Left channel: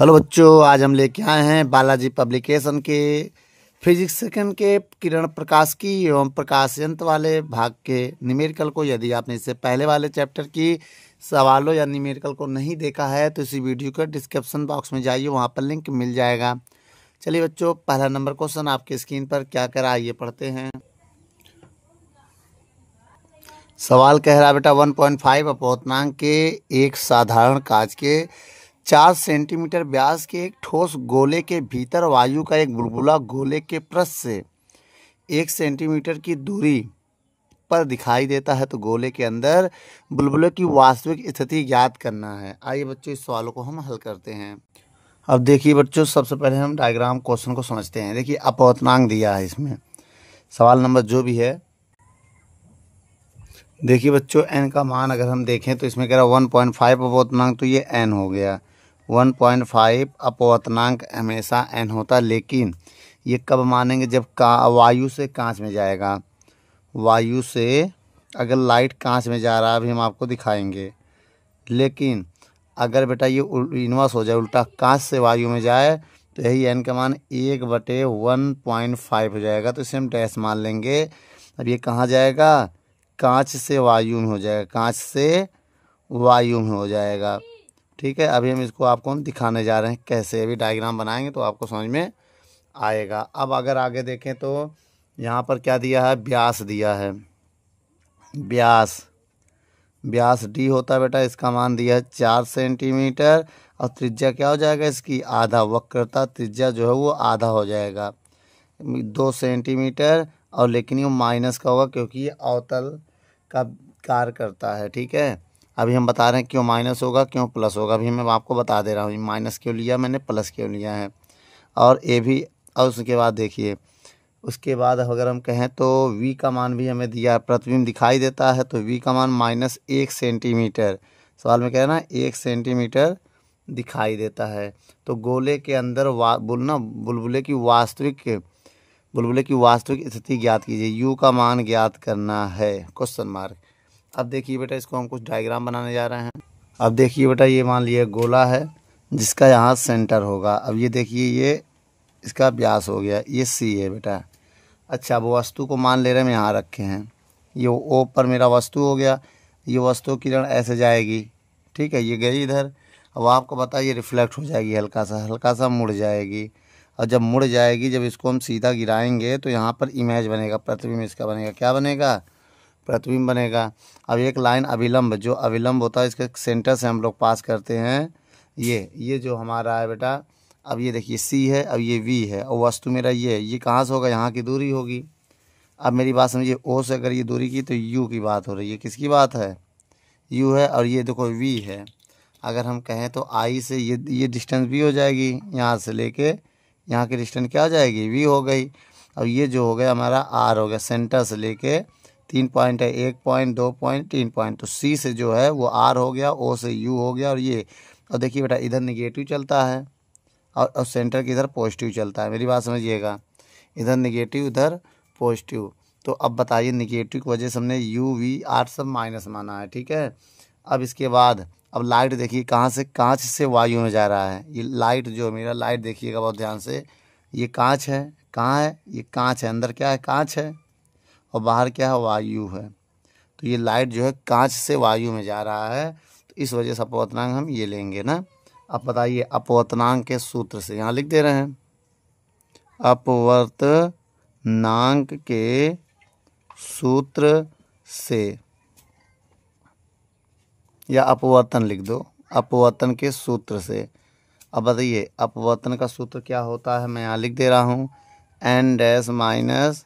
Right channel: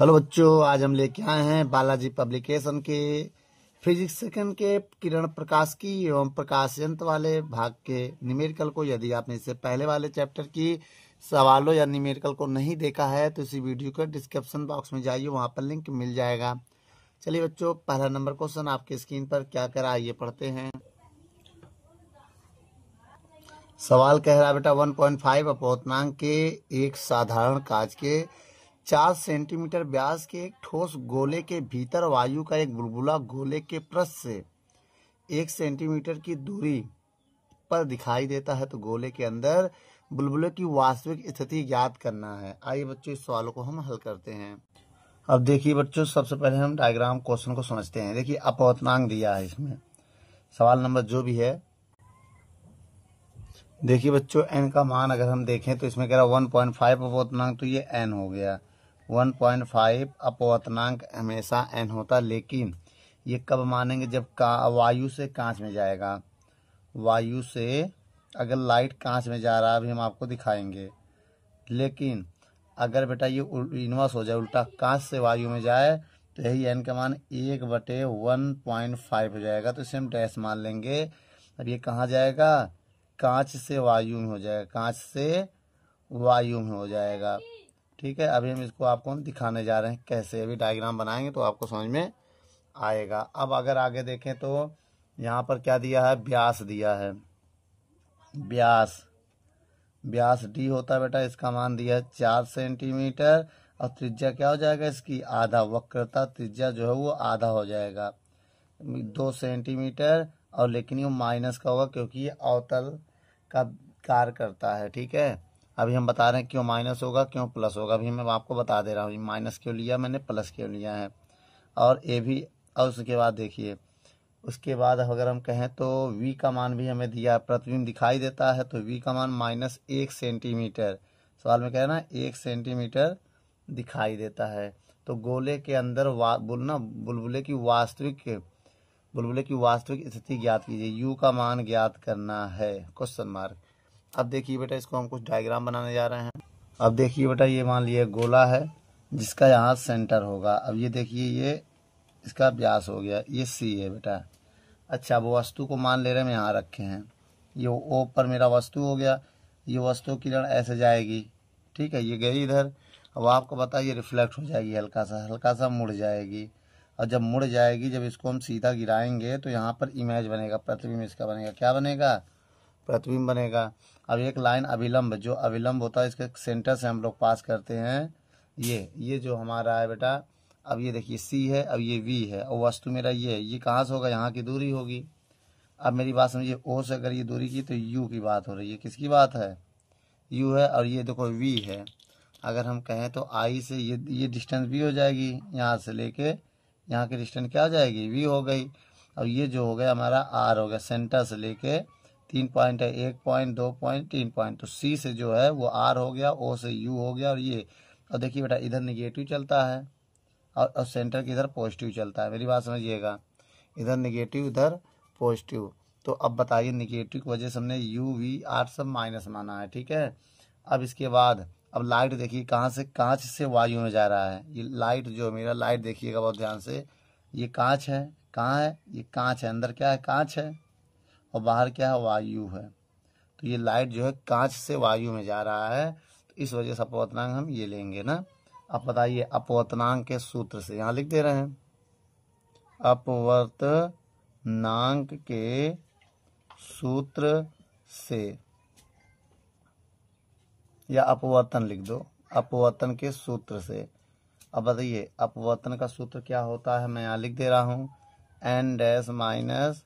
Hello बच्चों, आज हम लेके आए हैं बालाजी पब्लिकेशन के फिजिक्स सेकंड के किरण प्रकाश की एवं प्रकाश यंत्र वाले भाग के न्यूमेरिकल को। यदि आपने इससे पहले वाले चैप्टर की सवालों या न्यूमेरिकल को नहीं देखा है तो इसी वीडियो के डिस्क्रिप्शन बॉक्स में जाइए, वहाँ पर लिंक मिल जाएगा। चलिए बच्चों, पहला नंबर क्वेश्चन आपके स्क्रीन पर क्या कह रहा है आइए पढ़ते हैं। सवाल कह रहा है बेटा 1.5 अपवर्तनांक के एक साधारण कांच के 4 सेंटीमीटर व्यास के एक ठोस गोले के भीतर वायु का एक बुलबुला गोले के पृष्ठ से 1 सेंटीमीटर की दूरी पर दिखाई देता है, तो गोले के अंदर बुलबुले की वास्तविक स्थिति ज्ञात करना है। आइए बच्चों, इस सवालों को हम हल करते हैं। अब देखिए बच्चों, सबसे पहले हम डायग्राम क्वेश्चन को समझते हैं। देखिए अपवर्तनांक दिया है इसमें, सवाल नंबर जो भी है। देखिए बच्चों, n का मान अगर हम देखें तो इसमें कह रहा है 1.5 अपवर्तनांक, तो ये n हो गया। 1.5 अपवर्तनांक हमेशा n होता, लेकिन ये कब मानेंगे जब वायु से कांच में जाएगा। वायु से अगर लाइट कांच में जा रहा है, अभी हम आपको दिखाएंगे। लेकिन अगर बेटा ये इन्वर्स हो जाए, उल्टा कांच से वायु में जाए, तो यही n का मान 1/1.5 हो जाएगा। तो इसे हम डैश मान लेंगे। अब ये कहाँ जाएगा, कांच से वायु में हो जाएगा, कांच से वायु में हो जाएगा। ठीक है, अभी हम इसको आपको दिखाने जा रहे हैं कैसे। अभी डायग्राम बनाएंगे तो आपको समझ में आएगा। अब अगर आगे देखें तो यहाँ पर क्या दिया है, व्यास दिया है। व्यास d होता है बेटा, इसका मान दिया है 4 सेंटीमीटर। और त्रिज्या क्या हो जाएगा इसकी, आधा। वक्रता त्रिज्या जो है वो आधा हो जाएगा, 2 सेंटीमीटर। और लेकिन ये माइनस का होगा क्योंकि ये अवतल का कार्य करता है। ठीक है, अभी हम बता रहे हैं क्यों माइनस होगा क्यों प्लस होगा। अभी मैं आपको बता दे रहा हूँ माइनस क्यों लिया मैंने, प्लस क्यों लिया है। और ए भी। और उसके बाद देखिए, उसके बाद अगर हम कहें तो v का मान भी हमें दिया है, प्रतिबिंब दिखाई देता है, तो v का मान -1 सेंटीमीटर। सवाल में कह रहा है ना 1 सेंटीमीटर दिखाई देता है। तो गोले के अंदर बुलबुले की वास्तविक स्थिति ज्ञात कीजिए। u का मान ज्ञात करना है, क्वेश्चन मार्क। अब देखिए बेटा, इसको हम कुछ डायग्राम बनाने जा रहे हैं। अब देखिए बेटा, ये मान लिया गोला है जिसका यहाँ सेंटर होगा। अब ये देखिए, ये इसका व्यास हो गया, ये c है बेटा। अच्छा, वो वस्तु को मान ले रहे हैं हम यहाँ रखे हैं, ये ओ पर मेरा वस्तु हो गया। ये वस्तु किरण ऐसे जाएगी, ठीक है, ये गई इधर। अब आपको पता है ये रिफ्लेक्ट हो जाएगी, हल्का सा मुड़ जाएगी। और जब मुड़ जाएगी, जब इसको हम सीधा गिराएंगे तो यहाँ पर इमेज बनेगा, प्रतिबिंब इसका बनेगा। क्या बनेगा, प्रतिबिंब बनेगा। अब एक लाइन अभिलंब, जो अभिलंब होता है इसके सेंटर से हम लोग पास करते हैं। ये जो हमारा है बेटा, अब ये देखिए c है, अब ये v है, और वस्तु मेरा ये कहाँ से होगा, यहाँ की दूरी होगी। अब मेरी बात समझिए, o से अगर ये दूरी की तो u की बात हो रही है। किसकी बात है, u है। और ये देखो v है। अगर हम कहें तो i से ये डिस्टेंस v हो जाएगी, यहाँ से लेके यहाँ की डिस्टेंस क्या हो जाएगी, v हो गई। और ये जो हो गया हमारा r हो गया, सेंटर से लेके 3 पॉइंट है, 1 पॉइंट 2 पॉइंट 3 पॉइंट। तो c से जो है वो r हो गया, o से u हो गया। और ये, और देखिए बेटा, इधर निगेटिव चलता है और सेंटर की इधर पॉजिटिव चलता है। मेरी बात समझिएगा, इधर निगेटिव इधर पॉजिटिव। तो अब बताइए, निगेटिव की वजह से हमने u v r सब माइनस माना है। ठीक है, अब इसके बाद अब लाइट देखिए कहाँ से, कांच से वायु में जा रहा है। ये लाइट जो मेरा लाइट देखिएगा बहुत ध्यान से, ये कांच है। कहाँ है, ये कांच है, अंदर क्या है, कांच है, और बाहर क्या है, वायु है। तो ये लाइट जो है कांच से वायु में जा रहा है, तो इस वजह से अपवर्तनांक हम ये लेंगे ना। अब बताइए, अपवर्तनांक के सूत्र से यहाँ लिख दे रहे हैं, अपवर्तनांक के सूत्र से, या अपवर्तन लिख दो, अपवर्तन के सूत्र से। अब बताइए अपवर्तन का सूत्र क्या होता है, मैं यहाँ लिख दे रहा हूँ, n dash minus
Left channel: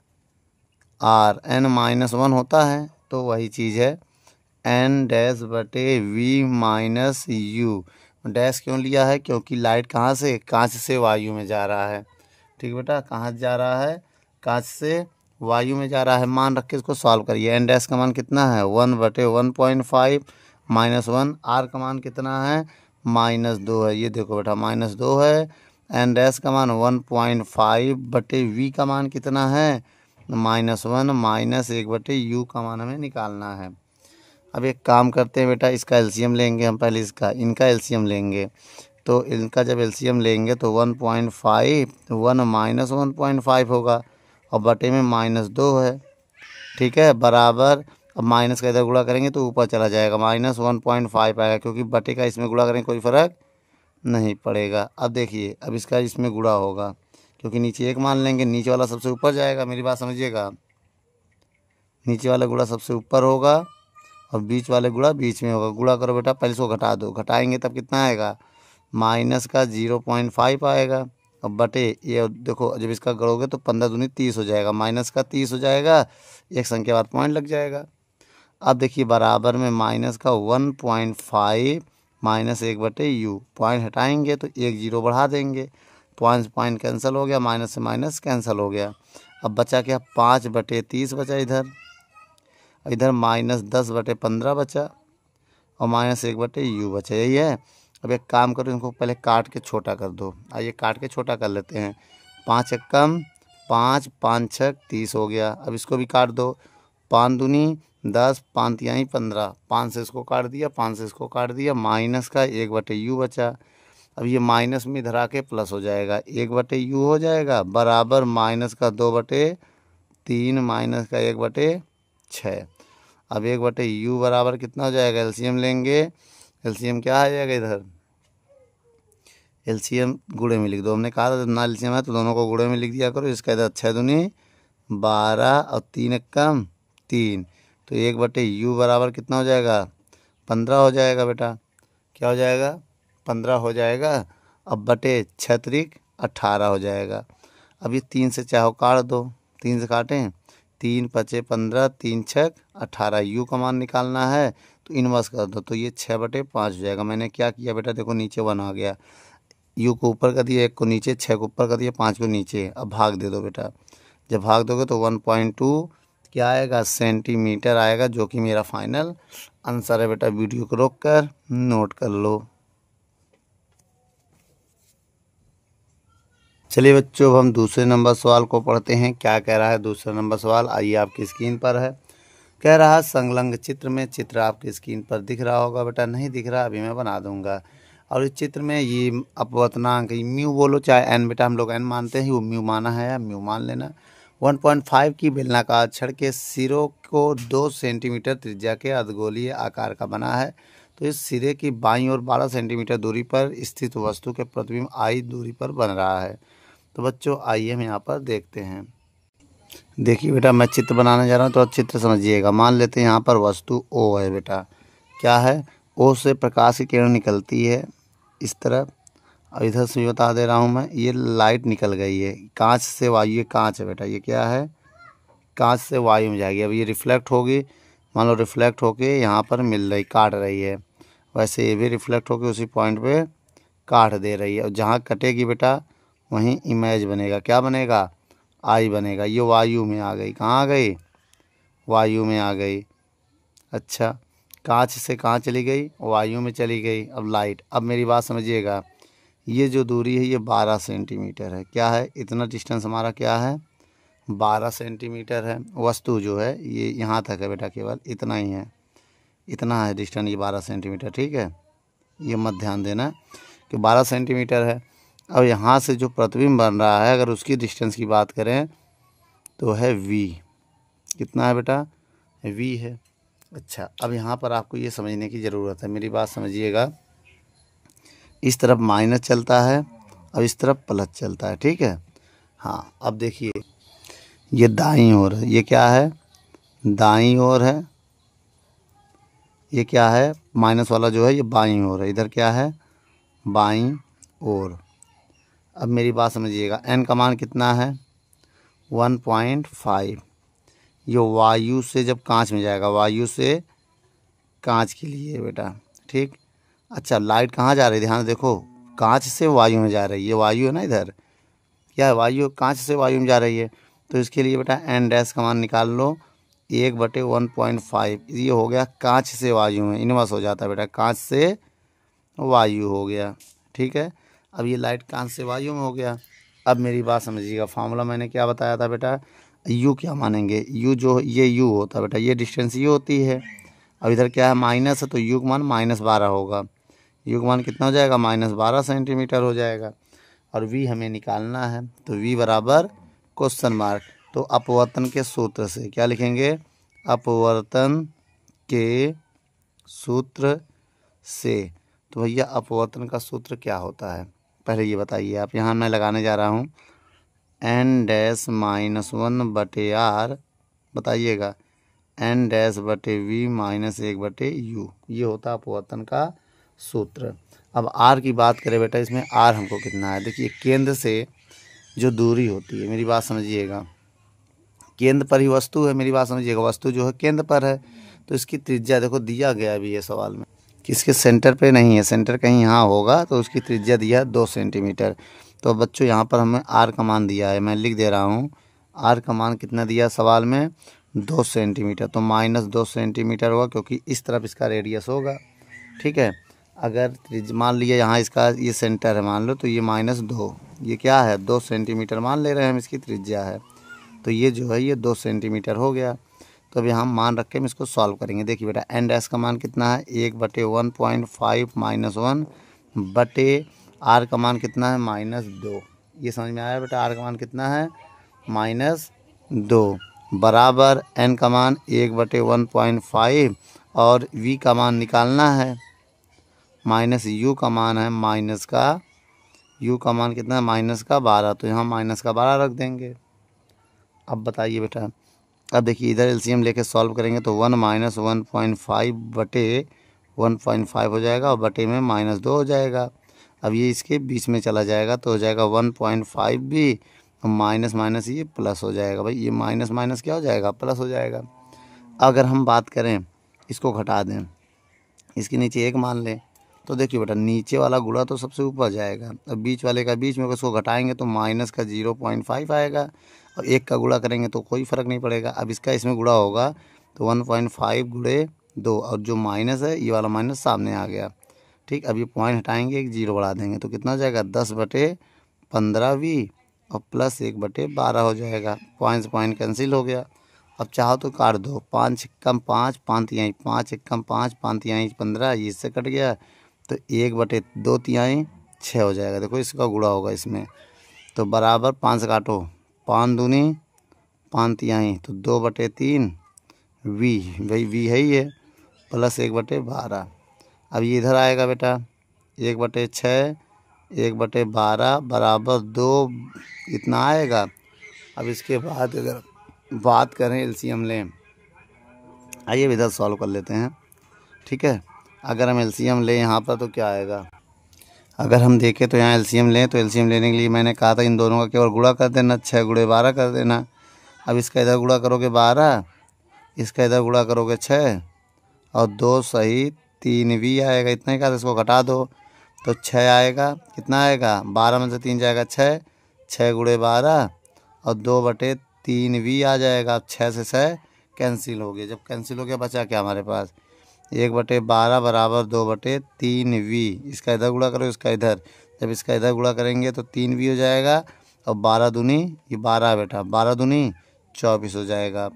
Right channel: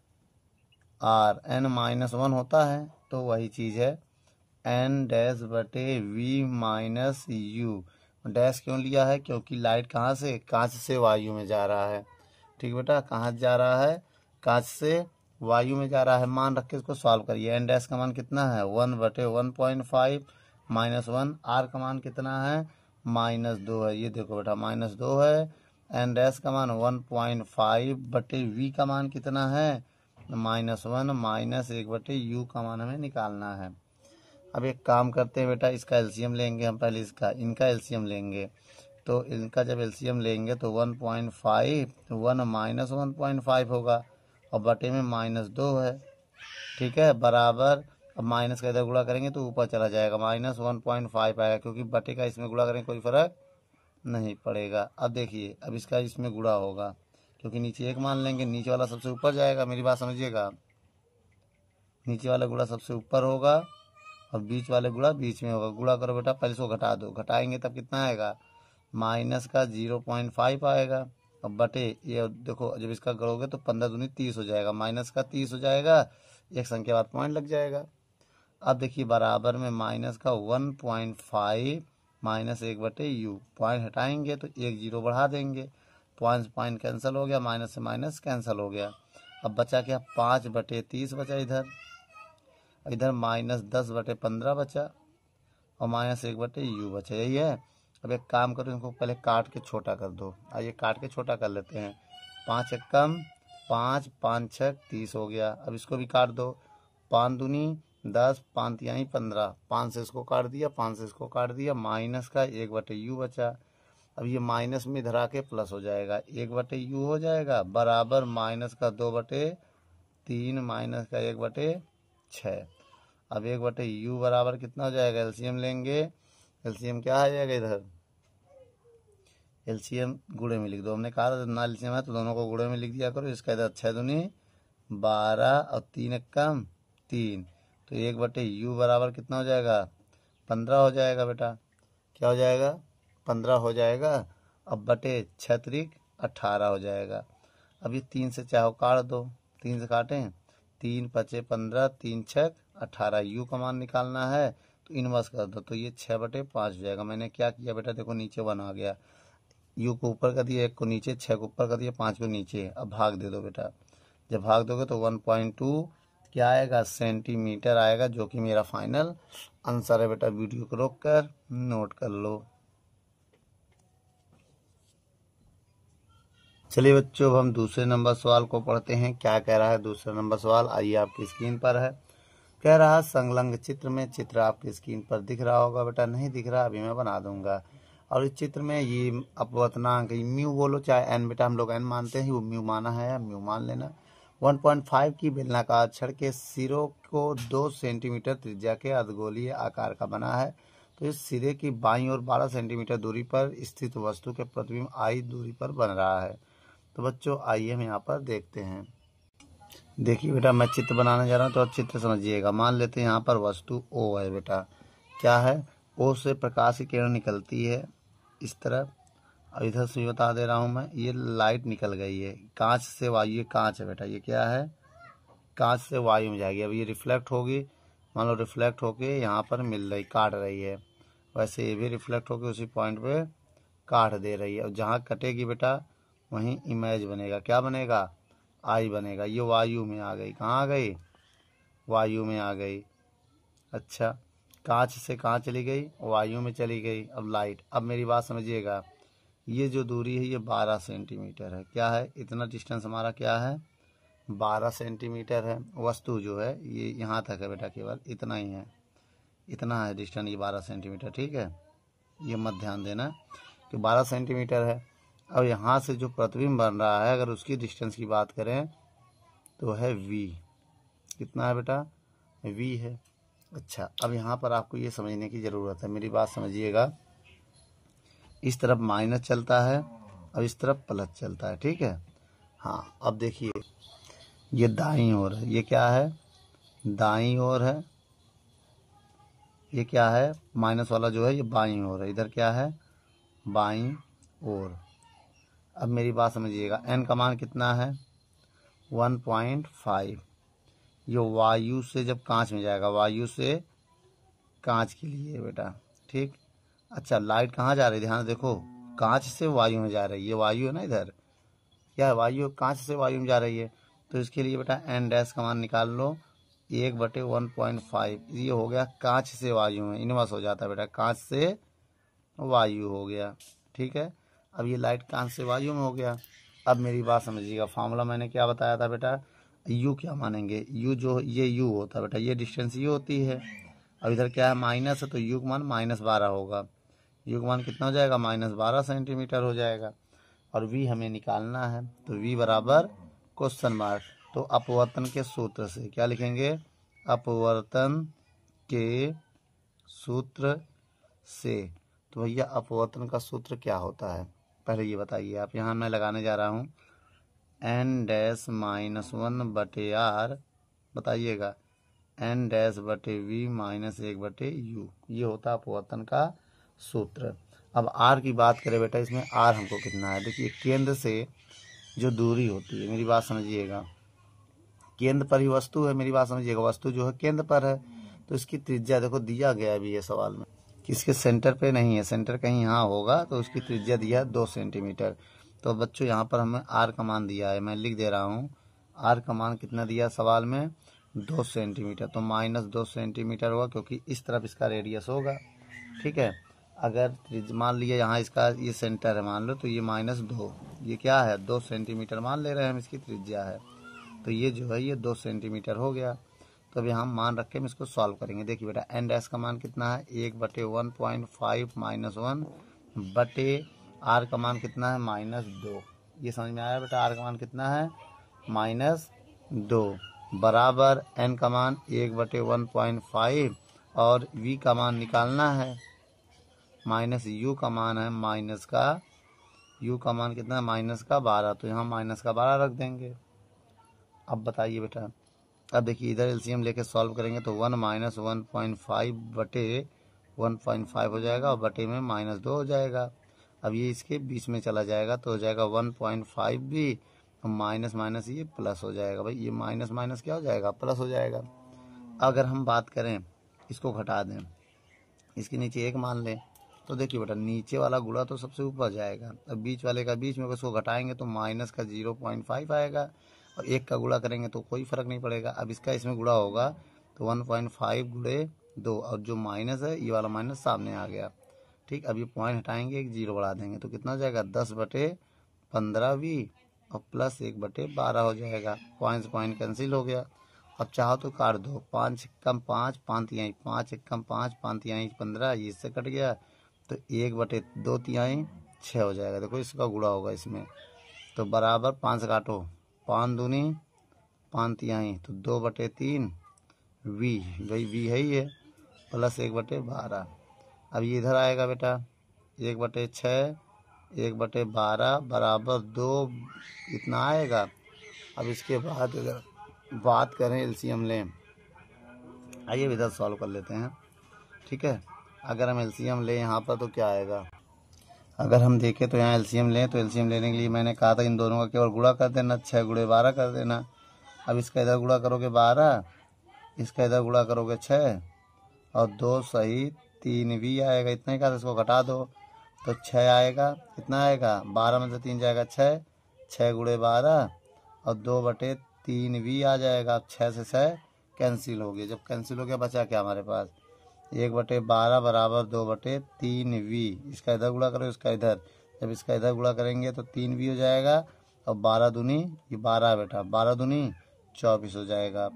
r, n -1 होता है, तो वही चीज़ है n डैश बटे v माइनस u। डैश क्यों लिया है, क्योंकि लाइट कहाँ से, कांच से वायु में जा रहा है। ठीक बेटा, कहाँ जा रहा है, कांच से वायु में जा रहा है। मान रख के इसको सॉल्व करिए। n डैश का मान कितना है, 1/1.5 -1। r का मान कितना है, -2 है। ये देखो बेटा, -2 है। n डैश का मान 1.5 बटे v का मान कितना है, -1 -1 बटे u का मान हमें निकालना है। अब एक काम करते हैं बेटा, इसका एलसीएम लेंगे हम पहले, इनका एलसीएम लेंगे। तो इनका जब एलसीएम लेंगे तो 1.5 1 माइनस 1.5 होगा और बटे में -2 है, ठीक है, बराबर। अब माइनस का इधर गुणा करेंगे तो ऊपर चला जाएगा, -1.5 आएगा, क्योंकि बटे का इसमें गुणा करेंगे कोई फ़र्क नहीं पड़ेगा। अब देखिए, अब इसका इसमें गुणा होगा, क्योंकि नीचे 1 मान लेंगे, नीचे वाला सबसे ऊपर जाएगा, मेरी बात समझिएगा। नीचे वाला गुणा सबसे ऊपर होगा और बीच वाले गुणा बीच में होगा। गुणा करो बेटा, पहले इसको घटा दो, घटाएंगे तब कितना आएगा, माइनस का 0.5 आएगा। अब बटे ये देखो, जब इसका गढ़ोगे तो 15 दूनी 30 हो जाएगा, माइनस का 30 हो जाएगा, एक संख्या बाद पॉइंट लग जाएगा। अब देखिए बराबर में माइनस का 1.5 माइनस 1/u, पॉइंट हटाएंगे तो 1 0 बढ़ा देंगे, पॉइंट पॉइंट कैंसिल हो गया, माइनस से माइनस कैंसिल हो गया। अब बचा क्या, 5/30 बचा इधर, इधर -10/15 बचा और -1/u बचा, यही है। अब एक काम करो, इनको पहले काट के छोटा कर दो। आइए काट के छोटा कर लेते हैं। 5 एकम 5, 5 छक 30 हो गया। अब इसको भी काट दो, 5 दूनी 10, 5 तिहाई 15, 5 से इसको काट दिया, 5 से इसको काट दिया, माइनस का 1/u बचा। अब ये माइनस में इधर आके प्लस हो जाएगा, 1/u हो जाएगा, बराबर माइनस का 2/3 माइनस का 1/6। अब 1/u बराबर कितना हो जाएगा, एलसीएम लेंगे, एलसीएम क्या आ जाएगा इधर, एलसीएम गुणे में लिख दो। हमने कहा था ना एलसीएम है तो दोनों को गुणे में लिख दिया करो। इसका इधर 6 दूनी 12 और 3 एकम 3, तो 1/u बराबर कितना हो जाएगा, 15 हो जाएगा बेटा। क्या हो जाएगा, 15 हो जाएगा। अब बटे 6 त्रिक 18 हो जाएगा। अब ये 3 से चाहो काट दो, 3 से काटें, 3 पचे 15, 3 छक 18, यू का मान निकालना है तो इनवर्स कर दो, तो ये 6/5 हो जाएगा। मैंने क्या किया बेटा, देखो नीचे 1 आ गया, यू को ऊपर कर दिया, 1 को नीचे, 6 को ऊपर कर दिया, 5 को नीचे। अब भाग दे दो बेटा, जब भाग दोगे तो 1.2 क्या आएगा, सेंटीमीटर आएगा, जो कि मेरा फाइनल आंसर है बेटा। वीडियो को रोक कर नोट कर लो। चलिए बच्चों, अब हम दूसरे नंबर सवाल को पढ़ते हैं। क्या कह रहा है दूसरा नंबर सवाल, आइए आपकी स्क्रीन पर है। कह रहा है संलग्न चित्र में, चित्र आपकी स्क्रीन पर दिख रहा होगा बेटा, नहीं दिख रहा अभी मैं बना दूंगा। और इस चित्र में ये अपवर्तनांक म्यू बोलो चाहे एन, बेटा हम लोग एन मानते हैं, वो म्यू माना है, म्यू मान लेना। 1.5 की बेलनाकार छड़ के सिरों को 2 सेंटीमीटर त्रिज्या के अर्धगोलीय आकार का बना है। तो इस सिरे की बाईं ओर 12 सेंटीमीटर दूरी पर स्थित वस्तु के प्रतिबिंब आई दूरी पर बन रहा है। तो बच्चों आइए हम यहाँ पर देखते हैं। देखिए बेटा, मैं चित्र बनाने जा रहा हूँ तो चित्र समझिएगा। मान लेते हैं यहाँ पर वस्तु ओ है बेटा, क्या है, ओ से प्रकाश की किरण निकलती है इस तरफ, और इधर से बता दे रहा हूँ मैं, ये लाइट निकल गई है कांच से वायु, ये कांच है बेटा, ये क्या है, कांच से वायु में जाएगी। अब ये रिफ्लेक्ट होगी, मान लो रिफ्लेक्ट होके यहाँ पर मिल रही, काट रही है, वैसे ये भी रिफ्लेक्ट होके उसी पॉइंट पे काट दे रही है। और जहाँ कटेगी बेटा वहीं इमेज बनेगा, क्या बनेगा, आई बनेगा। ये वायु में आ गई, कहाँ आ गई, वायु में आ गई। अच्छा, कांच से कहाँ चली गई, वायु में चली गई। अब लाइट, अब मेरी बात समझिएगा, ये जो दूरी है ये 12 सेंटीमीटर है, क्या है, इतना डिस्टेंस हमारा क्या है, 12 सेंटीमीटर है। वस्तु जो है ये यहाँ तक है बेटा, केवल इतना ही है, इतना है डिस्टेंस, ये 12 सेंटीमीटर, ठीक है, ये मत ध्यान देना कि 12 सेंटीमीटर है। अब यहाँ से जो प्रतिबिंब बन रहा है, अगर उसकी डिस्टेंस की बात करें तो है v, कितना है बेटा, v है। अच्छा, अब यहाँ पर आपको ये समझने की ज़रूरत है, मेरी बात समझिएगा। इस तरफ माइनस चलता है और इस तरफ प्लस चलता है, ठीक है। हाँ, अब देखिए ये दाईं ओर है, ये क्या है, दाईं ओर है, ये क्या है, माइनस वाला जो है ये बाईं ओर है, इधर क्या है, बाईं ओर। अब मेरी बात समझिएगा, n का मान कितना है, 1.5। ये वायु से जब कांच में जाएगा, वायु से कांच के लिए बेटा, ठीक। अच्छा, लाइट कहाँ जा रही है, ध्यान देखो, कांच से वायु में जा रही है, ये वायु है ना, इधर क्या है, वायु, कांच से वायु में जा रही है। तो इसके लिए बेटा n डैश का मान निकाल लो, 1/1.5, ये हो गया कांच से वायु में, इनवर्स हो जाता है बेटा, कांच से वायु हो गया, ठीक है। अब ये लाइट कांच से वायु में हो गया। अब मेरी बात समझिएगा, फार्मूला मैंने क्या बताया था बेटा, u क्या मानेंगे, u जो ये u होता है बेटा, ये डिस्टेंस ये होती है। अब इधर क्या है, माइनस है तो u का मान -12 होगा, यू का मान कितना हो जाएगा, -12 सेंटीमीटर हो जाएगा। और वी हमें निकालना है, तो वी बराबर क्वेश्चन मार्क। तो अपवर्तन के सूत्र से क्या लिखेंगे, अपवर्तन के सूत्र से। तो भैया अपवर्तन का सूत्र क्या होता है पहले ये बताइए आप। यहाँ मैं लगाने जा रहा हूँ n-1/r, बताइएगा n-v -1/u, ये होता है अपवर्तन का सूत्र। अब r की बात करें बेटा, इसमें r हमको कितना है, देखिए केंद्र से जो दूरी होती है, मेरी बात समझिएगा, केंद्र पर ही वस्तु है, मेरी बात समझिएगा, वस्तु जो है केंद्र पर है, तो इसकी त्रिज्या देखो दिया गया अभी ये सवाल में, किसके सेंटर पे नहीं है, सेंटर कहीं यहाँ होगा, तो उसकी त्रिज्या दिया है 2 सेंटीमीटर। तो बच्चों यहाँ पर हमें आर का मान दिया है, मैं लिख दे रहा हूँ, आर का मान कितना दिया सवाल में, 2 सेंटीमीटर। तो -2 सेंटीमीटर होगा, क्योंकि इस तरफ इसका रेडियस होगा, ठीक है। अगर मान लिया यहाँ इसका ये सेंटर है मान लो, तो ये -2, ये क्या है 2 सेंटीमीटर मान ले रहे हैं हम, इसकी त्रिज्या है, तो ये जो है ये 2 सेंटीमीटर हो गया। तो अभी हम मान रख के हम इसको सॉल्व करेंगे। देखिए बेटा n' का मान कितना है, 1/1.5 -1 बटे r का मान कितना है, -2। ये समझ में आया बेटा, r का मान कितना है, -2 बराबर n का मान 1/1.5 और v का मान निकालना है, -u का मान है u का मान कितना है, -12। तो यहाँ -12 रख देंगे। अब बताइए बेटा, अब देखिए इधर एलसीएम लेके सॉल्व करेंगे तो 1 - 1.5 बटे 1.5 हो जाएगा और बटे में -2 हो जाएगा। अब ये इसके बीच में चला जाएगा तो हो जाएगा 1.5 भी, माइनस माइनस ये प्लस हो जाएगा। भाई ये माइनस माइनस क्या हो जाएगा, प्लस हो जाएगा। अगर हम बात करें इसको घटा दें, इसके नीचे 1 मान लें, तो देखिए बेटा नीचे वाला गुणा तो सबसे ऊपर जाएगा और बीच वाले का बीच में उसको घटाएंगे तो माइनस का 0.5 आएगा और 1 का गुणा करेंगे तो कोई फ़र्क नहीं पड़ेगा। अब इसका इसमें गुणा होगा तो 1.5 गुणे 2 और जो माइनस है ये वाला माइनस सामने आ गया, ठीक। अब ये पॉइंट हटाएंगे, एक 0 बढ़ा देंगे तो कितना हो जाएगा 10/15v और प्लस 1/12 हो जाएगा। पॉइंट से पॉइंट कैंसिल हो गया। अब चाहो तो काट दो, 5 छक्कम 5, 5 तिहाई 5 एकम 5, 5 तिहाई 15, ये इससे कट गया तो 1/2 तिहाई 6 हो जाएगा। देखो इसका गुणा होगा इसमें तो बराबर 5 से काटो, 5 दूनी 5 तिहाई तो 2/3 वी, भाई वी है ही है, प्लस 1/12। अब ये इधर आएगा बेटा 1/6 1/12 बराबर 2, इतना आएगा। अब इसके बाद अगर बात करें एलसीएम लें, आइए इधर सॉल्व कर लेते हैं, ठीक है। अगर हम एलसीएम लें यहाँ पर तो क्या आएगा, अगर हम देखें तो यहाँ एलसीएम लें तो एलसीएम लेने के लिए मैंने कहा था इन दोनों का केवल गुणा कर देना, 6 गुणे 12 कर देना। अब इसका इधर गुणा करोगे 12, इसका इधर गुणा करोगे 6 और 2 सही 3 भी आएगा, इतना ही का, इसको घटा दो तो 6 आएगा। कितना आएगा, 12 में से 3 जाएगा 6, 6 गुणे 12 और 2/3 भी आ जाएगा। 6 से 6 कैंसिल हो गया, जब कैंसिल हो गया बचा क्या हमारे पास, 1/12 बराबर 2/3 वी। इसका इधर गुणा करो, इसका इधर, जब इसका इधर गुणा करेंगे तो 3 भी हो जाएगा और 12 दूनी ये 12 बेटा, 12 दूनी 24 हो जाएगा।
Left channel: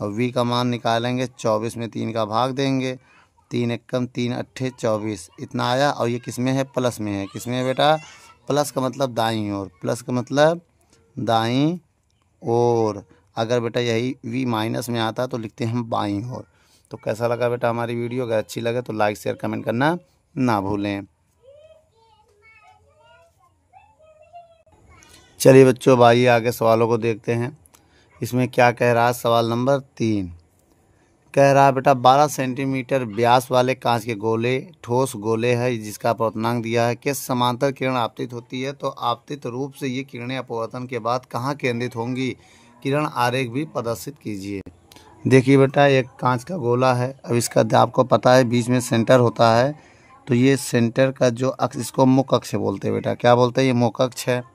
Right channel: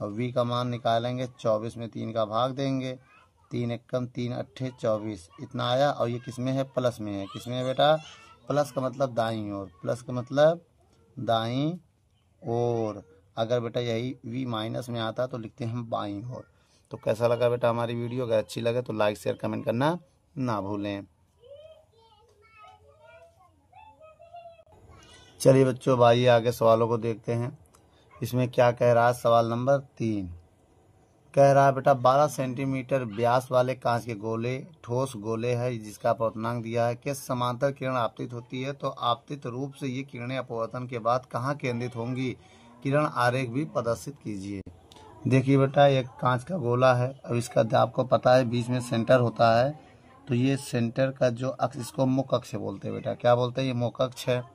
और वी का मान निकालेंगे, 24 में 3 का भाग देंगे, 3 एकम 3 अट्ठे 24, इतना आया। और ये किस में है, प्लस में है। किस में है बेटा, प्लस का मतलब दाईं ओर, प्लस का मतलब दाईं ओर। अगर बेटा यही वी माइनस में आता तो लिखते हैं हम बाईं ओर। तो कैसा लगा बेटा हमारी वीडियो, अगर अच्छी लगे तो लाइक शेयर कमेंट करना ना भूलें। चलिए बच्चों भाई आगे सवालों को देखते हैं। इसमें क्या कह रहा है, सवाल नंबर 3 कह रहा है बेटा 12 सेंटीमीटर व्यास वाले कांच के गोले, ठोस गोले है जिसका अपवर्तनांक दिया है, किस समांतर किरण आपतित होती है। तो आपतित रूप से ये किरणें अपवर्तन के बाद कहाँ केंद्रित होंगी, किरण आरेख भी प्रदर्शित कीजिए। देखिए बेटा एक कांच का गोला है, अब इसका आपको पता है बीच में सेंटर होता है, तो ये सेंटर का जो अक्ष, इसको मुख अक्ष बोलते हैं बेटा, क्या बोलते हैं, ये मुख अक्ष है।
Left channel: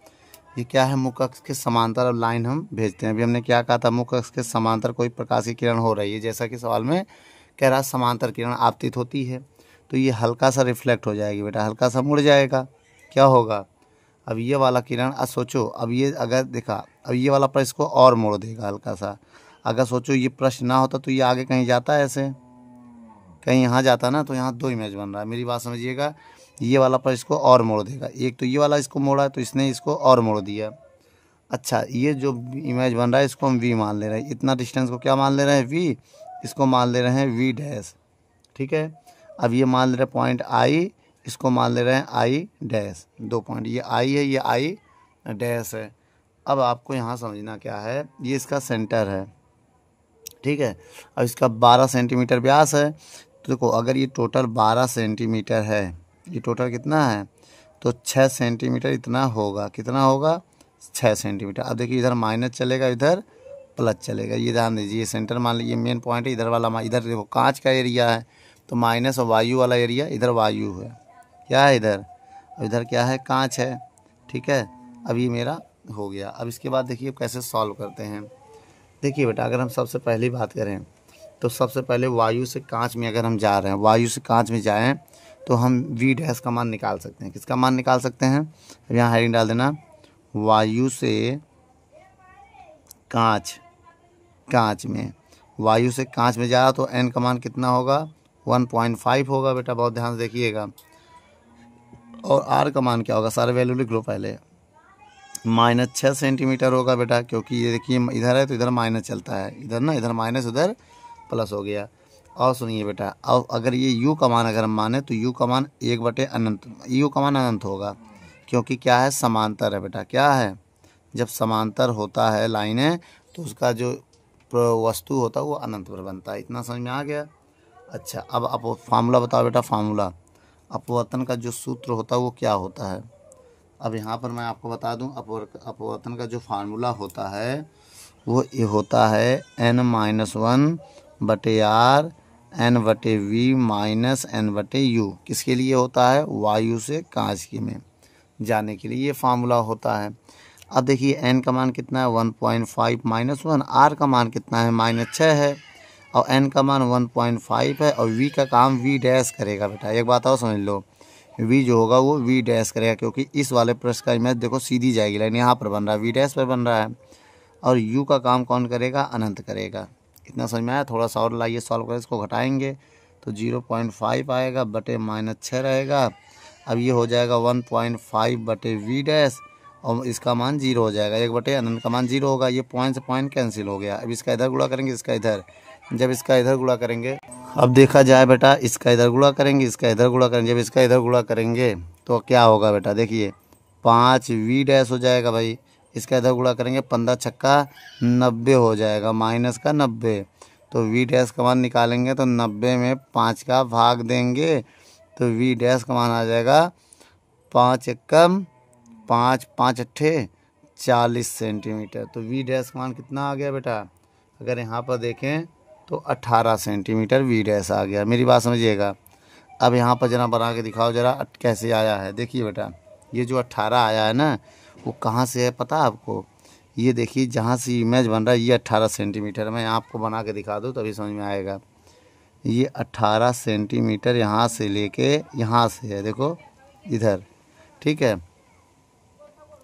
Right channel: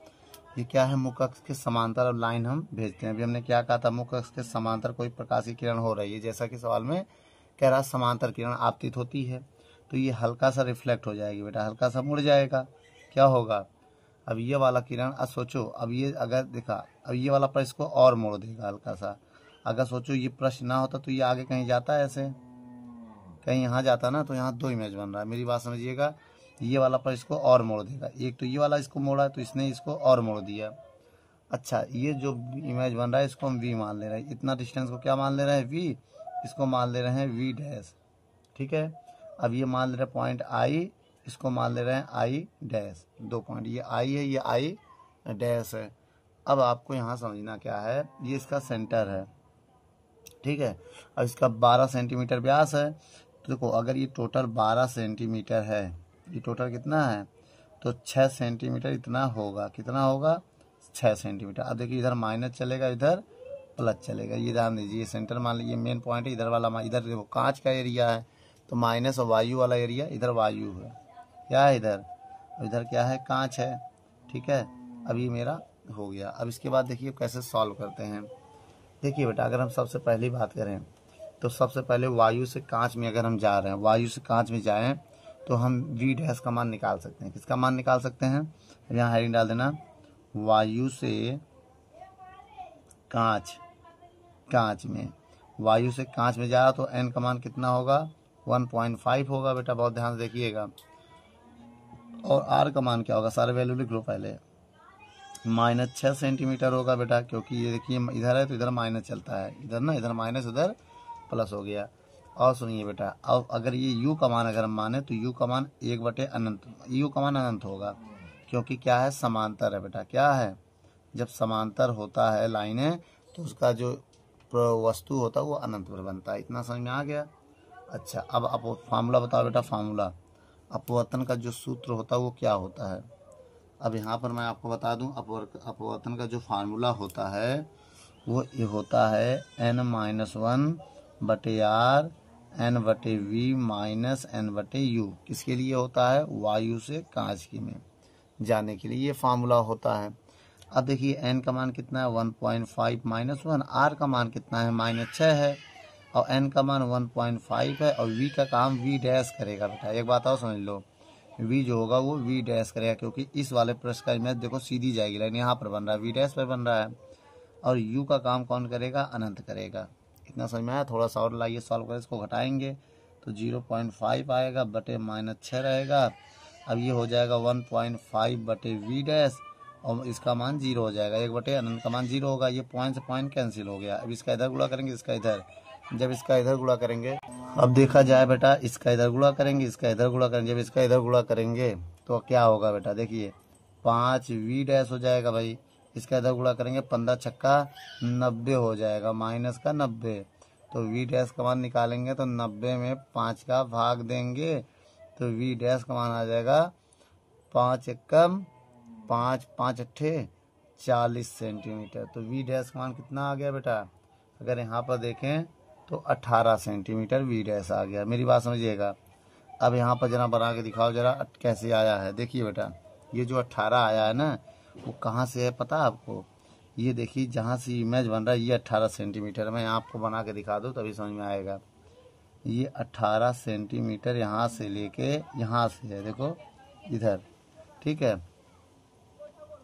ये क्या है, मुख अक्ष के समांतर अब लाइन हम भेजते हैं। अभी हमने क्या कहा था, मुख अक्ष के समांतर कोई प्रकाश की किरण हो रही है, जैसा कि सवाल में कह रहा समांतर किरण आपतित होती है, तो ये हल्का सा रिफ्लेक्ट हो जाएगी बेटा, हल्का सा मुड़ जाएगा, क्या होगा। अब ये वाला किरण, अब सोचो, अब ये अगर देखा, अब ये वाला पर इसको और मोड़ देगा हल्का सा। अगर सोचो ये प्रश्न ना होता तो ये आगे कहीं जाता है, ऐसे कहीं यहाँ जाता ना, तो यहाँ 2 इमेज बन रहा है, मेरी बात समझिएगा। ये वाला पर इसको और मोड़ देगा। एक तो ये वाला इसको मोड़ा है तो इसने इसको और मोड़ दिया। अच्छा, ये जो इमेज बन रहा है इसको हम वी मान ले रहे हैं। इतना डिस्टेंस को क्या मान ले रहे हैं? वी। इसको मान ले रहे हैं वी डैश। ठीक है, अब ये मान ले रहे हैं पॉइंट आई, इसको मान ले रहे हैं आई डैश। 2 पॉइंट, ये आई है, ये आई डैश है। अब आपको यहाँ समझना क्या है, ये इसका सेंटर है। ठीक है, अब इसका 12 सेंटीमीटर व्यास है। तो देखो, अगर ये टोटल 12 सेंटीमीटर है, ये टोटल कितना है? तो 6 सेंटीमीटर इतना होगा। कितना होगा? 6 सेंटीमीटर। अब देखिए, इधर माइनस चलेगा, इधर प्लस चलेगा। ये ध्यान दीजिए, ये सेंटर मान लीजिए, मेन पॉइंट है। इधर वाला, इधर देखो कांच का एरिया है, तो माइनस और वायु वाला एरिया, इधर वायु है। क्या है इधर? इधर क्या है? कांच है। ठीक है, अब ये मेरा हो गया। अब इसके बाद देखिए कैसे सॉल्व करते हैं। देखिए बेटा, अगर हम सबसे पहली बात करें तो सबसे पहले वायु से कांच में अगर हम जा रहे हैं, वायु से कांच में जाएं तो हम वी डैश का मान निकाल सकते हैं। किसका मान निकाल सकते हैं? यहाँ हेडिंग डाल देना, वायु से कांच, कांच में, वायु से कांच में जा रहा तो एन का मान कितना होगा? 1.5 होगा बेटा, बहुत ध्यान से देखिएगा। और आर का मान क्या होगा? सारे वैल्यू लिख लो पहले। -6 सेंटीमीटर होगा बेटा, क्योंकि ये देखिए इधर है तो इधर माइनस चलता है, इधर ना, इधर माइनस उधर प्लस हो गया। और सुनिए बेटा, अब अगर ये u का मान अगर हम माने तो u का मान 1/अनंत, u का मान अनंत होगा, क्योंकि क्या है? समांतर है बेटा। क्या है? जब समांतर होता है लाइनें तो उसका जो वस्तु होता है वो अनंत पर बनता है। इतना समझ में आ गया? अच्छा, अब आप फार्मूला बताओ बेटा। फार्मूला, अपवर्तन का जो सूत्र होता है वो क्या होता है? अब यहाँ पर मैं आपको बता दूं, अपवर्तन का जो फार्मूला होता है वो ये होता है n-1/r n/v माइनस n/u। किसके लिए होता है? वायु से कांच की में जाने के लिए ये फार्मूला होता है। अब देखिए n का मान कितना है? 1.5 -1। r का मान कितना है? -6 है। और n का मान 1.5 है। और v का काम v डैश करेगा बेटा। एक बात और समझ लो, v जो होगा वो v डैश करेगा, क्योंकि इस वाले पृष्ठ का इमेज देखो सीधी जाएगी लाइन, यहाँ पर बन रहा है, v डैश पर बन रहा है। और u का काम कौन करेगा? अनंत करेगा। इतना समझ में आया? थोड़ा सा और लाइए सॉल्व करें, इसको घटाएंगे तो 0.5 आएगा बटे -6 रहेगा। अब ये हो जाएगा 1.5 बटे v डैश, और इसका मान 0 हो जाएगा। 1 बटे अनंत का मान 0 होगा। ये पॉइंट से पॉइंट कैंसिल हो गया। अब इसका इधर गुणा करेंगे, इसका इधर। जब इसका इधर गुणा करेंगे, अब देखा जाए बेटा, इसका इधर गुणा करेंगे, इसका इधर गुणा करेंगे। जब इसका इधर गुणा करेंगे तो क्या होगा बेटा? देखिए 5 v डैश हो जाएगा भाई। इसका इधर गुणा करेंगे, 15 छक्का 90 हो जाएगा, माइनस का 90। तो v डैश का मान निकालेंगे तो 90 में 5 का भाग देंगे तो v डैश का मान आ जाएगा 5 एकम 5 5 अट्ठे 40 सेंटीमीटर। तो v डैश का मान कितना आ गया बेटा? अगर यहाँ पर देखें तो 18 सेंटीमीटर v डैश आ गया। मेरी बात समझिएगा। अब यहाँ पर जरा बना के दिखाओ जरा कैसे आया है। देखिए बेटा, ये जो 18 आया है ना, वो कहाँ से है पता है आपको? ये देखिए, जहाँ से इमेज बन रहा है ये 18 सेंटीमीटर। मैं आपको बना के दिखा दूँ तभी समझ में आएगा। ये 18 सेंटीमीटर यहाँ से लेके यहाँ से है, देखो इधर। ठीक है,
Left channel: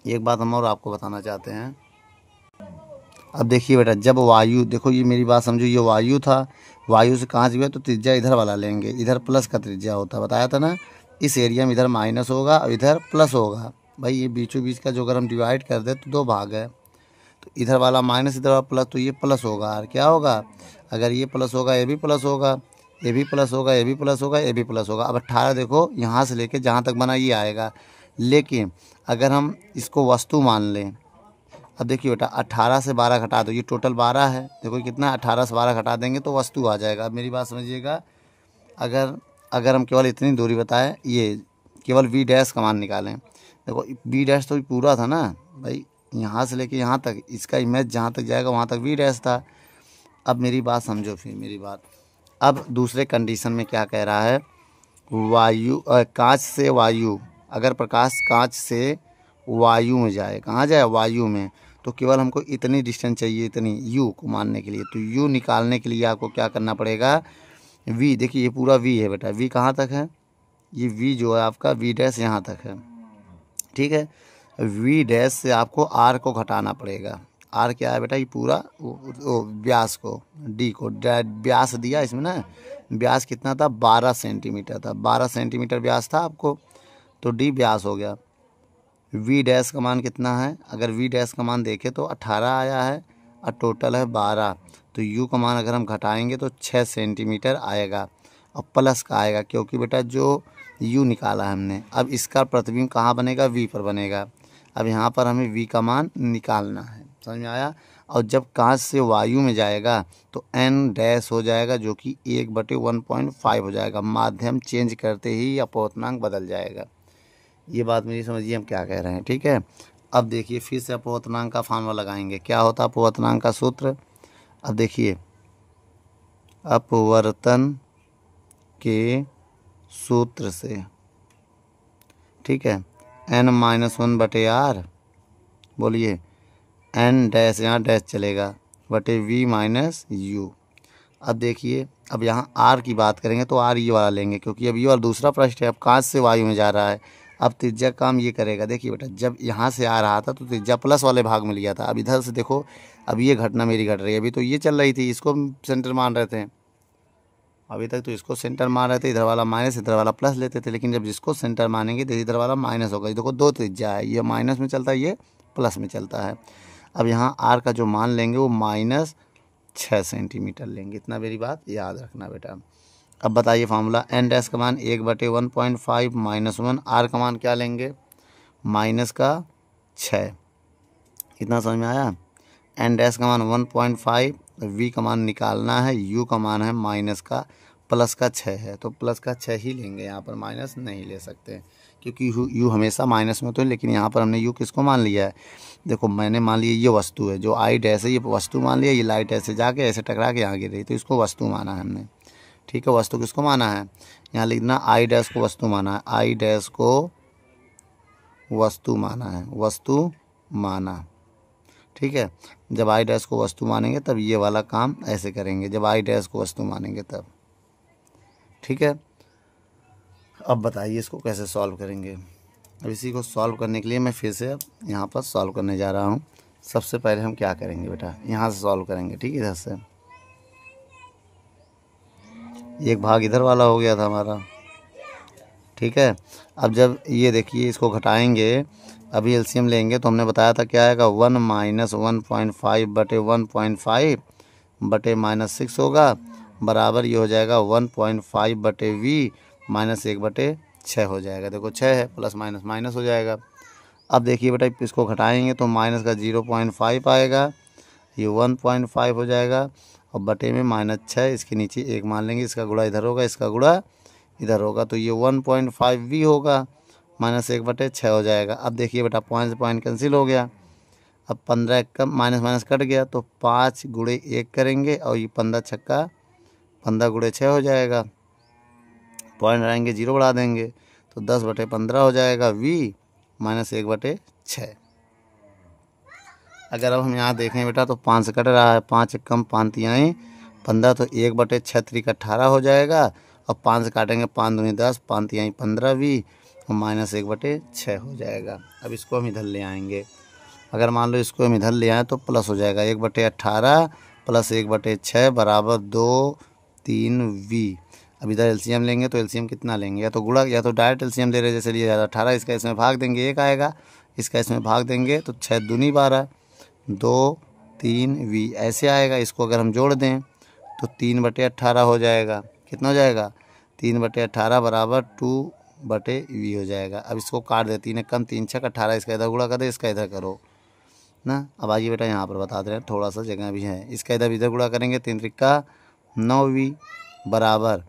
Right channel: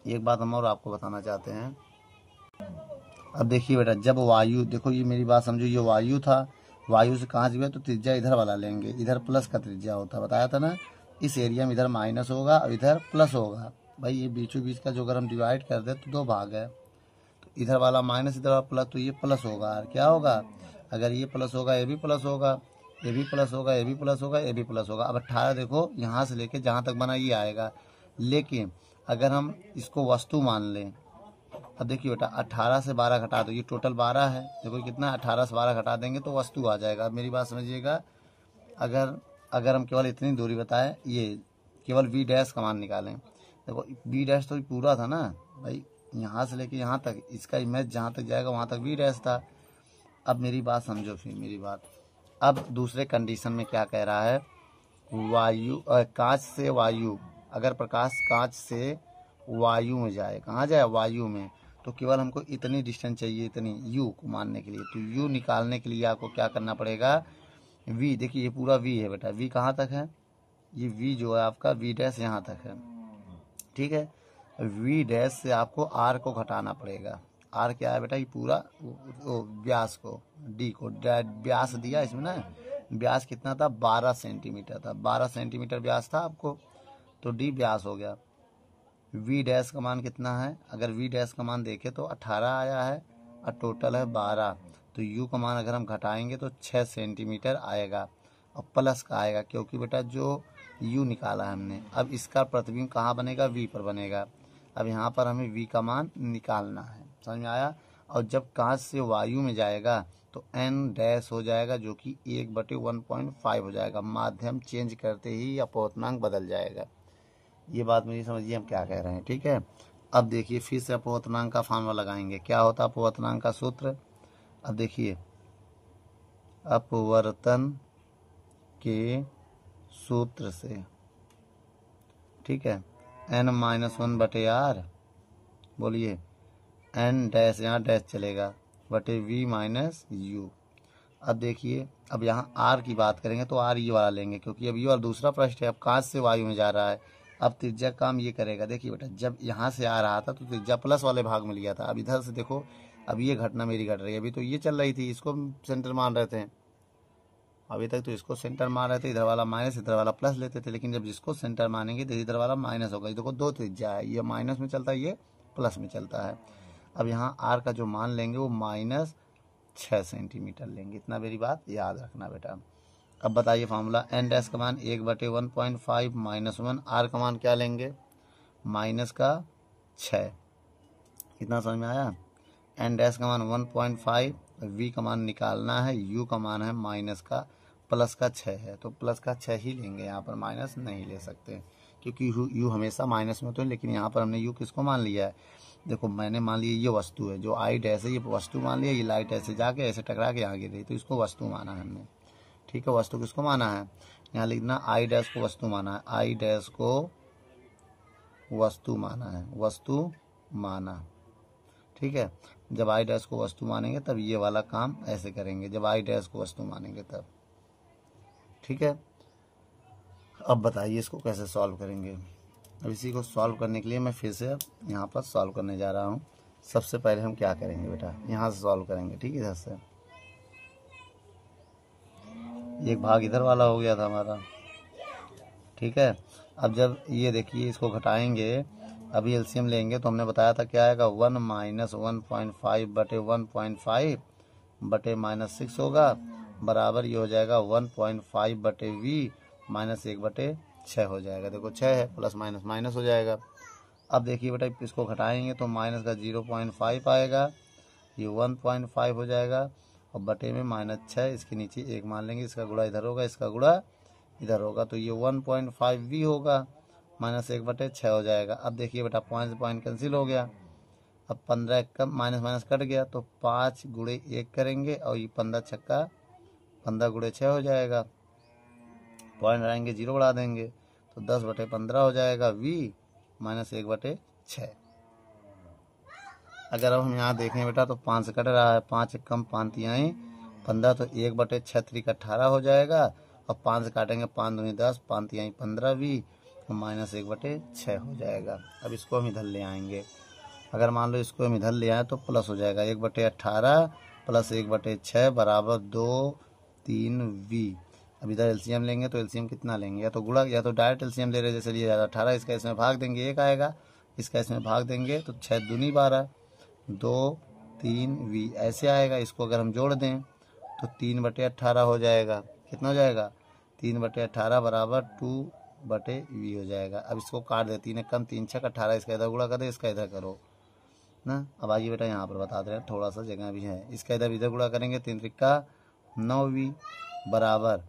एक बात हम और आपको बताना चाहते हैं। अब देखिए बेटा, जब वायु, देखो ये मेरी बात समझो, ये वायु था, वायु से कांच गया तो त्रिज्या इधर वाला लेंगे, इधर प्लस का त्रिज्या होता है, बताया था ना। इस एरिया में इधर माइनस होगा और इधर प्लस होगा। भाई ये बीचों बीच का जो अगर हम डिवाइड कर दे तो 2 भाग है, तो इधर वाला माइनस इधर वाला प्लस, तो ये प्लस होगा। और क्या होगा? अगर ये प्लस होगा ये भी प्लस होगा, ये भी प्लस होगा, ये भी प्लस होगा, ये भी प्लस होगा। अब 18 देखो यहाँ से लेके जहाँ तक बना ये आएगा। लेकिन अगर हम इसको वस्तु मान लें, अब देखिए बेटा 18 से 12 घटा दो, ये टोटल 12 है। देखो कितना, 18 से 12 घटा देंगे तो वस्तु आ जाएगा। अब मेरी बात समझिएगा, अगर हम केवल इतनी दूरी बताएं, ये केवल v डैश का मान निकालें। देखो v डैश तो पूरा था ना भाई, यहाँ से लेके यहाँ तक, इसका इमेज जहाँ तक जाएगा वहाँ तक v डैश था। अब मेरी बात समझो, फिर मेरी बात, अब दूसरे कंडीशन में क्या कह रहा है? वायु, कांच से वायु, अगर प्रकाश कांच से वायु में जाए, कहाँ जाए? वायु में, तो केवल हमको इतनी डिस्टेंस चाहिए, इतनी u को मानने के लिए। तो u निकालने के लिए आपको क्या करना पड़ेगा? v, देखिए ये पूरा v है बेटा, v कहाँ तक है? ये v जो है आपका v डैश यहाँ तक है। ठीक है, v डैश से आपको r को घटाना पड़ेगा। r क्या है बेटा? ये पूरा व्यास को, d को, व्यास दिया इसमें ना, व्यास कितना था? 12 सेंटीमीटर था। 12 सेंटीमीटर व्यास था आपको। तो डी व्यास हो गया। वी डैश का मान कितना है, अगर वी डैश का मान देखें तो 18 आया है और टोटल है 12। तो यू का मान अगर हम घटाएंगे तो 6 सेंटीमीटर आएगा और प्लस का आएगा, क्योंकि बेटा जो यू निकाला हमने, अब इसका प्रतिबिंब कहाँ बनेगा, वी पर बनेगा। अब यहाँ पर हमें वी का मान निकालना है, समझ में आया। और जब कांच से वायु में जाएगा तो एन डैश हो जाएगा, जो कि 1/1.5 हो जाएगा। माध्यम चेंज करते ही अपवर्तनांक बदल जाएगा। ये बात मेरी समझिए हम क्या कह रहे हैं, ठीक है। अब देखिए फिर से अपवर्तनांक का फार्मूला लगाएंगे। क्या होता है अपवर्तनांक का सूत्र, अब देखिए अपवर्तन के सूत्र से, ठीक है, n-1/r, बोलिए n डैश, यहाँ डैश चलेगा, बटे v माइनस यू। अब देखिए अब यहाँ r की बात करेंगे तो r ये वाला लेंगे, क्योंकि अब ये वाला दूसरा पृष्ठ है, अब कांच से वायु में जा रहा है। अब त्रिज्या काम ये करेगा, देखिए बेटा जब यहाँ से आ रहा था तो त्रिज्या प्लस वाले भाग में लिया था। अब इधर से देखो, अब ये घटना मेरी घट रही है, अभी तो ये चल रही थी, इसको सेंटर मान रहे थे, अभी तक तो इसको सेंटर मान रहे थे, इधर वाला माइनस इधर वाला प्लस लेते थे, लेकिन जब जिसको सेंटर मानेंगे तो इधर वाला माइनस होगा। देखो दो त्रिज्या है, ये माइनस में चलता है, ये प्लस में चलता है। अब यहाँ आर का जो मान लेंगे वो -6 सेंटीमीटर लेंगे, इतना मेरी बात याद रखना बेटा। अब बताइए फार्मूला, एन डैश का मान 1/1.5 -1, आर का मान क्या लेंगे -6, इतना समझ में आया। एन डैश का मान 1.5, वी का मान निकालना है, यू का मान है +6 है, तो +6 ही लेंगे, यहाँ पर माइनस नहीं ले सकते, क्योंकि यू हमेशा माइनस में तो है, लेकिन यहाँ पर हमने यू किसको मान लिया है, देखो मैंने मान लिया ये वस्तु है, जो आई डैश है ये वस्तु मान लिया, ये लाइट ऐसे जाके ऐसे टकरा के यहाँ गिर रही, तो इसको वस्तु माना है हमने, ठीक है। वस्तु किसको माना है, यहाँ लिखना आई डैश को वस्तु माना है, आई डैश को वस्तु माना है, वस्तु माना, ठीक है। जब आई डैश को वस्तु मानेंगे तब ये वाला काम ऐसे करेंगे, जब आई डैश को वस्तु मानेंगे तब, ठीक है। अब बताइए इसको कैसे सॉल्व करेंगे। अब इसी को सॉल्व करने के लिए मैं फिर से अब यहाँ पर सॉल्व करने जा रहा हूँ। सबसे पहले हम क्या करेंगे बेटा, यहाँ से सॉल्व करेंगे, ठीक है। इधर से एक भाग इधर वाला हो गया था हमारा, ठीक है। अब जब ये देखिए इसको घटाएंगे, अभी एलसीएम लेंगे तो हमने बताया था क्या आएगा, 1 - 1.5 बटे 1.5 बटे -6 होगा, बराबर ये हो जाएगा 1.5 बटे v -1/6 हो जाएगा। देखो 6 है, प्लस माइनस माइनस हो जाएगा। अब देखिए बेटा इसको घटाएंगे तो माइनस का 0.5 आएगा, ये 1.5 हो जाएगा, और बटे में -6, इसके नीचे 1 मान लेंगे, इसका गुणा इधर होगा, इसका गुणा इधर होगा, तो ये 1.5 v होगा, -1/6 हो जाएगा। अब देखिए बेटा पॉइंट से पॉइंट कैंसिल हो गया, अब 15 कम माइनस माइनस कट गया, तो 5 × 1 करेंगे, और ये 15 छक्का 15 × 6 हो जाएगा, पॉइंट रहेंगे 0 बढ़ा देंगे, तो 10/15 हो जाएगा v -1/6। अगर अब हम यहाँ देखें बेटा तो 5 से कट रहा है, 5 कम 5 आए 15, तो 1/6 × 18 हो जाएगा, और 5 से काटेंगे 5 दूनी 10, 5 आई 15 v -1/6 हो जाएगा। अब इसको हम इधर ले आएंगे, अगर मान लो इसको हम इधर ले आए तो प्लस हो जाएगा, 1/18 + 1/6 बराबर 2 3 v। अब इधर एलसीएम लेंगे तो एलसीएम कितना लेंगे, या तो गुणा या तो डायरेक्ट एलसीएम ले रहे, जैसे लिए 18, इसका इसमें भाग देंगे 1 आएगा, इसका इसमें भाग देंगे तो 6 दूनी 12, 2 3 v ऐसे आएगा। इसको अगर हम जोड़ दें तो 3/18 हो जाएगा, कितना हो जाएगा 3/18 बराबर 2/v हो जाएगा। अब इसको काट दे, 3 कम 3 6 18, इसका इधर गुणा कर दे, इसका इधर करो ना। अब आइए बेटा यहाँ पर बता दे रहे हैं, थोड़ा सा जगह भी है, इसका इधर गुणा करेंगे, 3 × 9v बराबर,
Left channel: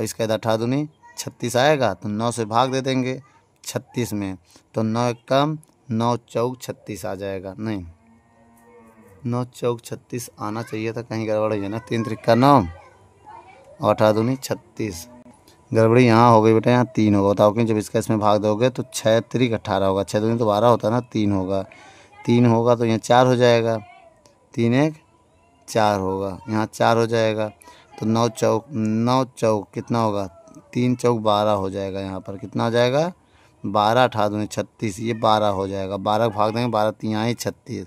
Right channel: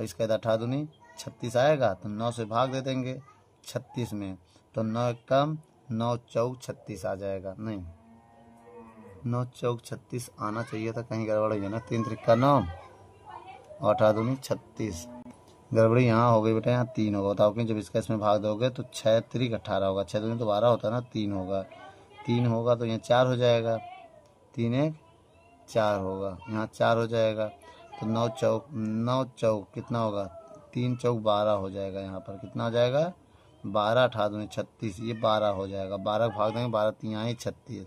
इसका इधर 18 दूनी 36 आएगा, तो 9 से भाग दे देंगे 36 में, तो 9 कम 9 चौक 36 आ जाएगा, नहीं 9 चौक 36 आना चाहिए था, कहीं गड़बड़ है ना, 3 × 9 और 18 दूनी 36, गड़बड़ी यहाँ हो गई बेटा, यहाँ 3 होगा, बताओ कि जब इसका इसमें भाग दोगे तो 6 × 18 होगा, 6 दूनी तो 12 होता है ना, 3 होगा, 3 होगा तो यहाँ 4 हो जाएगा, 3 1 4 होगा, यहाँ 4 हो जाएगा, तो 9 चौक कितना होगा, 3 चौक 12 हो जाएगा, यहाँ पर कितना हो जाएगा 12, 18 दूनी 36, ये 12 हो जाएगा, 12 भाग देंगे, 12 3 आई 36,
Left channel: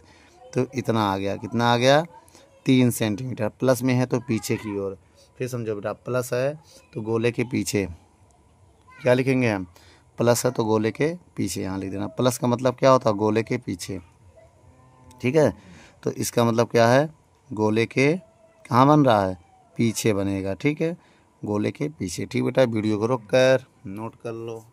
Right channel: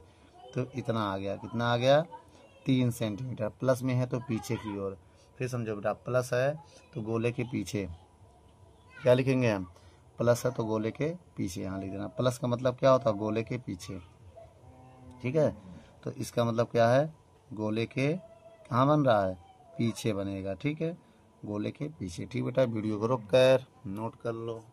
तो इतना आ गया, कितना आ गया 3 सेंटीमीटर। प्लस में है तो पीछे की ओर, फिर समझो बेटा प्लस है तो गोले के पीछे क्या लिखेंगे हम, प्लस है तो गोले के पीछे यहाँ लिख देना। प्लस का मतलब क्या होता है, गोले के पीछे, ठीक है। तो इसका मतलब क्या है, गोले के कहाँ बन रहा है, पीछे बनेगा, ठीक है, गोले के पीछे। ठीक बेटा, वीडियो को रोक कर नोट कर लो।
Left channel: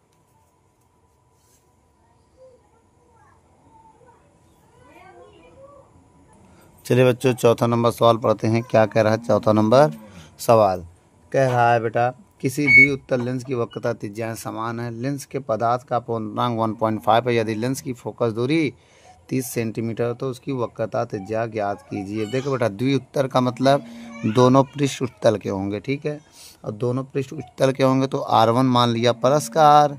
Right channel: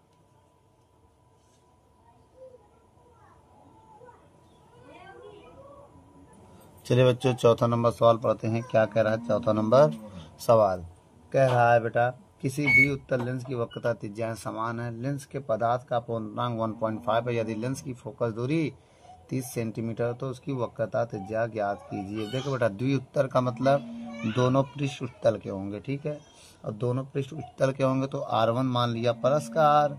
चलिए बच्चों, चौथा नंबर सवाल पढ़ते हैं। क्या कह रहा है चौथा नंबर सवाल, कह रहा है बेटा किसी दी उत्तर लेंस की वक्रता त्रिज्याएं समान है, लेंस के पदार्थ का अपवर्तनांक 1.5 है, यदि लेंस की फोकस दूरी 30 सेंटीमीटर तो उसकी वक्रता त्रिज्या ज्ञात कीजिए। देखो बेटा, द्विउत्तर का मतलब दोनों पृष्ठ उत्तल के होंगे, ठीक है, और दोनों पृष्ठ उत्तल के होंगे तो R1 मान लिया प्लस का R,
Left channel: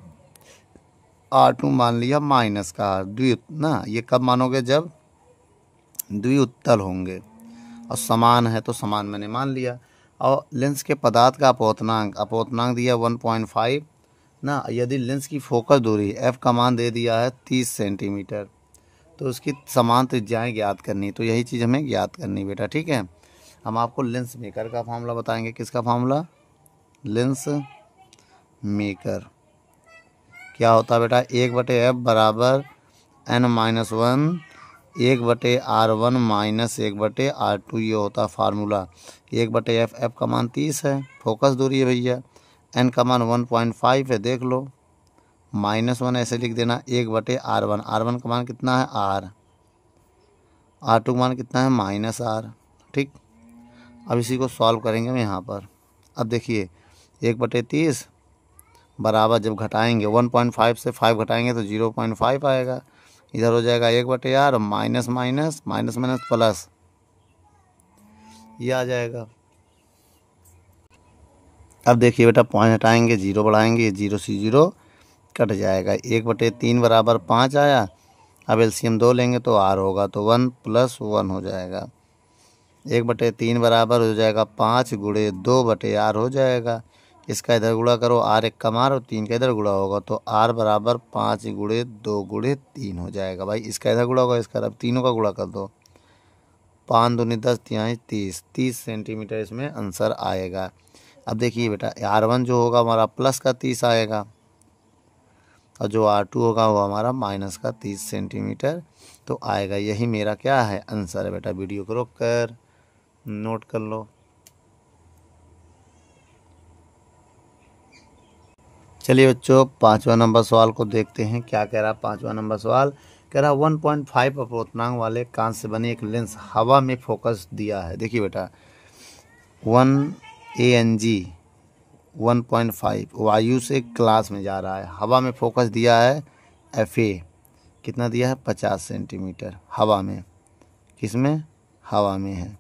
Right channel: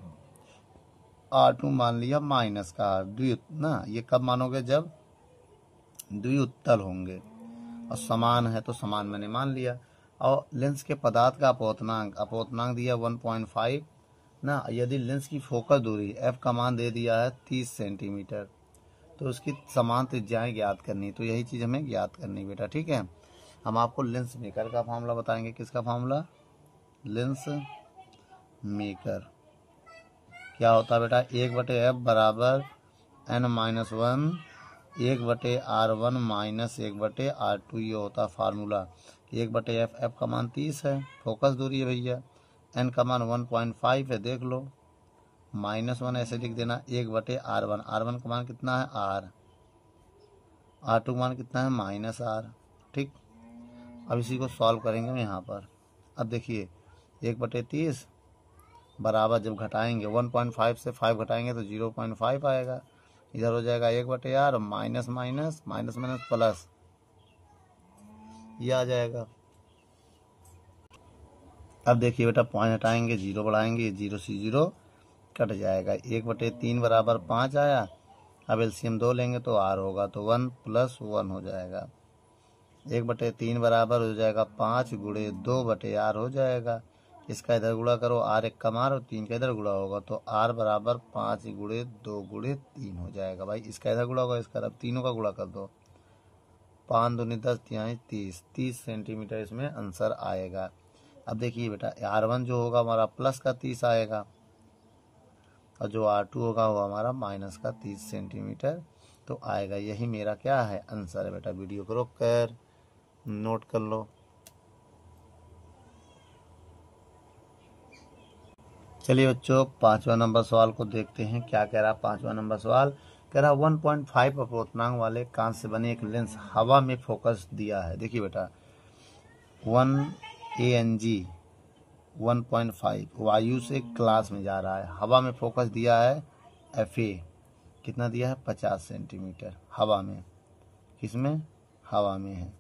R2 मान लिया माइनस का R। ना ये कब मानोगे, जब द्विउत्तल होंगे, और समान है तो समान मैंने मान लिया। और लेंस के पदार्थ का अपवर्तनांक दिया 1.5 ना, यदि लेंस की फोकस दूरी f का मान दे दिया है 30 सेंटीमीटर तो उसकी समान त्रिज्याएं ज्ञात करनी, तो यही चीज़ हमें ज्ञात करनी बेटा, ठीक है। हम आपको लेंस मेकर का फार्मूला बताएंगे। किसका फार्मूला, लेंस मेकर क्या होता है बेटा, 1/f बराबर n-1 1/R1 माइनस 1/R2, ये होता फार्मूला। 1/f, f का मान 30 है, फोकस दूरी है भैया, n का मान 1.5 है, देख लो, -1 ऐसे लिख देना, 1/R1, R1 का मान कितना है R, R2 का मान कितना है -R, ठीक। अब इसी को सॉल्व करेंगे हम यहाँ पर। अब देखिए 1/30 बराबर, जब घटाएंगे 1.5 से 5 घटाएंगे तो 0.5 आएगा, इधर हो जाएगा 1/R, minus minus minus minus plus, ये आ जाएगा। अब देखिए बेटा, पॉइंट हटाएंगे, 0 बढ़ाएंगे, 0 से 0 कट जाएगा, 1/3 बराबर 5 आया। अब एलसीएम 2 लेंगे तो R होगा, तो 1 + 1 हो जाएगा। 1/3 बराबर हो जाएगा 5 गुणे 2/R हो जाएगा। इसका इधर गुणा करो, R 1 का मार और 3 का इधर गुणा होगा, तो R बराबर 5 गुणे 2 गुणे 3 हो जाएगा। भाई इसका इधर गुणा होगा, इसका अब तीनों का गुणा कर दो, 5 दूनी 10 तिहाई 30 सेंटीमीटर इसमें आंसर आएगा। अब देखिए बेटा, R1 जो होगा हमारा प्लस का 30 आएगा, और जो R2 होगा वो हमारा माइनस का 30 सेंटीमीटर तो आएगा। यही मेरा क्या है, आंसर है बेटा। वीडियो को रोक कर नोट कर लो। चलिए बच्चों, 5वां नंबर सवाल को देखते हैं। क्या कह रहा है 5वां नंबर सवाल, कह रहा 1.5 अपवर्तनांक वाले कांच से बने एक लेंस हवा में फोकस दिया है। देखिए बेटा, 1 ANG 1.5 वायु से क्लास में जा रहा है, हवा में फोकस दिया है FA, कितना दिया है 50 सेंटीमीटर हवा में, किसमें, हवा में है।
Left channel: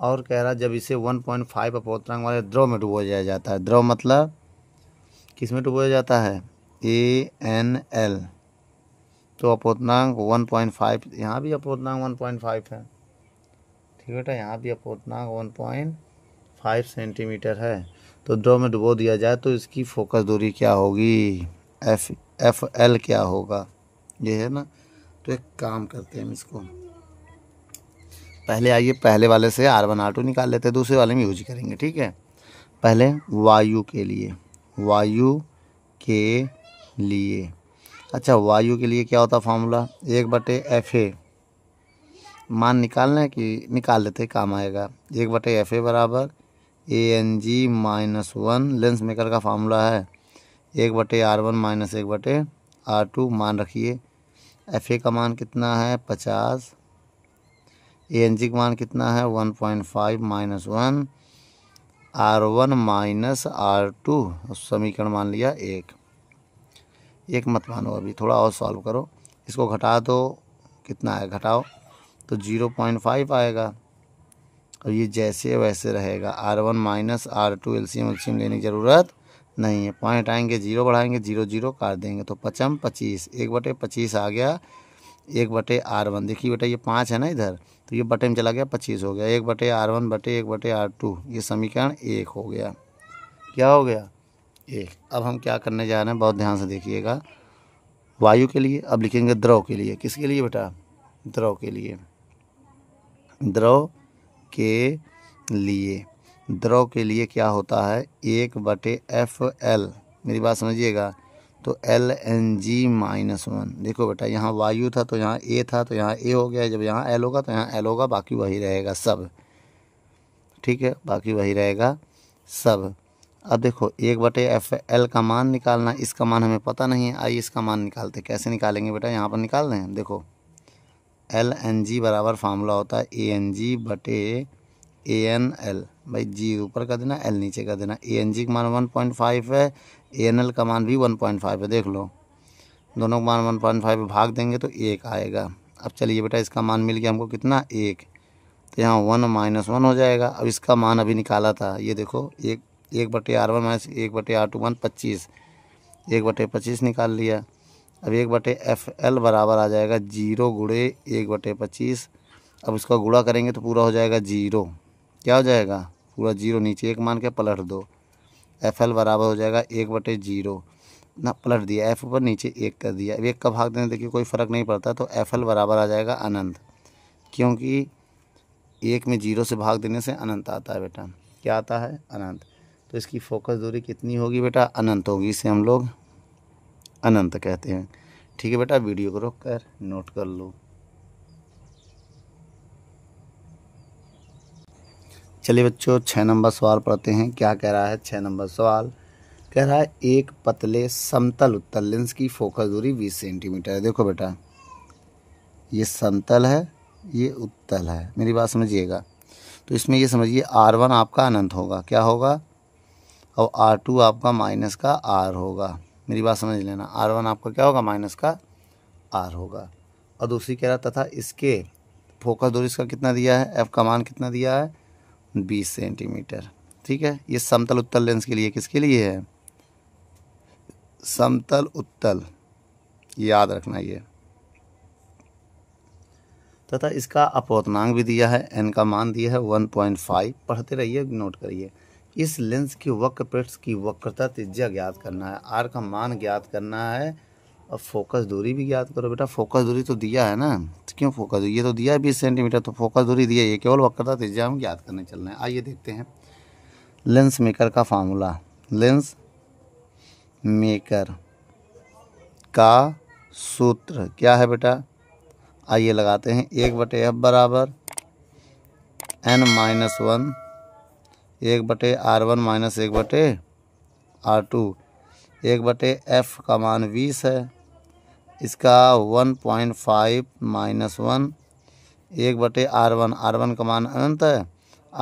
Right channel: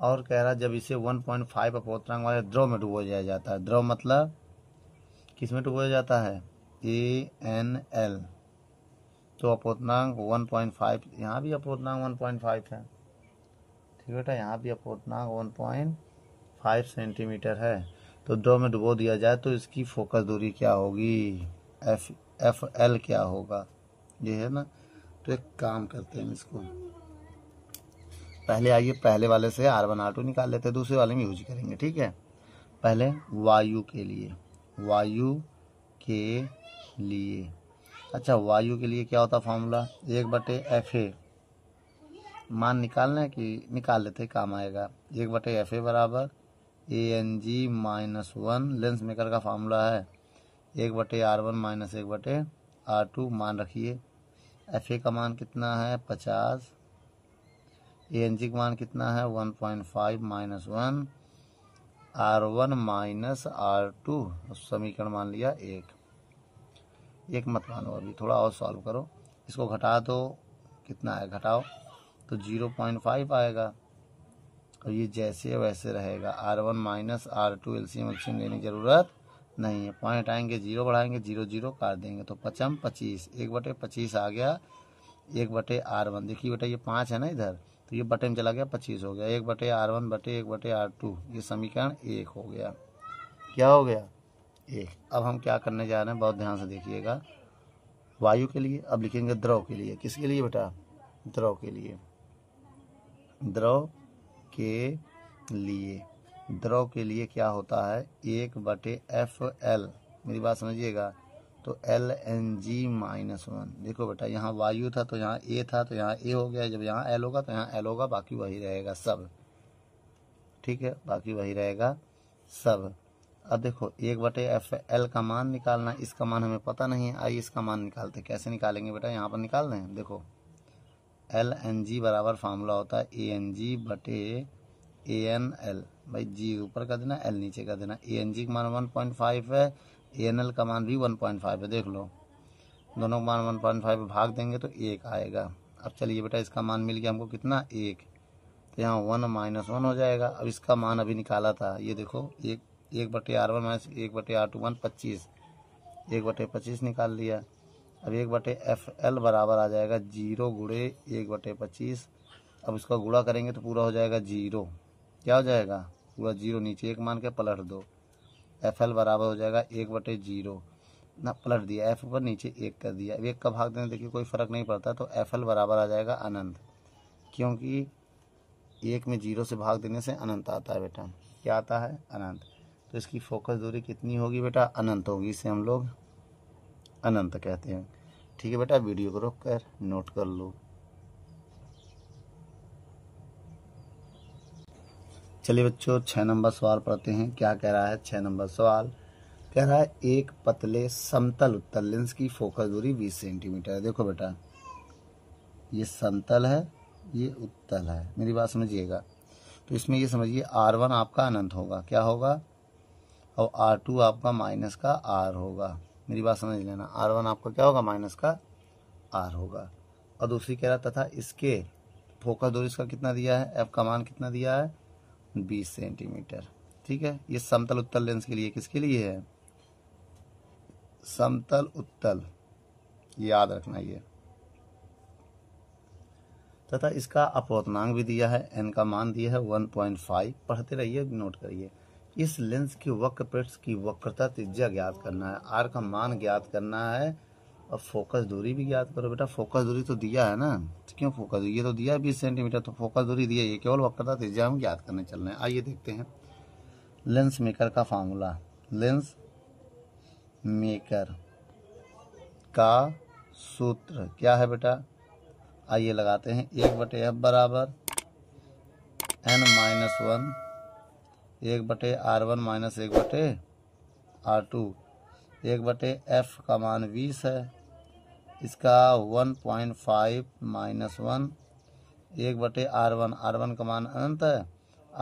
और कह रहा जब इसे 1.5 अपवर्तनांक वाले द्रव में डुबोया जाता है, द्रव मतलब किस में डुबोया जाता है, ANL, तो अपवर्तनांक 1.5, यहाँ भी अपवर्तनांक 1.5 है, ठीक बेटा, यहाँ भी अपवर्तनांक 1.5 सेंटीमीटर है। तो द्रव में डुबो दिया जाए तो इसकी फोकस दूरी क्या होगी, FL क्या होगा, ये है ना। तो एक काम करते हैं हम इसको, पहले आइए पहले वाले से R1 R2 निकाल लेते हैं, दूसरे वाले में यूज करेंगे, ठीक है। पहले वायु के लिए, वायु के लिए, अच्छा वायु के लिए क्या होता फार्मूला, 1/FA, मान निकालना है कि निकाल लेते, काम आएगा। 1/FA बराबर ANG -1, लेंस मेकर का फार्मूला है 1/R1 माइनस 1/R2, मान रखिए। FA का मान कितना है 50, ANG का मान कितना है 1.5 -1, R1 माइनस R2, समीकरण मान लिया 1 मत मानो, अभी थोड़ा और सॉल्व करो, इसको घटा दो, कितना है घटाओ तो 0.5 आएगा, और ये जैसे वैसे रहेगा। R1 माइनस R2 एलसीएम लेने की ज़रूरत नहीं है, पॉइंट आएंगे 0 बढ़ाएंगे 0 0 काट देंगे, तो 5 25, 1/25 आ गया 1/R1। देखिए बेटा ये 5 है ना इधर, तो ये बटे में चला गया 25 हो गया, 1/R1 बटे 1/R2, ये समीकरण 1 हो गया। क्या हो गया, 1। अब हम क्या करने जा रहे हैं, बहुत ध्यान से देखिएगा। वायु के लिए अब लिखेंगे द्रव के लिए, किसके लिए बेटा, द्रव के लिए, द्रव के लिए, द्रव के लिए क्या होता है 1/FL, मेरी बात समझिएगा। तो Lng-1। देखो बेटा यहाँ वायु था तो यहाँ ए था तो यहाँ ए हो गया, जब यहाँ एल होगा तो यहाँ एल होगा, बाकी वही रहेगा सब। ठीक है, बाकी वही रहेगा सब। अब देखो 1/FL का मान निकालना, इसका मान हमें पता नहीं है, आइए इसका मान निकालते। कैसे निकालेंगे बेटा, यहाँ पर निकाल रहे हैं। देखो Lng बराबर फार्मूला होता है Ang/ANL। भाई जी ऊपर का देना, एल नीचे का देना। Ang का मान 1.5 है, ANL का मान भी 1.5 है। देख लो दोनों का मान 1.5 भाग देंगे तो 1 आएगा। अब चलिए बेटा इसका मान मिल गया हमको कितना, 1। तो यहाँ 1 - 1 हो जाएगा। अब इसका मान अभी निकाला था, ये देखो 1/R1 - 1/R2 25, 1/25 निकाल लिया। अब 1/FL बराबर आ जाएगा 0 × 1/25। अब इसका गुणा करेंगे तो पूरा हो जाएगा 0। क्या हो जाएगा, पूरा 0, नीचे 1 मान के पलट दो। FL बराबर हो जाएगा 1/0 ना, पलट दिया F ऊपर, नीचे 1 कर दिया। अब 1 का भाग देने देखिए कोई फ़र्क नहीं पड़ता, तो FL बराबर आ जाएगा अनंत, क्योंकि 1 में 0 से भाग देने से अनंत आता है बेटा। क्या आता है, अनंत। तो इसकी फोकस दूरी कितनी होगी बेटा, अनंत होगी। इसे हम लोग अनंत कहते हैं। ठीक है बेटा, वीडियो को रोक कर नोट कर लो। चलिए बच्चों 6 नंबर सवाल पढ़ते हैं। क्या कह रहा है 6 नंबर सवाल, कह रहा है एक पतले समतल उत्तल लेंस की फोकस दूरी 20 सेंटीमीटर है। देखो बेटा ये समतल है, ये उत्तल है, मेरी बात समझिएगा। तो इसमें ये समझिए R1 आपका अनंत होगा, क्या होगा, और R2 आपका माइनस का R होगा। मेरी बात समझ लेना, R1 आपका क्या होगा, माइनस का R होगा। और दूसरी कह रहा तथा इसके फोकस दूरी इसका कितना दिया है, F का मान कितना दिया है, 20 सेंटीमीटर। ठीक है, ये समतल उत्तल लेंस के लिए, किसके लिए है, समतल उत्तल, याद रखना ये। तथा इसका अपवर्तनांक भी दिया है, n का मान दिया है 1.5। पढ़ते रहिए, नोट करिए। इस लेंस की वक्र पृष्ठ की वक्रता त्रिज्या ज्ञात करना है, r का मान ज्ञात करना है, और फोकस दूरी भी ज्ञात करो बेटा। फोकस दूरी तो दिया है ना, तो क्यों फोकस दूरी, ये तो दिया है 20 सेंटीमीटर, तो फोकस दूरी दिया है, ये केवल वक्रता त्रिज्या हम ज्ञात करने चल रहे हैं। आइए देखते हैं लेंस मेकर का फार्मूला। लेंस मेकर का सूत्र क्या है बेटा, आइए लगाते हैं। 1/F बराबर n-1, 1/R1 - 1/R2, 1/F का मान 20 है, इसका 1.5 - 1, 1/R1, R1 का मान अनंत है,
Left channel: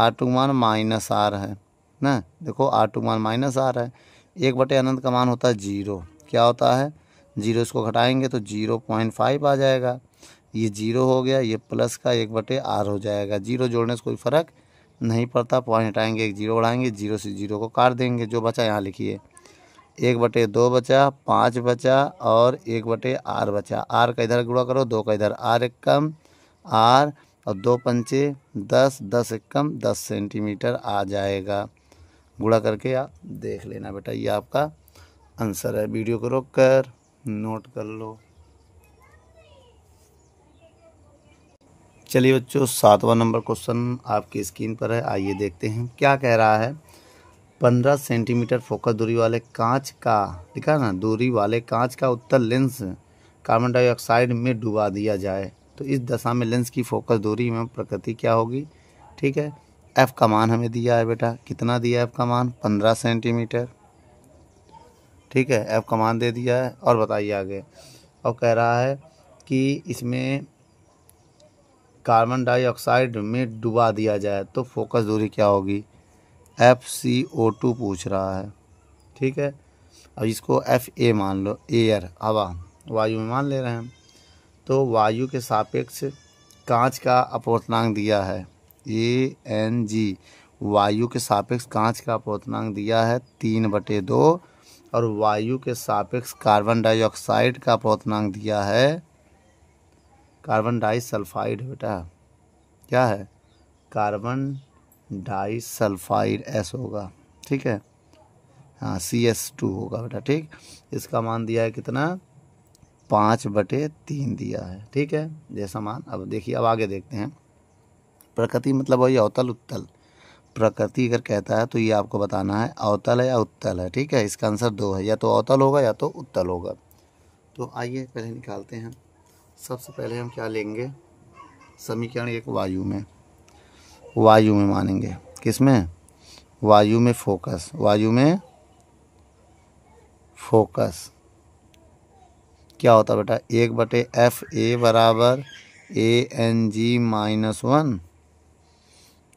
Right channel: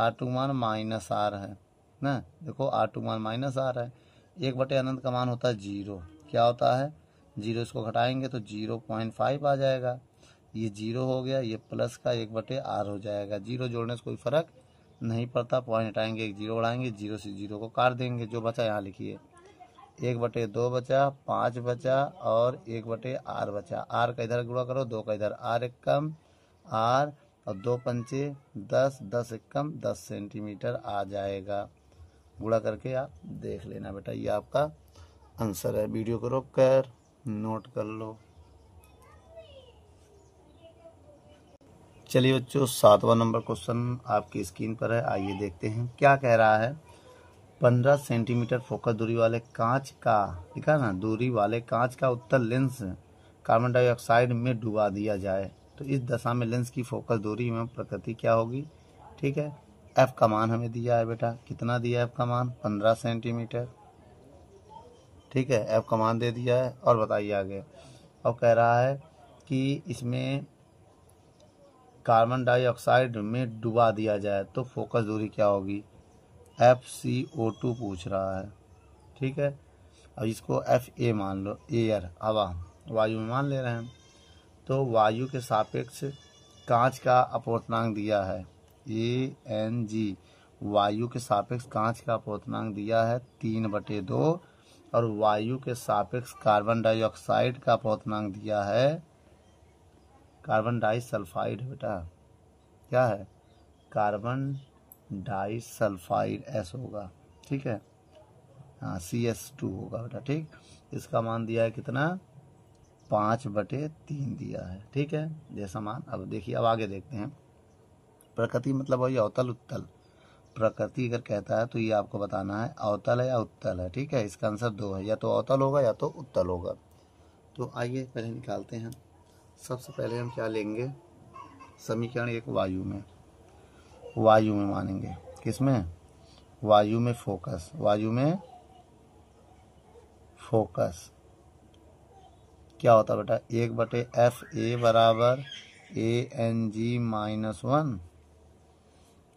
R2 मान -R है ना। देखो R2 मान -R है, 1/अनंत का मान होता है 0। क्या होता है 0, इसको घटाएंगे तो 0.5 आ जाएगा। ये 0 हो गया, ये प्लस का 1/R हो जाएगा। 0 जोड़ने से कोई फ़र्क नहीं पड़ता, पॉइंट हटाएंगे, एक 0 बढ़ाएंगे, 0 से 0 को काट देंगे, जो बचा यहाँ लिखिए। 1/2 बचा, 5 बचा और 1/R बचा। R का इधर गुणा करो, 2 का इधर, R एक कम R, और 2 पंचे 10, 10 एक कम 10 सेंटीमीटर आ जाएगा। गुणा करके आप देख लेना बेटा, ये आपका आंसर है। वीडियो को रोक कर नोट कर लो। चलिए बच्चों 7वां नंबर क्वेश्चन आपकी स्क्रीन पर है, आइए देखते हैं क्या कह रहा है। 15 सेंटीमीटर फोकस दूरी वाले कांच का, लिखा ना, दूरी वाले कांच का उत्तल लेंस कार्बन डाइऑक्साइड में डुबा दिया जाए तो इस दशा में लेंस की फोकस दूरी में प्रकृति क्या होगी। ठीक है, F का मान हमें दिया है बेटा, कितना दिया है F का मान, 15 सेंटीमीटर। ठीक है, F का मान दे दिया है, और बताइए आगे। और कह रहा है कि इसमें कार्बन डाइऑक्साइड में डुबा दिया जाए तो फोकस दूरी क्या होगी, FCO2 पूछ रहा है। ठीक है, और इसको FA मान लो, एयर हवा, वायु में मान ले रहे हैं। तो वायु के सापेक्ष कांच का अपवर्तनांक दिया है Ang, वायु के सापेक्ष कांच का अपवर्तनांक दिया है 3/2, और वायु के सापेक्ष कार्बन डाइऑक्साइड का अपवर्तनांक दिया है, कार्बन डाइसल्फाइड बेटा, क्या है, कार्बन डाइसल्फाइड S होगा। ठीक है, हाँ CS2 होगा बेटा। ठीक, इसका मान दिया है कितना, 5/3 दिया है। ठीक है, जैसा मान। अब देखिए, अब आगे देखते हैं। प्रकृति मतलब वही अवतल उत्तल, प्रकृति अगर कहता है तो ये आपको बताना है अवतल है या उत्तल है। ठीक है, इसका आंसर 2 है, या तो अवतल होगा या तो उत्तल होगा। तो आइए पहले निकालते हैं। सबसे पहले हम क्या लेंगे, समीकरण एक वायु में मानेंगे। किस में? वायु में फोकस, वायु में फोकस क्या होता है बेटा, 1/FA बराबर ANG-1,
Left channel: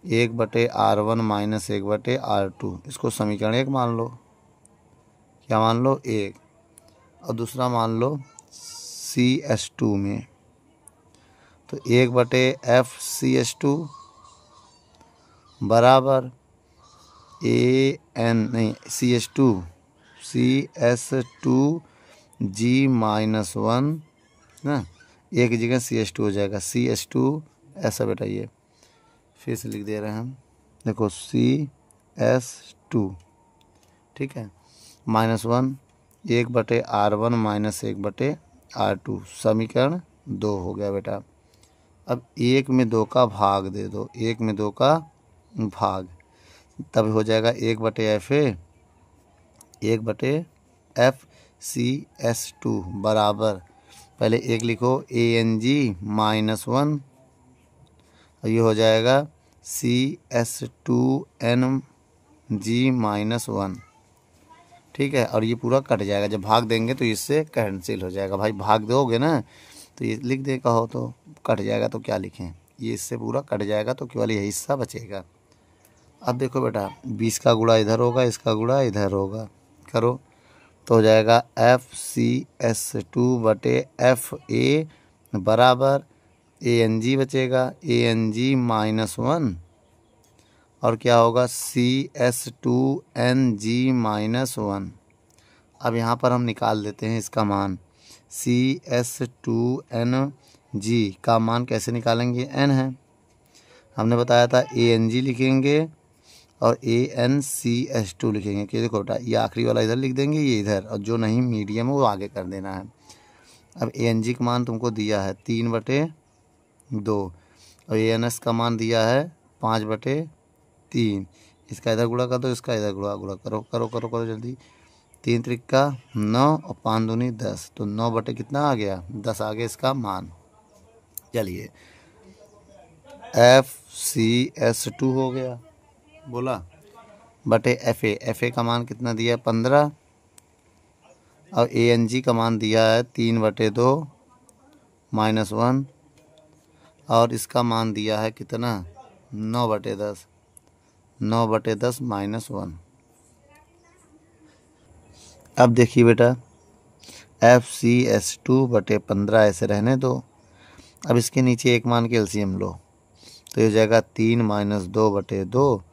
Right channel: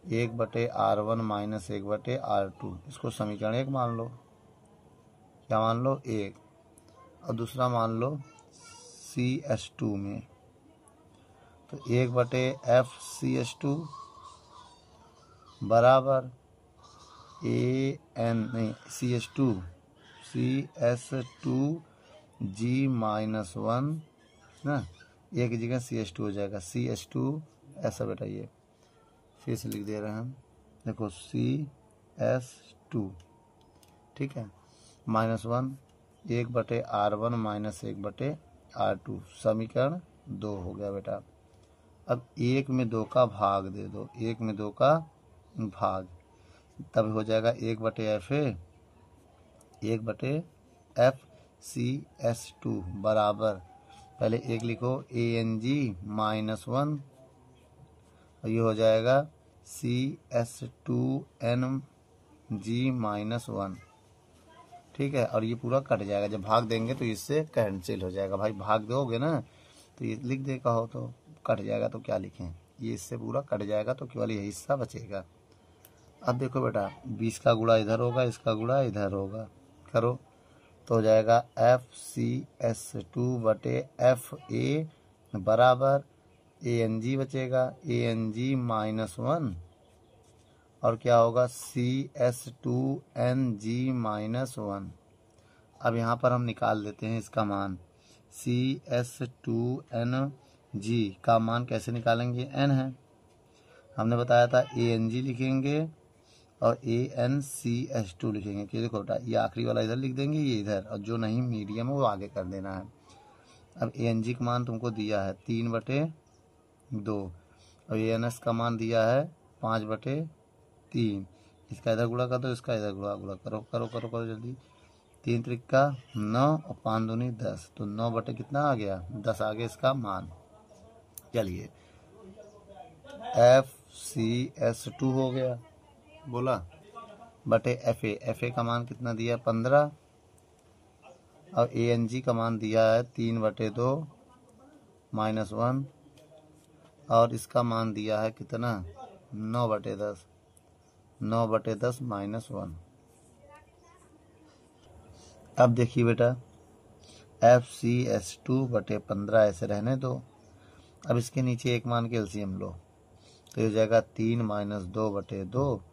1/R1 माइनस 1/R2। इसको समीकरण एक मान लो। क्या मान लो? एक। और दूसरा मान लो CH2 में, तो 1/FCH2 बराबर CS2G-1 ना, एक जगह CH2 हो जाएगा, CH2 ऐसा बेटा, ये फिर से लिख दे रहे हैं हम, देखो CS2, ठीक है, -1, 1/R1 माइनस 1/R2, समीकरण 2 हो गया बेटा। अब 1 में 2 का भाग दे दो, 1 में 2 का भाग, तब हो जाएगा 1/FA, 1/FCS2 बराबर, पहले 1 लिखो ANG-1, और ये हो जाएगा CS2NG-1। ठीक है, और ये पूरा कट जाएगा, जब भाग देंगे तो इससे कैंसिल हो जाएगा। भाई भाग दोगे ना तो ये लिख दे, कहो तो कट जाएगा, तो क्या लिखें, ये इससे पूरा कट जाएगा, तो केवल यही हिस्सा बचेगा। अब देखो बेटा, 20 का गुणा इधर होगा, इसका गुणा इधर होगा, करो तो हो जाएगा FCS2/FA बराबर ANG बचेगा, ANG-1, और क्या होगा CS2NG-1। अब यहाँ पर हम निकाल देते हैं इसका मान। CS2NG का मान कैसे निकालेंगे, n है, हमने बताया था ANG लिखेंगे और ANCS2 लिखेंगे। कि देखो बेटा, ये आखिरी वाला इधर लिख देंगे, ये इधर, और जो नहीं मीडियम है वो आगे कर देना है। अब ANG का मान तुमको दिया है 3/2, और ANS का मान दिया है 5/3। इसका इधर गुणा कर दो, इसका इधर गुणा करो, करो करो करो जल्दी। 3 त्रिका 9 और 5 दूनी 10, तो 9 कितना आ गया, 10 आ गया इसका मान। चलिए FCS2 हो गया, बोला, बटे FA का मान कितना दिया है 15, और ANG का मान दिया है 3/2 -1, और इसका मान दिया है कितना 9/10, 9/10 -1। अब देखिए बेटा, FCS2/15 ऐसे रहने दो। अब इसके नीचे एक मान के एलसीएम लो, तो ये हो जाएगा 3 - 2/2,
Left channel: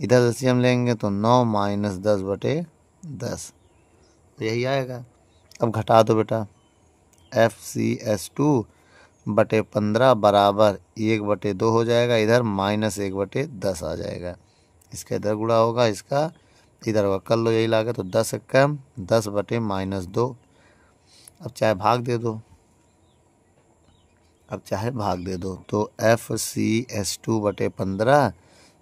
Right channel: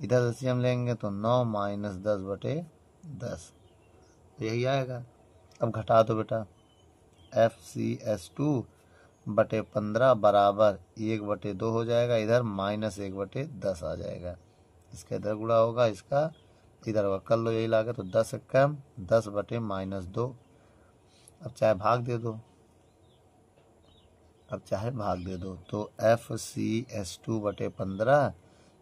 इधर एलसीएम लेंगे तो 9 - 10/10, तो यही आएगा। अब घटा दो बेटा, FCS2/15 बराबर 1/2 हो जाएगा, इधर -1/10 आ जाएगा, इसका इधर गुणा होगा, इसका इधर होगा, कर लो यही लागे, तो 10 कम 10/-2। अब चाहे भाग दे दो, तो FCS2/15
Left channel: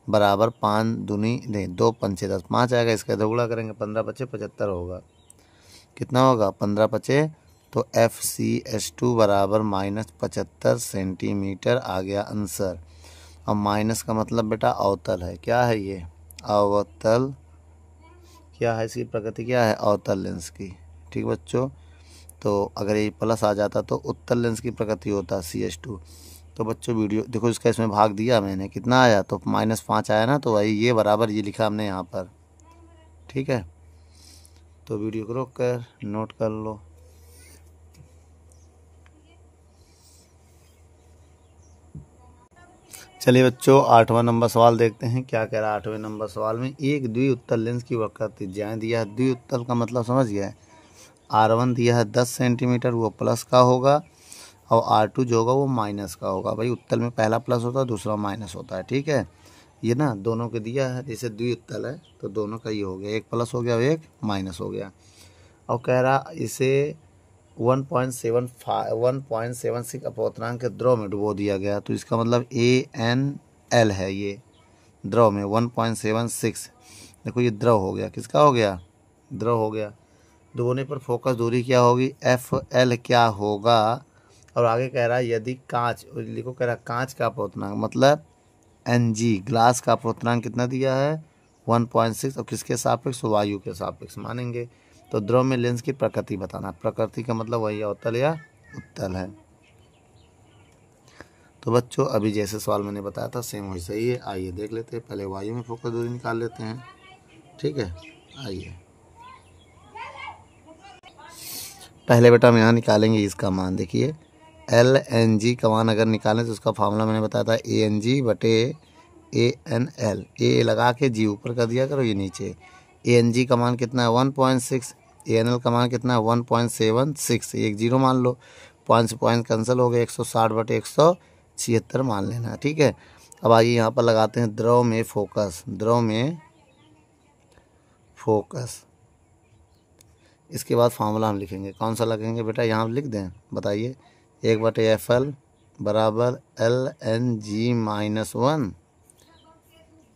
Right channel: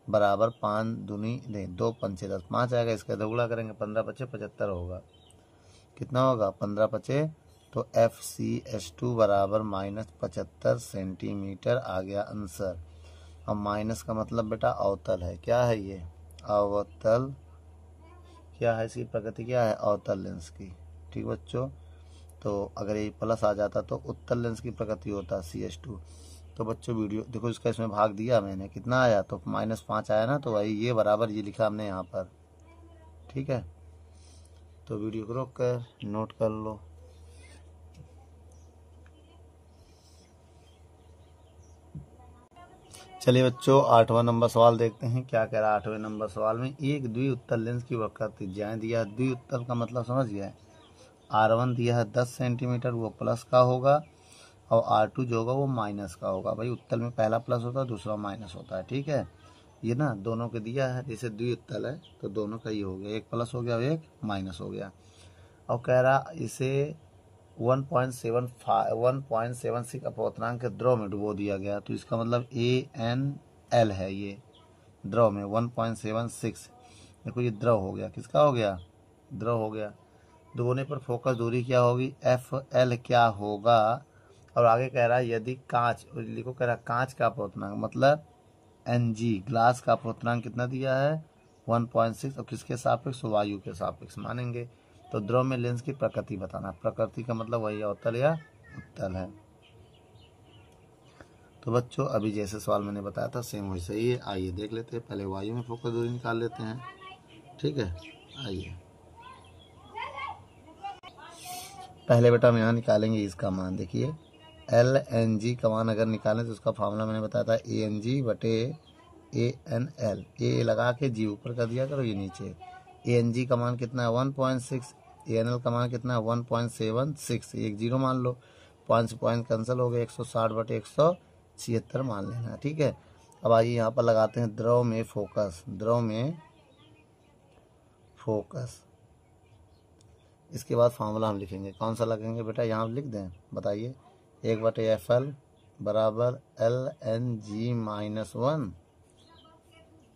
बराबर 5 दूनी नहीं 2 पंचे 10, 5 आएगा, इसका इधर गुणा करेंगे, 15 × 5 = 75 होगा। कितना होगा, 15 × 5, तो FCS2 बराबर -75 सेंटीमीटर आ गया आंसर। अब माइनस का मतलब बेटा अवतल है, क्या है ये, अवतल, क्या है इसकी प्रकृति, क्या है, अवतल लेंस की। ठीक बच्चों, तो अगर ये प्लस आ जाता तो उत्तल लेंस की प्रकृति होता CH2। तो बच्चों वीडियो देखो, इसका इसमें भाग दिया मैंने, कितना आया, तो -5 आया ना, तो वही ये बराबर ये लिखा हमने यहाँ पर। ठीक है, तो वीडियो को रोक कर नोट कर लो। चलिए बच्चों, 8वां नंबर सवाल देखते हैं क्या कह रहा है। 8वें नंबर सवाल में एक द्विउत्तल लेंस की वक्र त्रिज्याएं दिया है। द्विउत्तल का मतलब समझ गया है, R1 दिया है 10 सेंटीमीटर, वो प्लस का होगा, और R2 जो होगा वो माइनस का होगा। भाई उत्तल में पहला प्लस होता है, दूसरा माइनस होता है। ठीक है, ये ना दोनों के दिया है, जैसे द्विउत्तल है तो दोनों का ये हो गया, एक प्लस हो गया और एक माइनस हो गया। और कह रहा इसे 1.76 अपोतनांक के द्रव में डुबो दिया गया, तो इसका मतलब ANL है ये, द्रव में 1.76। देखो ये द्रव हो गया, किसका हो गया, द्रव हो गया। दोगुने पर फोकस दूरी क्या होगी, FL क्या होगा। और आगे कह रहा है यदि कांच, लिखो कह रहा है कांच का अपवर्तनांक मतलब Ng, ग्लास का अपवर्तनांक कितना दिया है 1.6 और किसके सापेक्ष, वायु के सापेक्ष मानेंगे। तो द्रव में लेंस की प्रकृति बताना, प्रकृति का मतलब वही अवतल या उत्तल है। तो बच्चों अभी जैसे सवाल मैंने बताया था सेम वैसे ही है। आइए देख लेते हैं, पहले वायु में फोकस दूरी निकाल लेते हैं। ठीक है, आइए पहले बेटा हम यहाँ निकालेंगे इसका मान। देखिए LNG का मान अगर निकालें तो उसका फार्मूला मैंने बताया था ANG बटे ANL। ए लगा के जी ऊपर कर दिया करो, ये नीचे। ANG का मान कितना है 1.6, ANL का मान कितना है 1.76। एक जीरो मान लो, पॉइंट से पॉइंट कैंसिल हो गए, 160 बटे 176 मान लेना। ठीक है, अब आइए यहाँ पर लगाते हैं द्रव में फोकस, द्रव में फोकस। इसके बाद फार्मूला हम लिखेंगे, कौन सा लगेंगे बेटा, यहाँ लिख दें, बताइए। 1/FL बराबर LNG minus 1,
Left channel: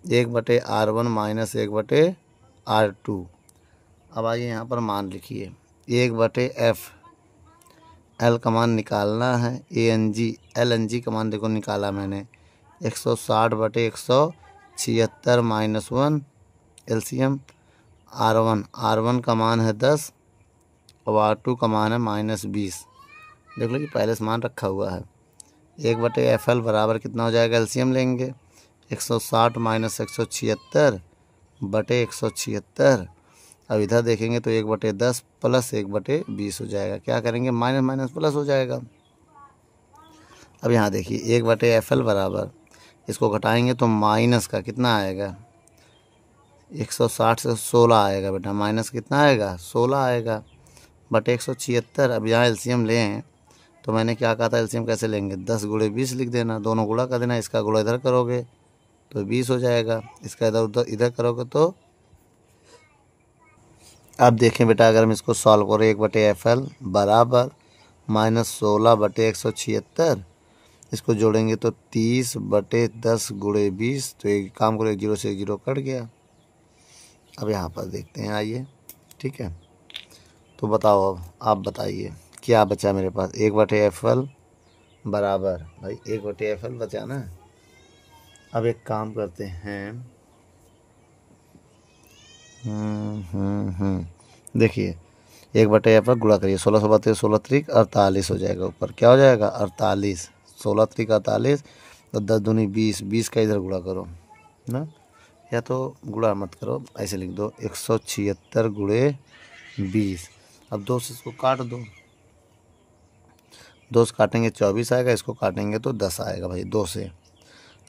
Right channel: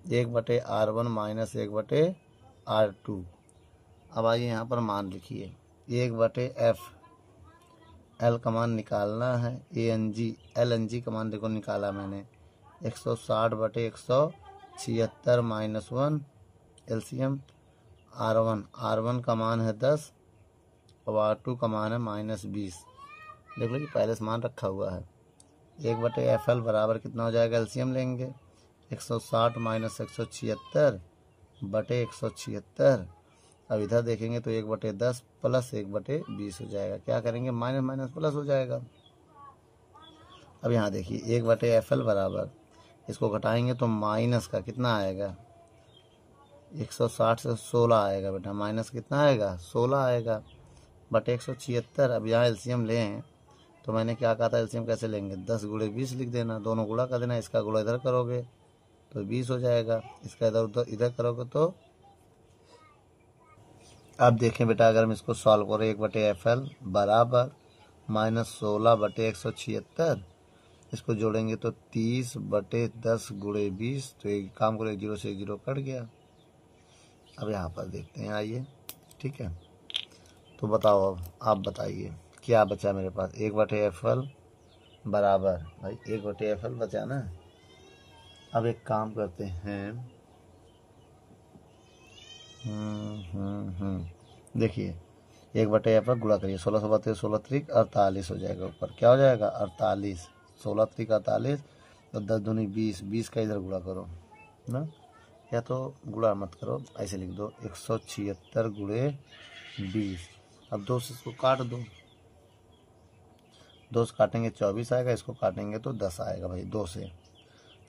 1/R1 minus 1/R2। अब आइए यहाँ पर मान लिखिए, 1/F, L का मान निकालना है, ANG, LNG का मान देखो निकाला मैंने 160 बटे 176 माइनस 1 LCM। R1 का मान है 10 और R2 का मान है -20। देख लो कि पहले से मान रखा हुआ है। 1/FL बराबर कितना हो जाएगा, LCM लेंगे 160 माइनस 176 बटे 176। अब इधर देखेंगे तो 1/10 प्लस 1/20 हो जाएगा। क्या करेंगे, माइनस माइनस प्लस हो जाएगा। अब यहाँ देखिए 1/FL बराबर, इसको घटाएंगे तो माइनस का कितना आएगा, 160 से 16 आएगा बेटा, माइनस कितना आएगा 16 आएगा बटे 176। अब यहाँ एलसीएम लें तो मैंने क्या कहा था, एलसीएम कैसे लेंगे, 10 गुणे 20 लिख देना, दोनों गुणा कर देना, इसका गुणा इधर करोगे तो 20 हो जाएगा, इसका इधर उधर इधर करोगे तो। अब देखें बेटा अगर हम इसको सॉल्व करें, 1/FL बराबर -16 बटे 176, इसको जोड़ेंगे तो 30 बटे 10 गुणे 20। तो एक काम करो, 1 जीरो से 1 जीरो कट गया। अब यहाँ पर देखते हैं, आइए। ठीक है, तो बताओ, अब आप बताइए क्या बचा मेरे पास। 1/FL बराबर, भाई 1/FL बचा ना। अब एक काम करते हैं, देखिए 1/FL गुणा करिए, 16 16 16 त्रिक 48 हो जाएगा, ऊपर क्या हो जाएगा 48, 16 त्रिक 48 तो 10 दूनी 20, 20 का इधर गुणा करो ना, या तो गुणा मत करो, ऐसे लिख दो 176 गुणे 20। अब 2 से इसको काट दो, 2 से काटेंगे 24 आएगा, इसको काटेंगे तो 10 आएगा भाई 2 से।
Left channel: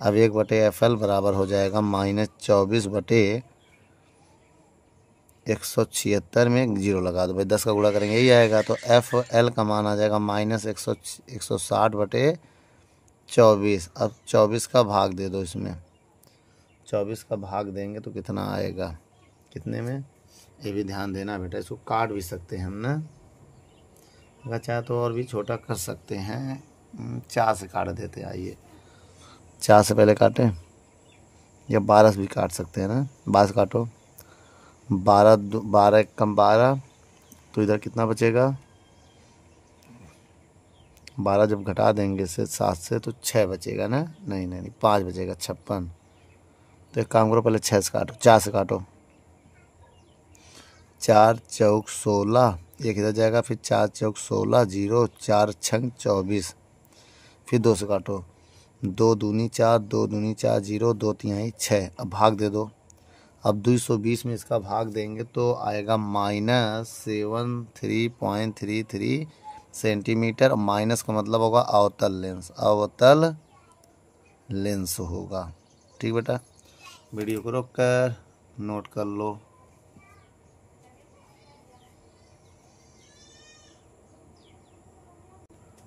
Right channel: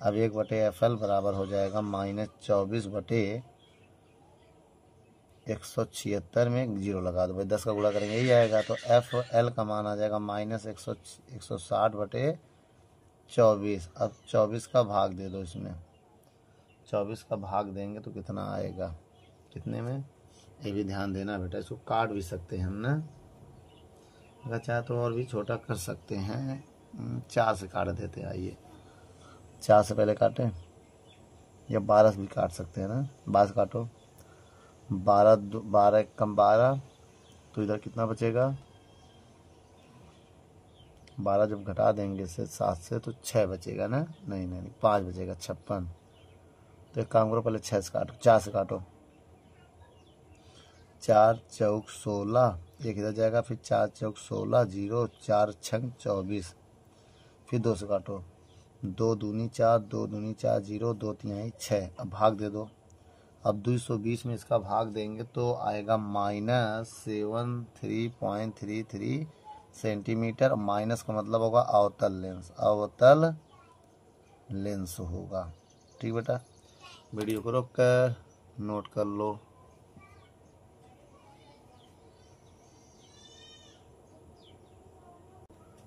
अब 1/FL बराबर हो जाएगा -24 बटे 176 में 0 लगा दो भाई, 10 का गुणा करेंगे यही आएगा। तो FL का मान आ जाएगा -160 बटे 24। अब 24 का भाग दे दो इसमें, 24 का भाग देंगे तो कितना आएगा, कितने में, ये भी ध्यान देना बेटा, इसको काट भी सकते हैं हम ना, अगर चाहे तो और भी छोटा कर सकते हैं, 4 से काट देते हैं। आइए 4 से पहले काटें, या 12 से भी काट सकते हैं ना, 12 से काटो, 12 कम 12 तो इधर कितना बचेगा, 12 जब घटा देंगे से 7 से तो 6 बचेगा ना, नहीं नहीं 5 बचेगा, 56। तो एक काम करो, पहले 6 से काटो, 4 से काटो, 4 चौक 16, एक इधर जाएगा, फिर 4 चौक 16, 0, 4 छंग 24, फिर 2 से काटो, 2 दूनी 4, 2 दूनी 4, 0, 2 तिहाई 6। अब भाग दे दो, अब 220 में इसका भाग देंगे तो आएगा -73.33 सेंटीमीटर। माइनस का मतलब होगा अवतल लेंस, अवतल लेंस होगा। ठीक बेटा, वीडियो को रोक कर नोट कर लो।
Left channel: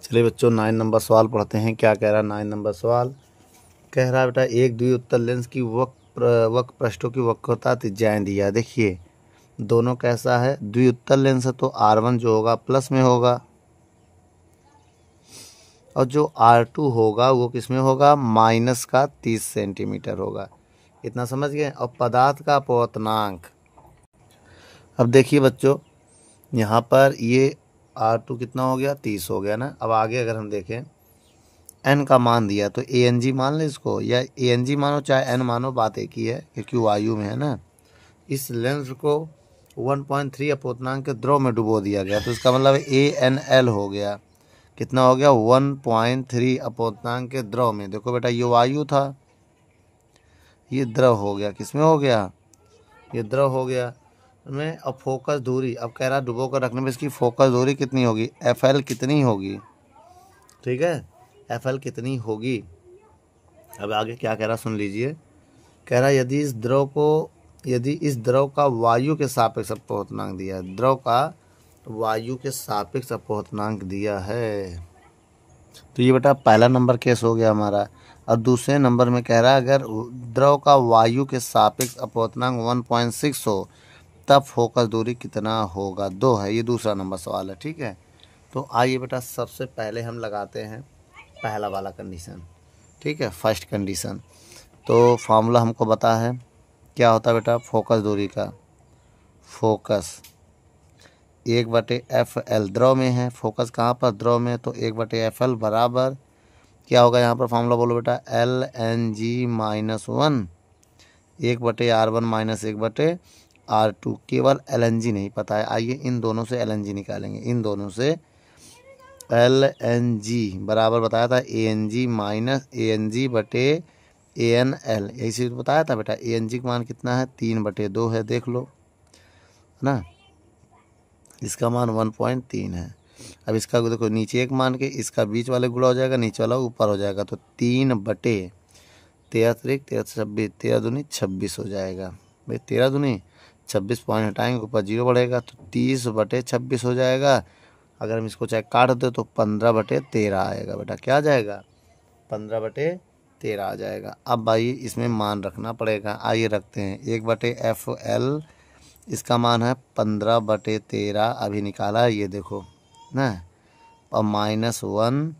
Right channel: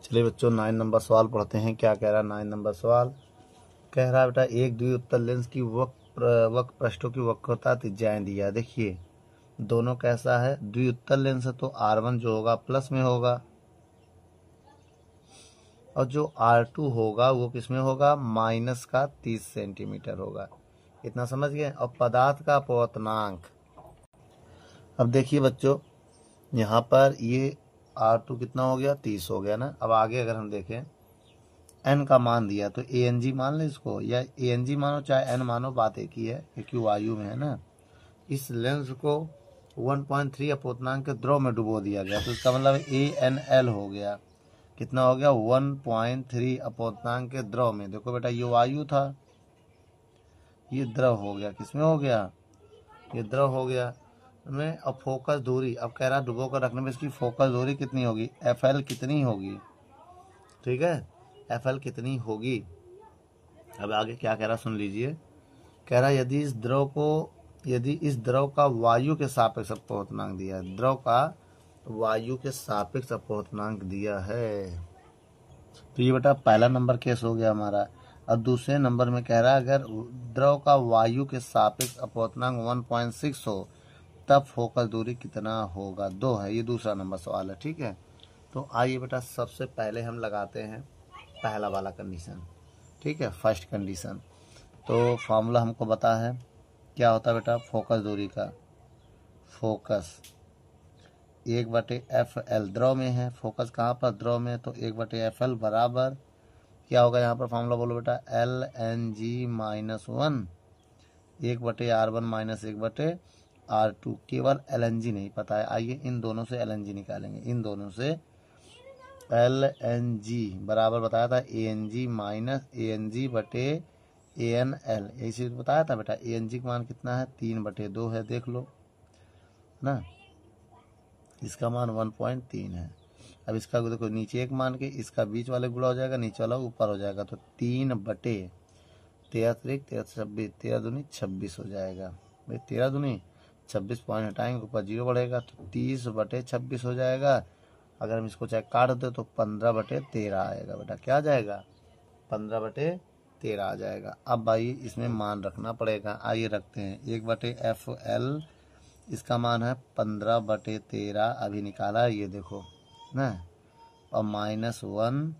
चलिए बच्चों 9 नंबर सवाल पढ़ते हैं, क्या कह रहा है 9 नंबर सवाल। कह रहा है बेटा एक द्विउत्तल लेंस की वक्र पृष्ठों की वक्रता त्रिज्याएं दिया। देखिए दोनों कैसा है, द्विउत्तल लेंस है तो R1 जो होगा प्लस में होगा, और जो R2 होगा वो किस में होगा, -30 सेंटीमीटर होगा। इतना समझ गए। और पदार्थ का अपवर्तनांक, अब देखिए बच्चों यहाँ पर ये R2 कितना हो गया, 30 हो गया ना। अब आगे अगर हम देखें n का मान दिया तो ANG मान ले इसको, या ANG मानो चाहे n मानो, बात एक ही है क्योंकि वायु में है ना। इस लेंस को 1.3 अपवर्तनांक के द्रव में डुबो दिया गया, तो इसका मतलब ANL हो गया। कितना हो गया, 1.3 अपवर्तनांक के द्रव में। देखो बेटा ये वायु था, ये द्रव हो गया, किसमें हो गया, ये द्रव हो गया में। अब फोकस दूरी, अब कह रहा डुबो कर रखने में इसकी फोकस दूरी कितनी होगी, FL कितनी होगी, ठीक है, FL कितनी होगी। अब आगे क्या कह रहा सुन लीजिए। कह रहा यदि इस द्रव का वायु के सापेक्ष अपवर्तनांक दिया है, द्रव का वायु के सापेक्ष अपवर्तनांक दिया है, तो ये बेटा पहला नंबर केस हो गया हमारा। और दूसरे नंबर में कह रहा है अगर द्रव का वायु के सापेक्ष अपवर्तनांक 1.6 हो तब फोकस दूरी कितना होगा, 2 है। ये दूसरा नंबर सवाल है, ठीक है। तो आइए बेटा सबसे पहले हम लगाते हैं पहला वाला कंडीशन, ठीक है, फर्स्ट कंडीशन। तो फार्मूला हमको पता है क्या होता है बेटा, फोकस दूरी का, फोकस 1/FL द्रव में है, फोकस कहाँ पर, द्रव में, तो 1/FL बराबर क्या होगा यहाँ पर फार्मूला बोलो बेटा, LNG-1 1/R1 - 1/R2। केवल LNG नहीं पता है, आइए इन दोनों से LNG निकालेंगे। इन दोनों से LNG बराबर बताया था ANG - ANG/ANL, यही चीज़ बताया था बेटा। ANG का मान कितना है, 3/2 है, देख लो ना, इसका मान 1.3 है। अब इसका देखो नीचे एक मान के इसका बीच वाले गुणा हो जाएगा, नीचे वाला ऊपर हो जाएगा, तो 3/13 3 26, 13 दूनी 26 हो जाएगा। भाई 13 दूनी 26 पॉइंट हटाएंगे, ऊपर 0 बढ़ेगा, तो 30/26 हो जाएगा। अगर हम इसको चाहे काट दे तो 15/13 आएगा बेटा, क्या आ जाएगा, 15/13 आ जाएगा। अब भाई इसमें मान रखना पड़ेगा, आइए रखते हैं। 1/FL इसका मान है 15/13, अभी निकाला है ये देखो ना, और -1।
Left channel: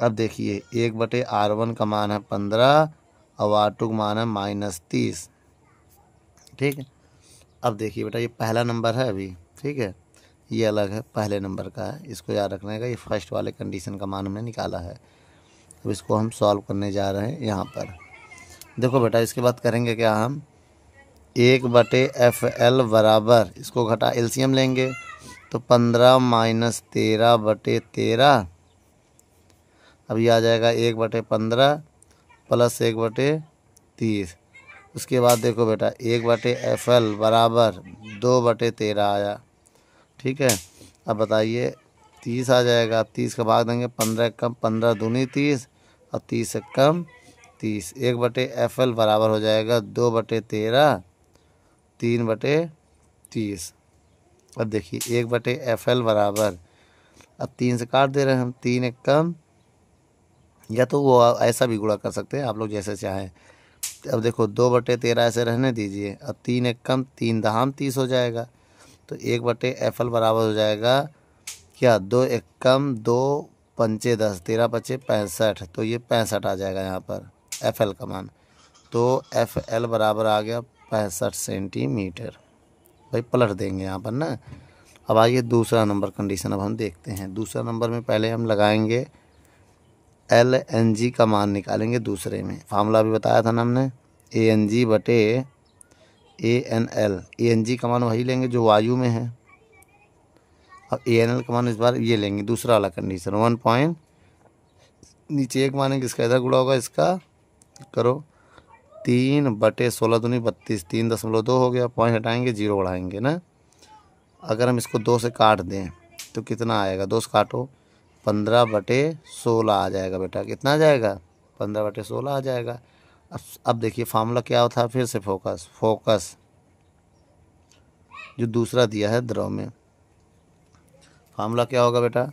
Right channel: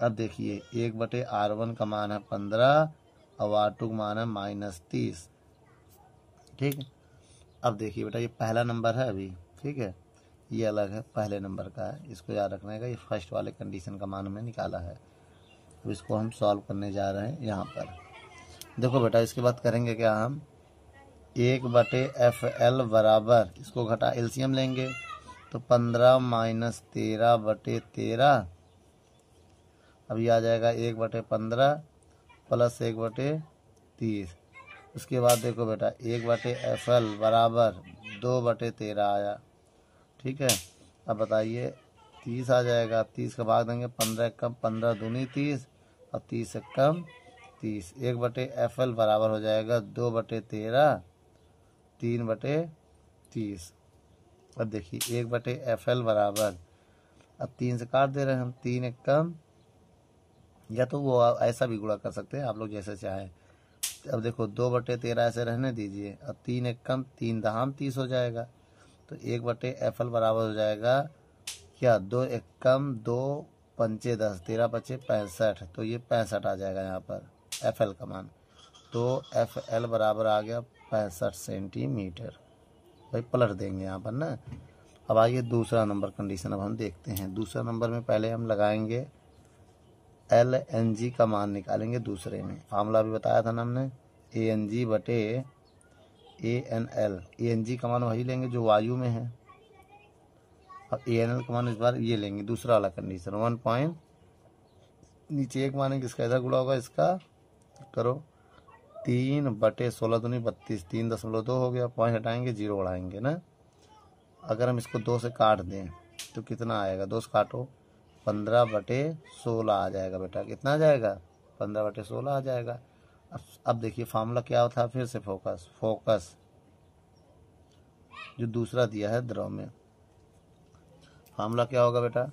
अब देखिए 1/R1 का मान है 15 और R2 का मान है -30, ठीक है। अब देखिए बेटा ये पहला नंबर है अभी, ठीक है, ये अलग है, पहले नंबर का है, इसको याद रखने का। ये फर्स्ट वाले कंडीशन का मान हमने निकाला है। अब इसको हम सॉल्व करने जा रहे हैं यहाँ पर। देखो बेटा इसके बाद करेंगे क्या, हम 1/FL बराबर, इसको घटा LCM लेंगे तो 15 - 13/13, अब ये आ जाएगा 1/15 प्लस 1/30। उसके बाद देखो बेटा 1/FL बराबर 2/13 आया, ठीक है। अब बताइए 30 आ जाएगा, 30 का भाग देंगे, 15 कम 15 दूनी 30 और 30 से कम 30। 1/FL बराबर हो जाएगा 2/13 3/30। अब देखिए 1/FL बराबर, अब 3 से काट दे रहे हैं हम, 3 एक कम, या तो वो ऐसा भी गुणा कर सकते हैं आप लोग जैसे चाहें। अब देखो 2/13 ऐसे रहने दीजिए, अब 3 एक कम, 3 दहाम 30 हो जाएगा, तो 1/FL बराबर हो जाएगा क्या, 2 एक कम 2 पंचे 10, 13 पचे 65, तो ये 65 आ जाएगा यहाँ पर FL का मान। तो FL बराबर आ गया 65 सेंटीमीटर। भाई पलट देंगे यहाँ पर ना। अब आइए दूसरा नंबर कंडीशन अब हम देखते हैं। दूसरा नंबर में पहले हम लगाएंगे LNG का मान निकालेंगे दूसरे में। फार्मूला भी बताया था ना हमने, ANG/ANL। ANG का मान वही लेंगे जो वायु में है, अब ANL का मान इस बार ये लेंगे, दूसरा वाला कंडीशन 1 पॉइंट, नीचे एक मानेंगे, इसका इधर गुणा होगा, इसका करो 3/16 दूनी 32, 3.2 हो गया, पॉइंट हटाएंगे 0 बढ़ाएंगे ना। अगर हम इसको 2 से काट दें तो कितना आएगा, 2 से काटो 15/16 आ जाएगा बेटा, कितना आ जाएगा, 15/16 आ जाएगा। अब देखिए फार्मूला क्या होता है, फिर से फोकस जो दूसरा दिया है द्रव में, फार्मूला क्या होगा बेटा,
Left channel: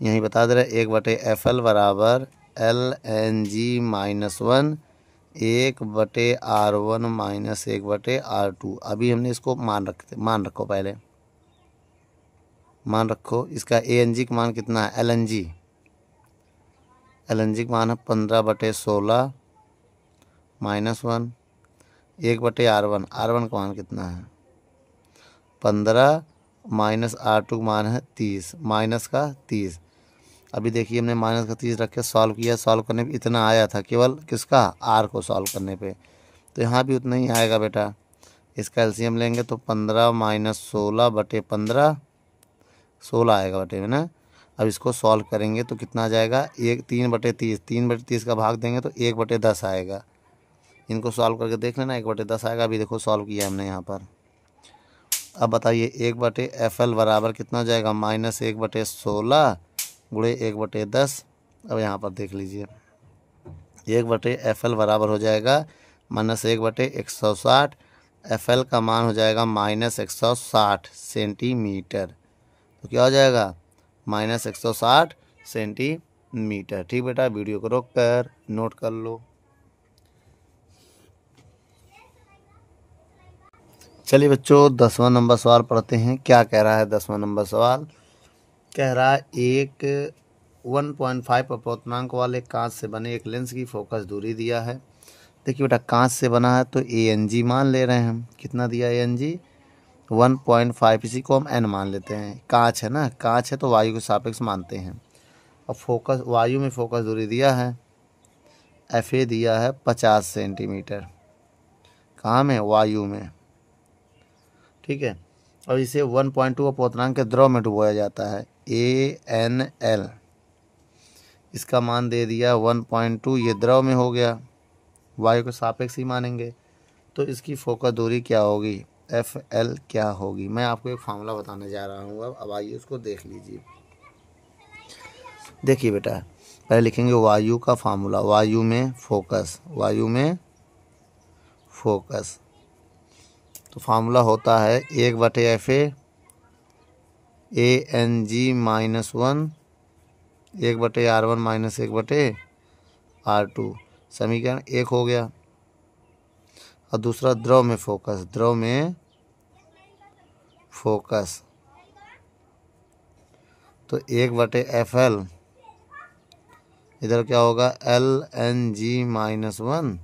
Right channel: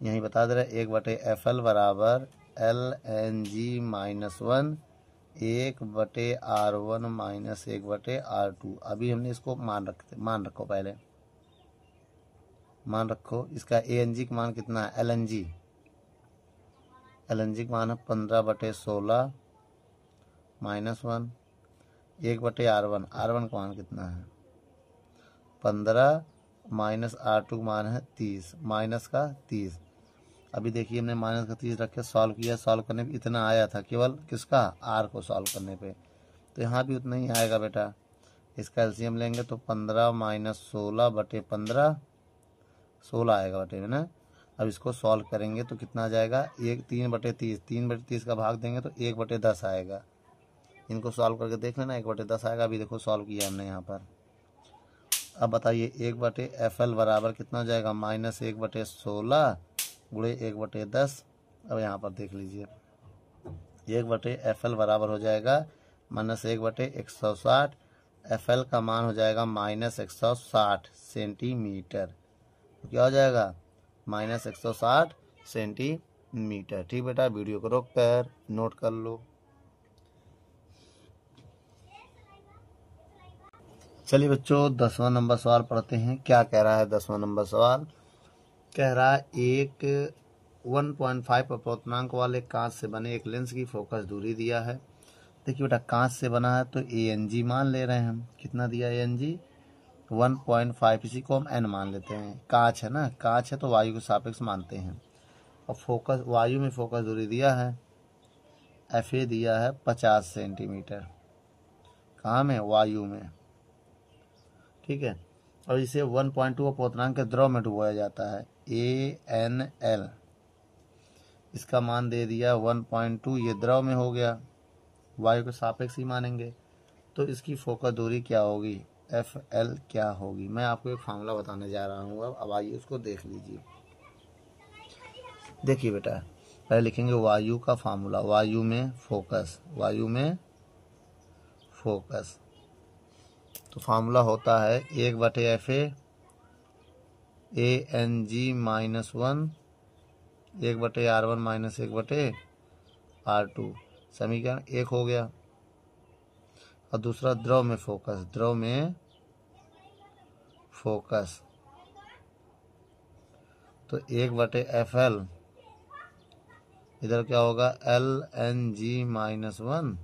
यहीं बता दे रहे, 1/FL बराबर LNG-1 1/R1 - 1/R2। अभी हमने इसको मान रखो, पहले मान रखो। इसका ANG का मान कितना है, LNG का मान है 15/16 -1, 1/R1, R1 का मान कितना है 15 माइनस R2 का मान है 30, माइनस का 30। अभी देखिए हमने माइनस का 30 रख के सॉल्व किया, सॉल्व करने पे इतना आया था केवल किसका R को सॉल्व करने पे, तो यहाँ भी उतना ही आएगा बेटा। इसका एलसीएम लेंगे तो 15 माइनस 16/15, 16 आएगा बटे में ना। अब इसको सॉल्व करेंगे तो कितना आ जाएगा 3/30, 3/30 का भाग देंगे तो 1/10 आएगा। इनको सॉल्व करके देख लेना, 1/10 आएगा। अभी देखो सॉल्व किया हमने यहाँ पर। अब बताइए 1/FL बराबर कितना हो जाएगा -1/16 गुणे 1/10। अब यहाँ पर देख लीजिए 1/FL बराबर हो जाएगा -1/160। FL का मान हो जाएगा -160 सेंटीमीटर। तो क्या हो जाएगा -160 सेंटीमीटर। ठीक बेटा, वीडियो को रोक कर नोट कर लो। चलिए बच्चों 10वां नंबर सवाल पढ़ते हैं। क्या कह रहा है 10वां नंबर सवाल? कह रहा है एक 1.5 अपूर्णांक वाले कांच से बने एक लेंस की फोकस दूरी दिया है। देखिए बेटा कांच से बना है तो ANG मान ले रहे हैं हम। कितना दिया ANG 1.5, इसी को हम n मान लेते हैं। कांच है ना, कांच है तो वायु के सापेक्ष मानते हैं। अब फोकस वायु में फोकस दूरी दिया है FA दिया है 50 सेंटीमीटर। कहाँ में? वायु में। ठीक है। और इसे 1.2 अपूर्णांक के द्रव में डुबोया जाता है ANL। इसका मान दे दिया 1.2, ये द्रव में हो गया, वायु के सापेक्ष ही मानेंगे। तो इसकी फोकस दूरी क्या होगी FL क्या होगी? मैं आपको एक फार्मूला बताने जा रहा हूँ। अब आइए उसको देख लीजिए। देखिए बेटा पहले लिखेंगे वायु का फार्मूला, वायु में फोकस, वायु में फोकस। तो फार्मूला होता है 1/FA ANG -1 1/R1 -1/R2। समीकरण 1 हो गया। और दूसरा द्रव में फोकस, द्रव में फोकस तो 1/FL इधर क्या होगा LNG -1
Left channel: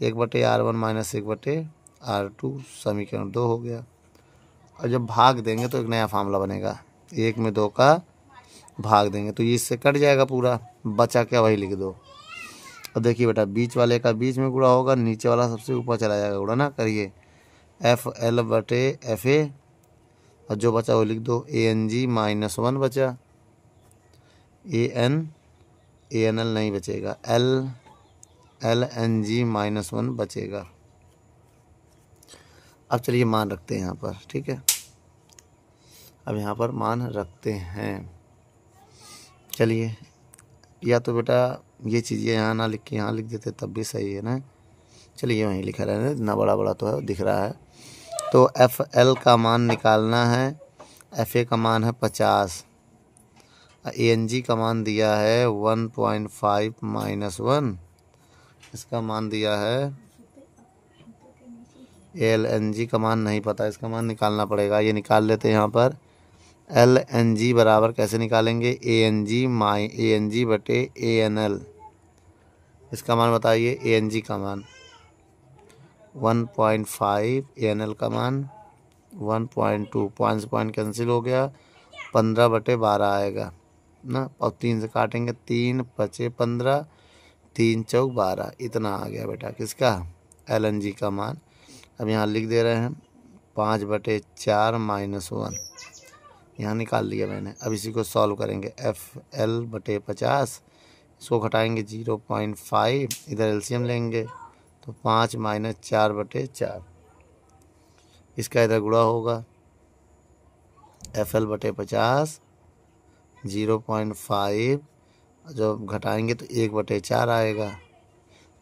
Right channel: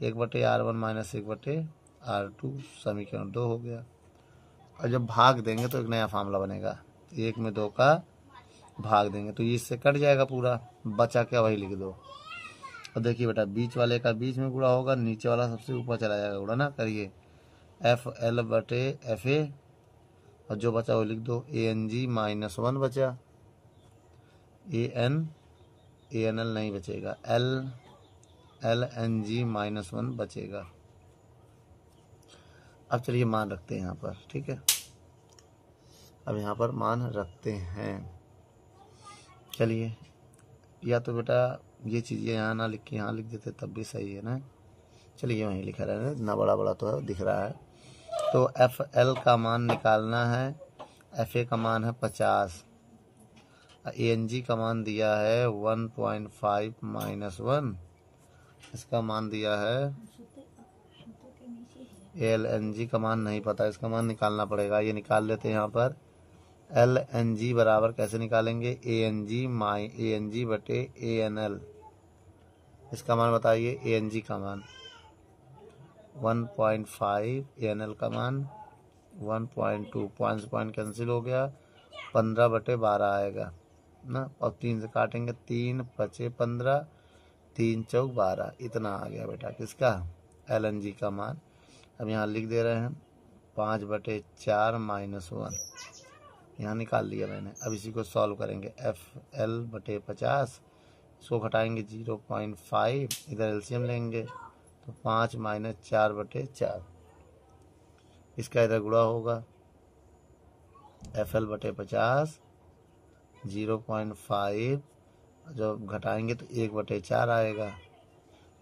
1/R1 -1/R2। समीकरण 2 हो गया। और जब भाग देंगे तो एक नया फार्मूला बनेगा, 1 में 2 का भाग देंगे तो ये इससे कट जाएगा पूरा, बचा क्या वही लिख दो। और देखिए बेटा बीच वाले का बीच में गुणा होगा, नीचे वाला सबसे ऊपर चला जाएगा गुणा ना करिए FL/FA। और जो बचा वो लिख दो ANG -1 बचा, ANL नहीं बचेगा, LNG -1 बचेगा। अब चलिए मान रखते हैं यहाँ पर। ठीक है, अब यहाँ पर मान रखते हैं। चलिए या तो बेटा ये चीज़ें यहाँ ना लिख के यहाँ लिख देते तब भी सही है ना। चलिए वहीं लिखा रहना, इतना बड़ा बड़ा तो है दिख रहा है। तो FL का मान निकालना है, FA का मान है 50, ANG का मान दिया है 1.5 -1, इसका मान दिया है LNG का मान नहीं पता, इसका मान निकालना पड़ेगा। ये निकाल लेते हैं यहाँ पर। LNG बराबर कैसे निकालेंगे ANG/ANL। इसका मान बताइए, ANG का मान 1.5, ANL का मान 1.2, पॉइंट कैंसिल हो गया, 15/12 आएगा ना। और 3 से काटेंगे 3 बचे 15, 3 चौक 12, इतना आ गया बेटा किसका LNG का मान। अब यहाँ लिख दे रहे हैं 5/4 -1, यहाँ निकाल लिया मैंने। अब इसी को सॉल्व करेंगे FL/50, इसको घटाएंगे 0.5, इधर एलसीएम लेंगे तो 5 - 4/4, इसका इधर गुणा होगा FL/50 0.5, जब घटाएंगे तो 1/4 आएगा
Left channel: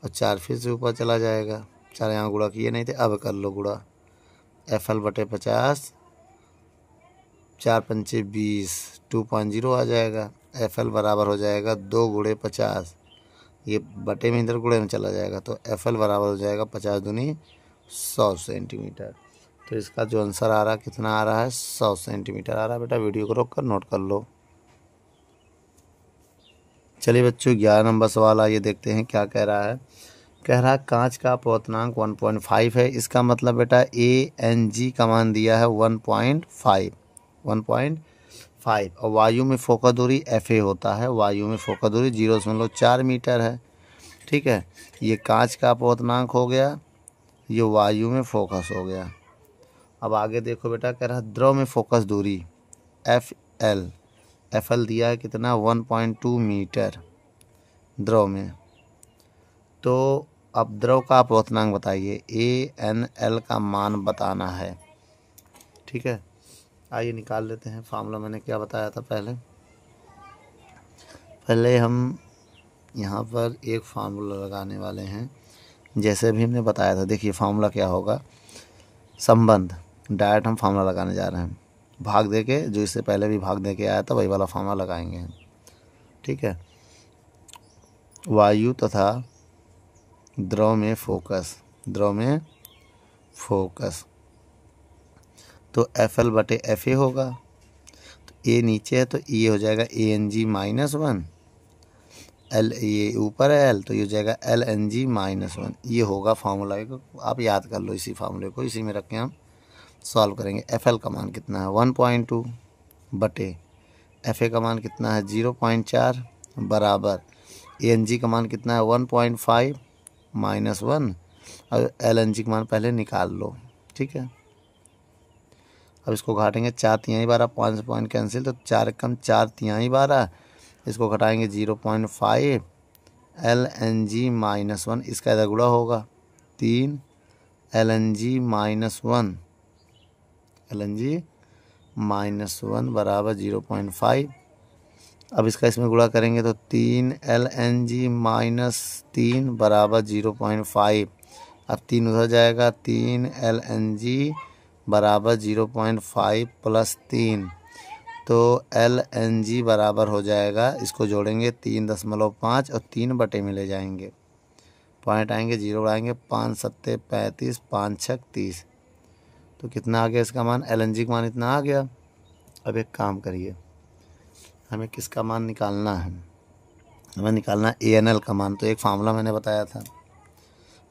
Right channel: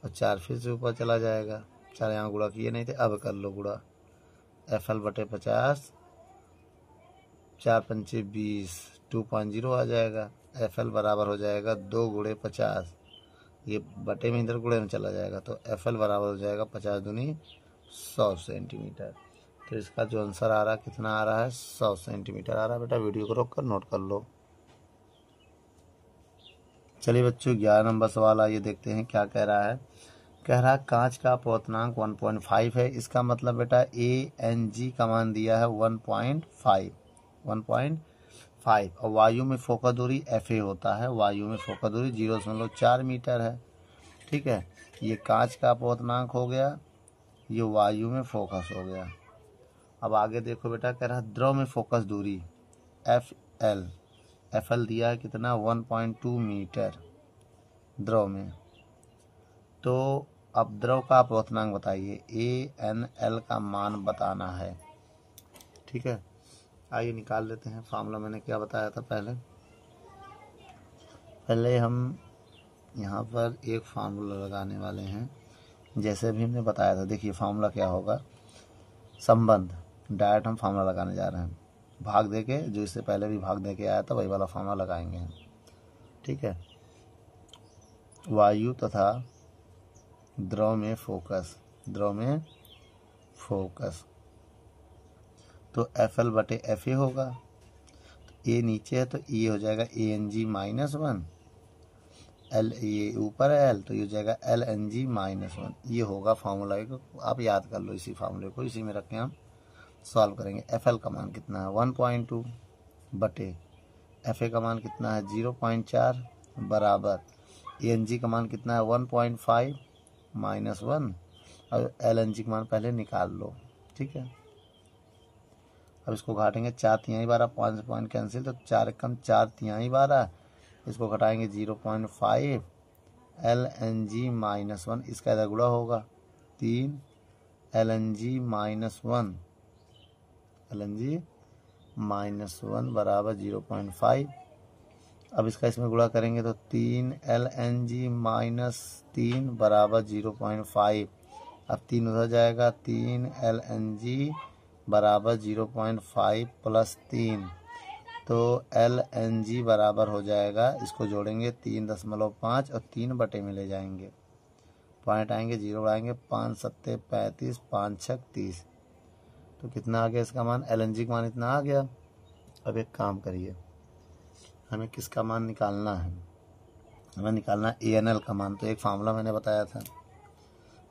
और 4 फिर से ऊपर चला जाएगा। 4 यहाँ गुणा किए नहीं थे, अब कर लो गुणा। FL/50 4 पंचे 20, 2.0 आ जाएगा। FL बराबर हो जाएगा 2 × 50, ये बटे में इधर गुणे में चला जाएगा तो FL बराबर हो जाएगा 50 दूनी 100 सेंटीमीटर। तो इसका जो आंसर आ रहा है कितना आ रहा है 100 सेंटीमीटर आ रहा है। बेटा वीडियो को रोक कर नोट कर लो। चलिए बच्चों 11 नंबर सवाल आइए देखते हैं क्या कह रहा है। कह रहा कांच का अपवर्तनांक 1.5 है। इसका मतलब बेटा ANG का मान दिया है 1.5 और वायु में फोकस दूरी FA होता है। वायु में फोकस दूरी 0.4 मीटर है। ठीक है, ये कांच का अपवर्तनांक हो गया, ये वायु में फोकस हो गया। अब आगे देखो बेटा, कह रहा द्रव में फोकस दूरी FL दिया है कितना 1.2 मीटर द्रव में। तो अब द्रव का अपवर्तनांक बताइए, ANL का मान बताना है। ठीक है, आइए निकाल लेते हैं। फार्मूला मैंने क्या बताया था पहले हम यहाँ पर एक फार्मूला लगाने वाले हैं, जैसे भी हमने बताया था। देखिए फार्मूला क्या होगा, संबंध डायरेक्ट हम फार्मूला लगाने जा रहे हैं। भाग दे के, जो इससे पहले भी भाग दे के आया था वही वाला फार्मूला लगाएंगे हम। ठीक है, वायु तथा द्रव में फोकस तो FL बटे FA होगा। तो A नीचे है तो ये हो जाएगा ANG-1, L ये ऊपर है L, तो ये हो जाएगा LNG-1। ये होगा फार्मूला को आप याद कर लो, इसी फार्मूले को इसी में रख के हम सॉल्व करेंगे। FL का मान कितना है 1.2 बटे FA का मान कितना है 0.4 बराबर ANG का मान कितना है 1.5 - 1 और LNG का मान पहले निकाल लो। ठीक है, अब इसको घटाएंगे 4 तिहाई 12, 5 पॉइंट कैंसिल, तो 4 कम 4 तिहाई 12, इसको घटाएंगे 0.5 LNG-1, इसका इधर गुणा होगा 3 LNG-1 बराबर 0.5। अब इसका इसमें गुणा करेंगे तो 3 LNG-3 बराबर 0.5। अब 3 उधर जाएगा, 3 LNG बराबर 0.5 + 3, तो LNG बराबर हो जाएगा, इसको जोड़ेंगे 3.5 और 3 बटे में ले जाएंगे, पॉइंट आएंगे, 0 आएंगे, 5 × 7 = 35, 5 × 6 = 30। तो कितना आ गया इसका मान, LNG का मान इतना आ गया। अब एक काम करिए, हमें किसका मान निकालना है, हमें निकालना है ANL का मान। तो एक फार्मूला मैंने बताया था,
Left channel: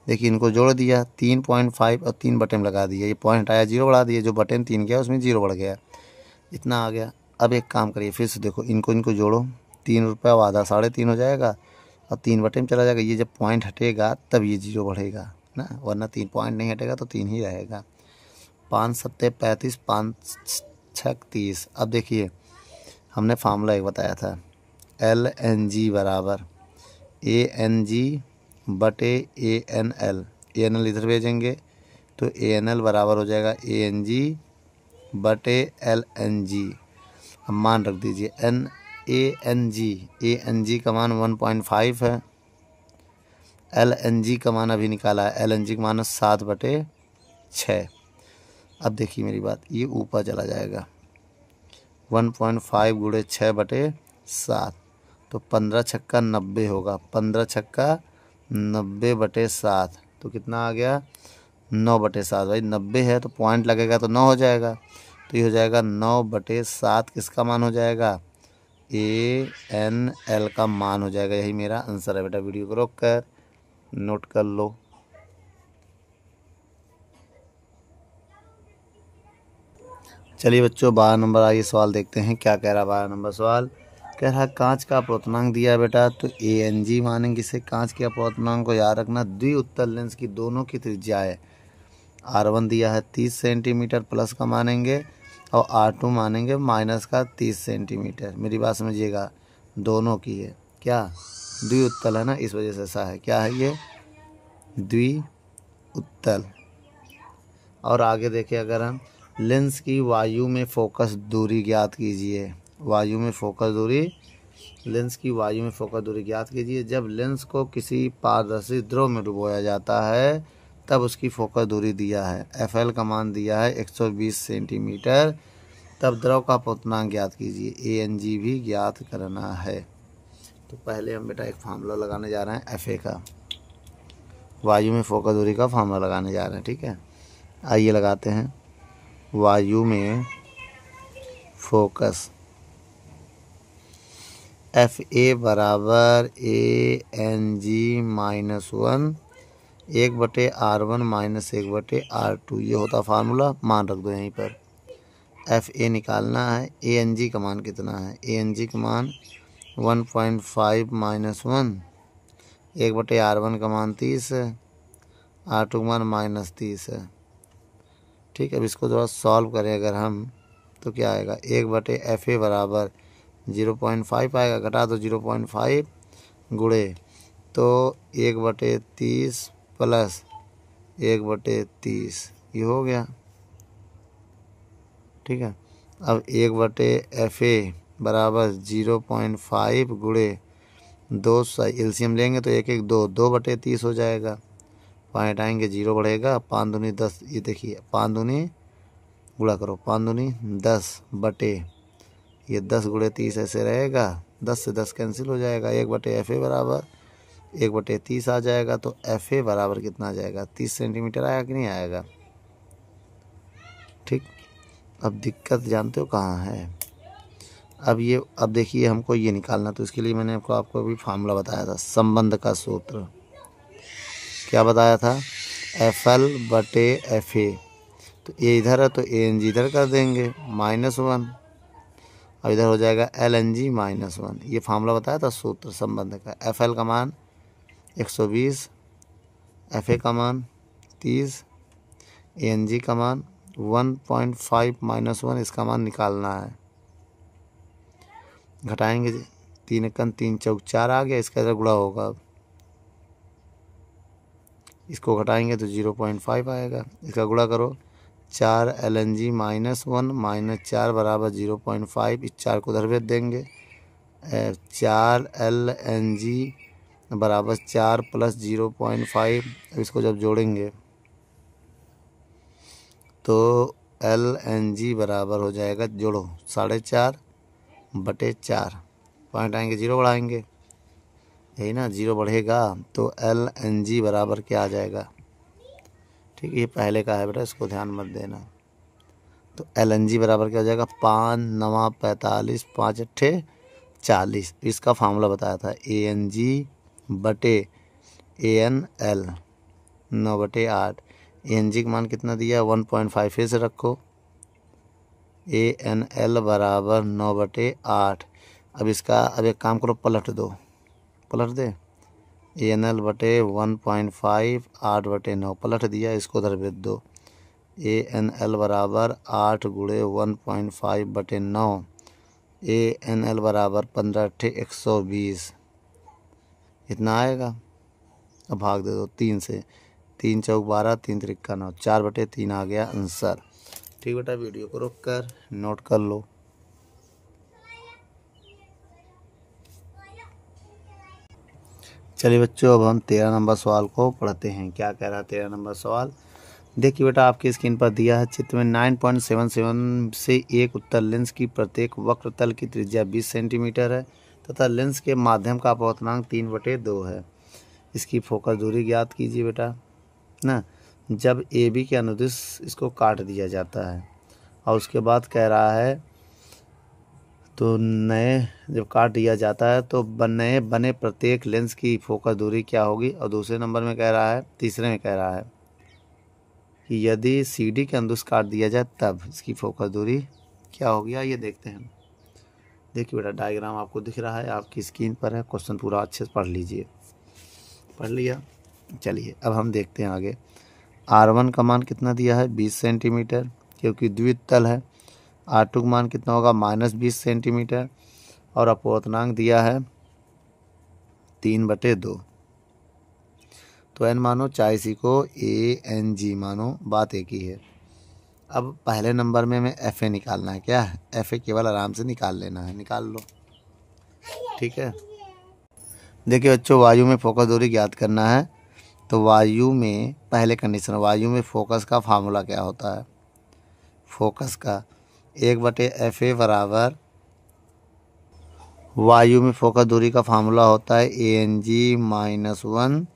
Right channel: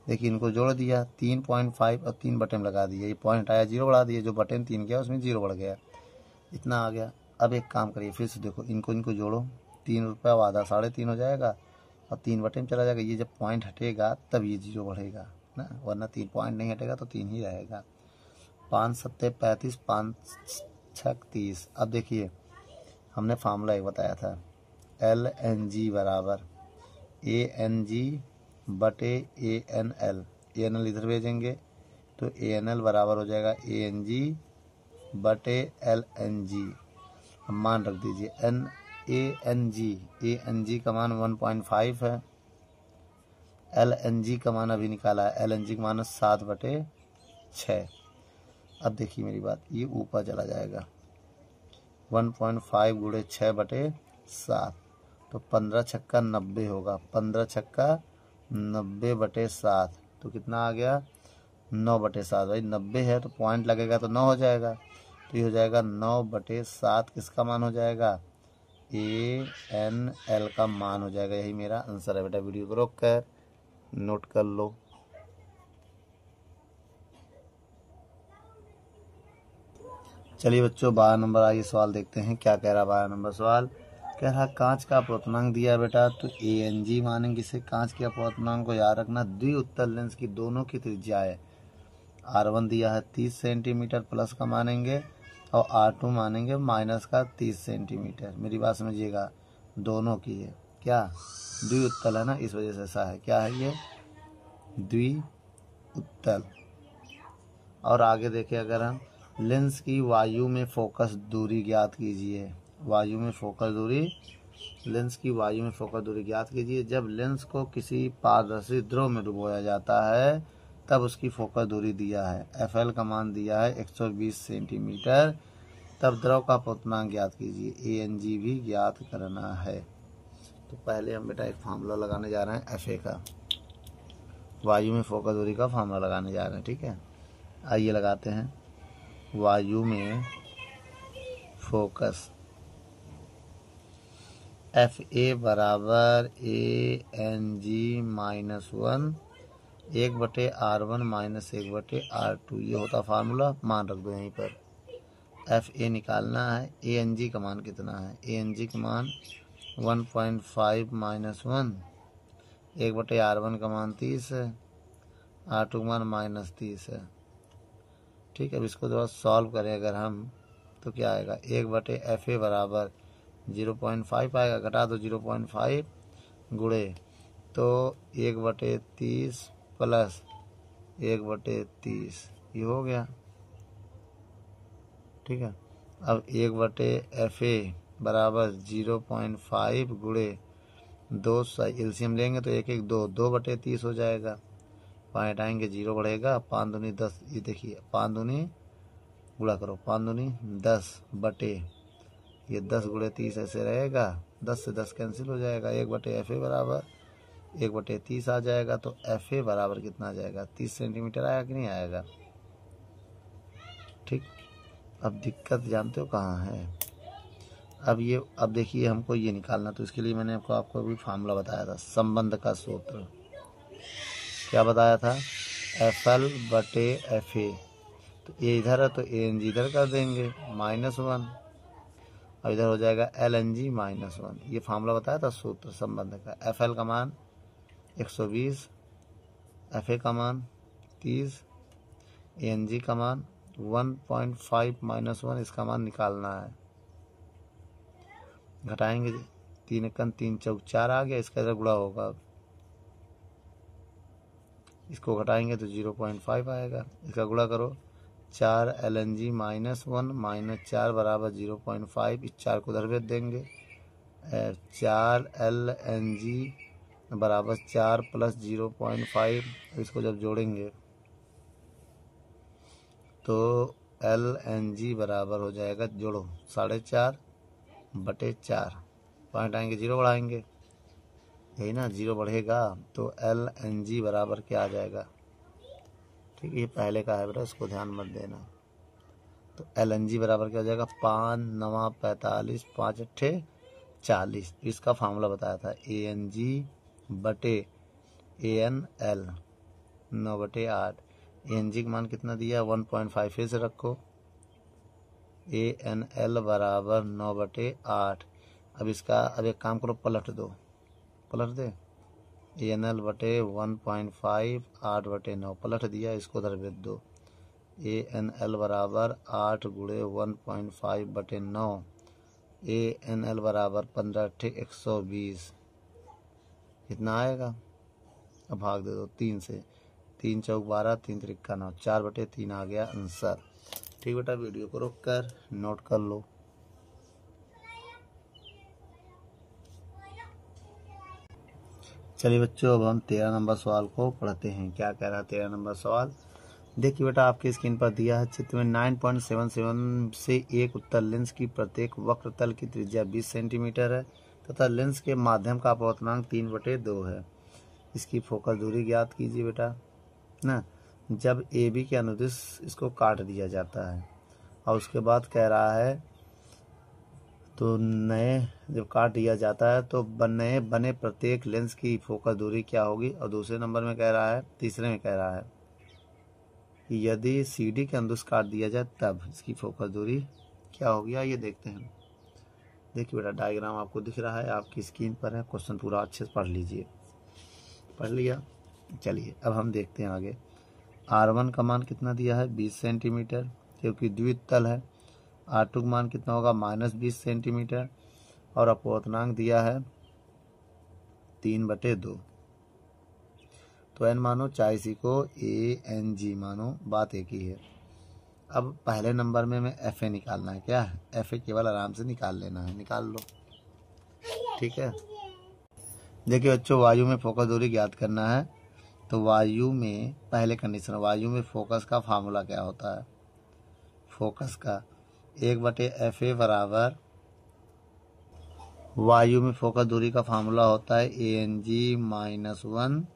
देखिए इनको जोड़ दिया, 3.5 और 3 बटे में लगा दिया, ये पॉइंट आया 0 बढ़ा दिया, जो बटे में 3 गया उसमें 0 बढ़ गया, इतना आ गया। अब एक काम करिए, फिर से देखो, इनको जोड़ो, 3 रुपये और आधा 3.5 हो जाएगा और 3 बटे में चला जाएगा। ये जब पॉइंट हटेगा तब ये 0 बढ़ेगा ना, वरना 3 पॉइंट नहीं हटेगा तो 3 ही रहेगा। 5 × 7 = 35, 5 × 6 = 30। अब देखिए हमने फार्मूला एक बताया था, LNG बराबर ANG बटे ANL, ANL इधर भेजेंगे तो ANL बराबर हो जाएगा ANG बटे LNG। अब मान रख दीजिए ANG का मान 1.5 है, LNG का मान अभी निकाला है, LNG का मान 7/6। अब देखिए मेरी बात, ये ऊपर चला जाएगा, 1.5 × 6/7, तो 15 × 6 = 90 होगा, 15 × 6 = 90/7, तो कितना आ गया 9/7। भाई 90 है तो पॉइंट लगेगा तो 9 हो जाएगा, तो ये हो जाएगा 9/7, किसका मान हो जाएगा, ANL का मान हो जाएगा। यही मेरा आंसर है बेटा। वीडियो को रोक कर नोट कर लो। चलिए बच्चों, 12 नंबर आइए सवाल देखते हैं क्या कह रहा है। 12 नंबर सवाल कह रहा है कांच का अपवर्तनांक दिया है बेटा, तो ANG मानेंगे इसे। कांच के अपवर्तनांक को याद रखना, द्विउत्तल लेंस की दोनों की त्रिज्याएं, R1 दिया है 30 सेंटीमीटर प्लस का मानेंगे और R2 मानेंगे माइनस का 30 सेंटीमीटर। मेरी बात समझिएगा, दोनों की है, क्या द्विउत्तल है ना, इस वजह से ऐसा है। क्या है ये, द्विउत्तल। और आगे देखिए, अगर हम लेंस की वायु में फोकस दूरी ज्ञात कीजिए, वायु में फोकस दूरी, लेंस की वायु में फोकस दूरी ज्ञात कीजिए। जब लेंस को किसी पारदर्शी द्रव में डुबोया जाता है तब उसकी फोकस दूरी दिया है, FL का मान दिया है 120 सेंटीमीटर। तब द्रव का अपवर्तनांक ज्ञात कीजिए, ANG भी ज्ञात करना है। तो पहले हम बेटा एक फार्मूला लगाने जा रहे हैं FA का, वायु में फोकस दूरी का फार्मूला लगाने जा रहे हैं। ठीक है, आइए लगाते हैं। वायु में फोकस FA बराबर ANG-1 1/R1 माइनस 1/R2 ये होता फार्मूला, मान रख दो यहीं पर। एफ ए निकालना है। ए एन जी का मान कितना है? ए एन जी का मान 1.5 माइनस 1, 1/R1 का मान 30 है, R2 का मान माइनस 30 है। ठीक है, अब इसको थोड़ा सॉल्व करें अगर हम तो क्या आएगा? 1/FA बराबर 0.5 आएगा, घटा दो 0.5 गुणे तो 1/30 प्लस 1/30 ये हो गया। ठीक है, अब 1/FA बराबर 0.5 गुणे 2 एलसीएम लेंगे तो 1 1 2 2/30 हो जाएगा। पॉइंट आएंगे, 0 बढ़ेगा, 5 दूनी 10, ये देखिए 5 दूनी गुणा करो, 5 दूनी 10 बटे ये 10 गुणे 30 ऐसे रहेगा, 10 से 10 कैंसिल हो जाएगा। 1/FA बराबर 1/30 आ जाएगा। तो FA बराबर कितना आ जाएगा? 30 सेंटीमीटर आया कि नहीं आएगा? ठीक, अब दिक्कत जानते हो कहाँ है? अब देखिए हमको ये निकालना, तो इसके लिए मैंने आपको अभी फार्मूला बताया था, संबंध का सूत्र। क्या बताया था? FL/FA। तो ये इधर है तो ANG इधर कर देंगे -1, और इधर हो जाएगा LNG -1। ये फार्मूला बताया था सूत्र संबंध का। FL का मान 120, FA का मान 30, ANG का मान 1.5 -1, इसका मान निकालना है। घटाएंगे, 3 एकम 3 चौक 4 आ गया, इसका इधर गुणा होगा। अब इसको घटाएंगे तो 0.5 आएगा, इसका गुणा करो, 4 LNG -1 माइनस 4 बराबर 0.5, इस 4 को उधर भेज देंगे। 4 LNG बराबर 4 प्लस 0.5, इसको जब जोड़ेंगे तो LNG बराबर हो जाएगा, जोड़ो 4.5/4, पॉइंट आएंगे 0 बढ़ाएंगे, यही ना 0 बढ़ेगा तो LNG बराबर क्या आ जाएगा? ठीक है, ये पहले का है बेटा, इसको ध्यान मत देना। तो LNG बराबर क्या हो जाएगा? 5 9 45, 5 8 40। इसका फार्मूला बताया था ANG/ANL 9/8। ANG का मान कितना दिया? 1.5 फिर से रखो, ANL बराबर 9/8। अब एक काम करो, पलट दो, पलट दे। ANL/1.5 8/9 पलट दिया, इसको उधर भेज दो। ANL बराबर 8 गुणे 1.5/9, ANL बराबर 15 8 120, इतना आएगा। अब भाग दे दो 3 से, 3 चौक 12, 3 त्रिक्का 9, 4/3 आ गया आंसर। ठीक बेटा, वीडियो को रोक कर नोट कर लो। चलिए बच्चों, अब हम 13 नंबर सवाल को पढ़ते हैं। क्या कह रहा है 13 नंबर सवाल? देखिए बेटा, आपकी स्क्रीन पर दिया है चित्र में 9.77 से एक उत्तल लेंस की प्रत्येक वक्र तल की त्रिज्या 20 सेंटीमीटर है तथा लेंस के माध्यम का अपवर्तनांक 3/2 है। इसकी फोकस दूरी ज्ञात कीजिए बेटा ना। जब AB के अनुदिश इसको काट दिया जाता है और उसके बाद कह रहा है, तो नए जब काट दिया जाता है तो नए बने प्रत्येक लेंस की फोकस दूरी क्या होगी? और दूसरे नंबर में कह रहा है, तीसरे में कह रहा है कि यदि CD के अनुदिश काट दिया जाए तब इसकी फोकस दूरी क्या होगी? आइए देखते हैं। देखिए बेटा, डायग्राम आपको दिख रहा है, आपकी स्क्रीन पर है। क्वेश्चन पूरा अच्छे से पढ़ लीजिए। पढ़ लिया? चलिए अब हम देखते हैं आगे। R1 का मान कितना दिया है? 20 सेंटीमीटर, क्योंकि द्वितल है। R2 का मान कितना होगा? -20 सेंटीमीटर, और अपवर्तनांक दिया है 3/2। तो n मानो, चाहे इसी को ANG मानो, बात एक ही है। अब पहले नंबर में हमें FA निकालना है। क्या है? FA केवल आराम से निकाल लेना है, निकाल लो। ठीक है, देखिए बच्चों, वायु में फोकस दूरी ज्ञात करना है। तो वायु में पहले कंडीशन, वायु में फोकस का फार्मूला क्या होता है? फोकस का 1/FA बराबर, वायु में फोकस दूरी का फार्मूला होता है ANG -1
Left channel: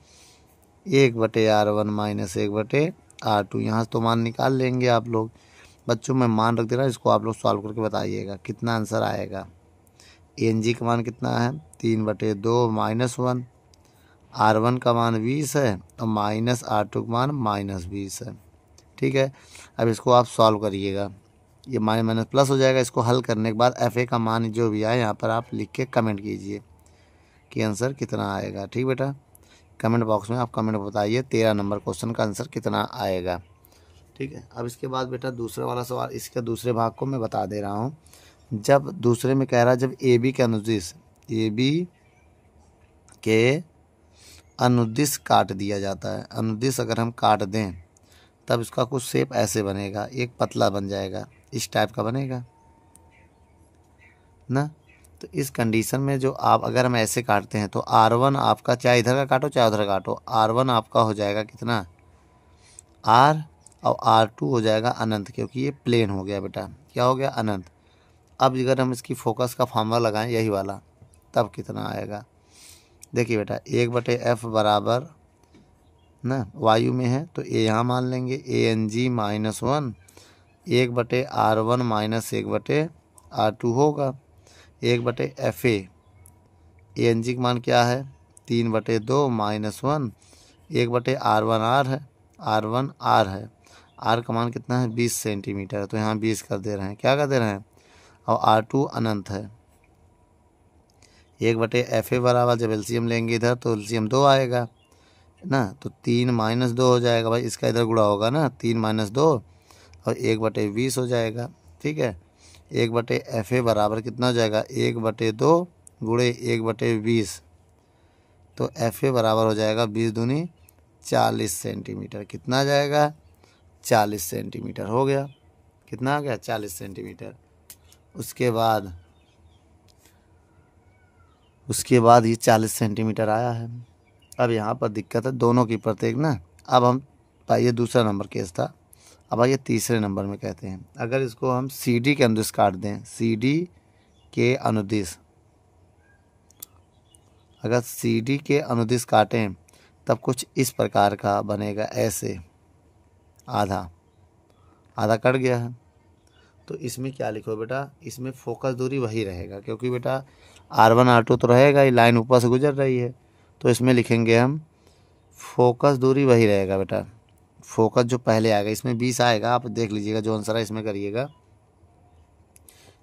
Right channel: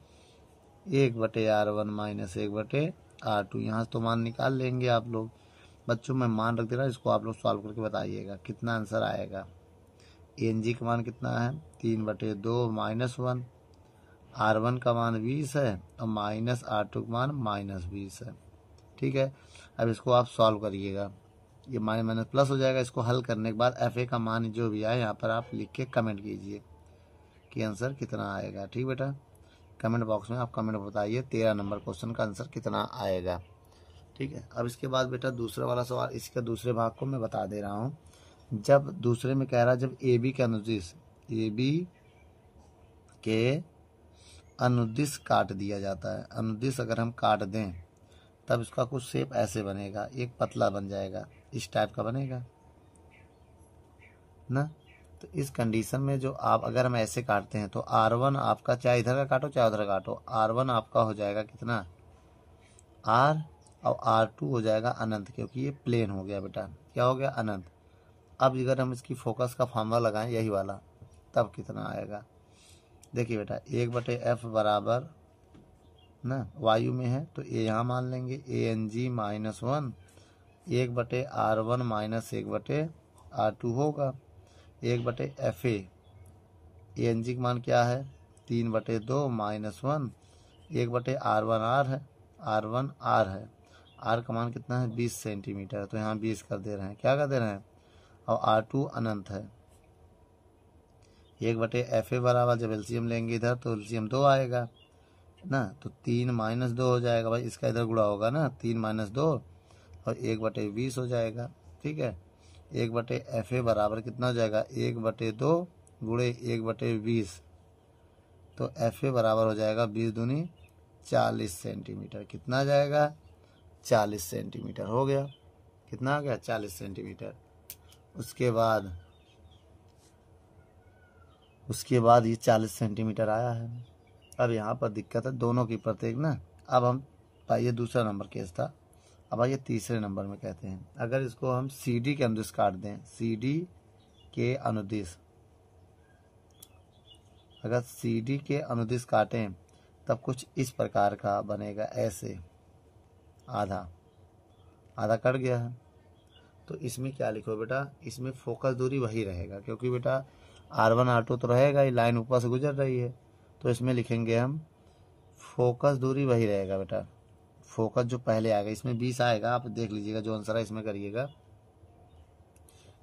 1/R1 माइनस 1/R2। यहाँ से तो मान निकाल लेंगे आप लोग। बच्चों मैं मान रख दे रहा, इसको आप लोग सॉल्व करके बताइएगा कितना आंसर आएगा। ANG का मान कितना है? 3/2 -1, R1 का मान 20 है और माइनस R2 का मान -20 है। ठीक है, अब इसको आप सॉल्व करिएगा, ये माइनस माइनस प्लस हो जाएगा। इसको हल करने के बाद FA का मान जो भी आए यहाँ पर आप लिख के कमेंट कीजिए कि आंसर कितना आएगा। ठीक बेटा, कमेंट बॉक्स में आप कमेंट बताइए 13 नंबर क्वेश्चन का आंसर कितना आएगा। ठीक है, अब इसके बाद बेटा दूसरा वाला सवाल, इसके दूसरे भाग को मैं बता दे रहा हूँ। जब दूसरे में कह रहा है जब AB के अनुदिश अनुदिश काट दिया जाता है, अनुदिश अगर हम काट दें तब इसका कुछ शेप ऐसे बनेगा, एक पतला बन जाएगा, इस टाइप का बनेगा ना। तो इस कंडीशन में जो आप अगर हम ऐसे काटते हैं तो R1 आपका, चाहे इधर का काटो चाहे उधर काटो, R1 आपका हो जाएगा कितना R, और R2 हो जाएगा अनंत, क्योंकि ये प्लेन हो गया बेटा, क्या हो गया अनंत। अब अगर हम इसकी फोकस का फार्मूला लगाएं यही वाला, तब कितना आएगा। देखिए बेटा 1/f बराबर ना वायु में है तो ए यहाँ मान लेंगे, ANG -1 1/R1 माइनस 1/R2 होगा 1/FA। ANG का मान क्या है 3/2 -1 1/R1 R है, R1 R है, R का मान कितना है 20 सेंटीमीटर, तो यहाँ 20 कर दे रहे हैं, क्या कर दे रहे हैं, और R2 अनंत है। 1/FA बराबर, जब एलसीएम लेंगे इधर तो एलसीएम 2 आएगा ना, तो 3 - 2 हो जाएगा भाई, इसका इधर गुणा होगा ना, 3 - 2 और 1/20 हो जाएगा। ठीक है, 1/FA बराबर कितना हो जाएगा 1/2 गुणे 1/20, तो FA बराबर हो जाएगा 20 दूनी 40 सेंटीमीटर। कितना आ जाएगा 40 सेंटीमीटर हो गया, कितना आ गया 40 सेंटीमीटर। उसके बाद ये 40 सेंटीमीटर आया है। अब यहाँ पर दिक्कत है दोनों की प्रत्येक ना। अब हम, ये दूसरा नंबर केस था, अब आइए तीसरे नंबर में कहते हैं, अगर इसको हम CD के अनुदिश काट दें, CD के अनुदिश, अगर CD के अनुदिश काटें तब कुछ इस प्रकार का बनेगा, ऐसे आधा आधा कट गया है। तो इसमें क्या लिखो बेटा, इसमें फोकस दूरी वही रहेगा, क्योंकि बेटा R1 R2 तो रहेगा ही, लाइन ऊपर से गुजर रही है, तो इसमें लिखेंगे हम फोकस दूरी वही रहेगा बेटा। फोकस जो पहले आएगा इसमें 20 आएगा, आप देख लीजिएगा जो आंसर है इसमें करिएगा,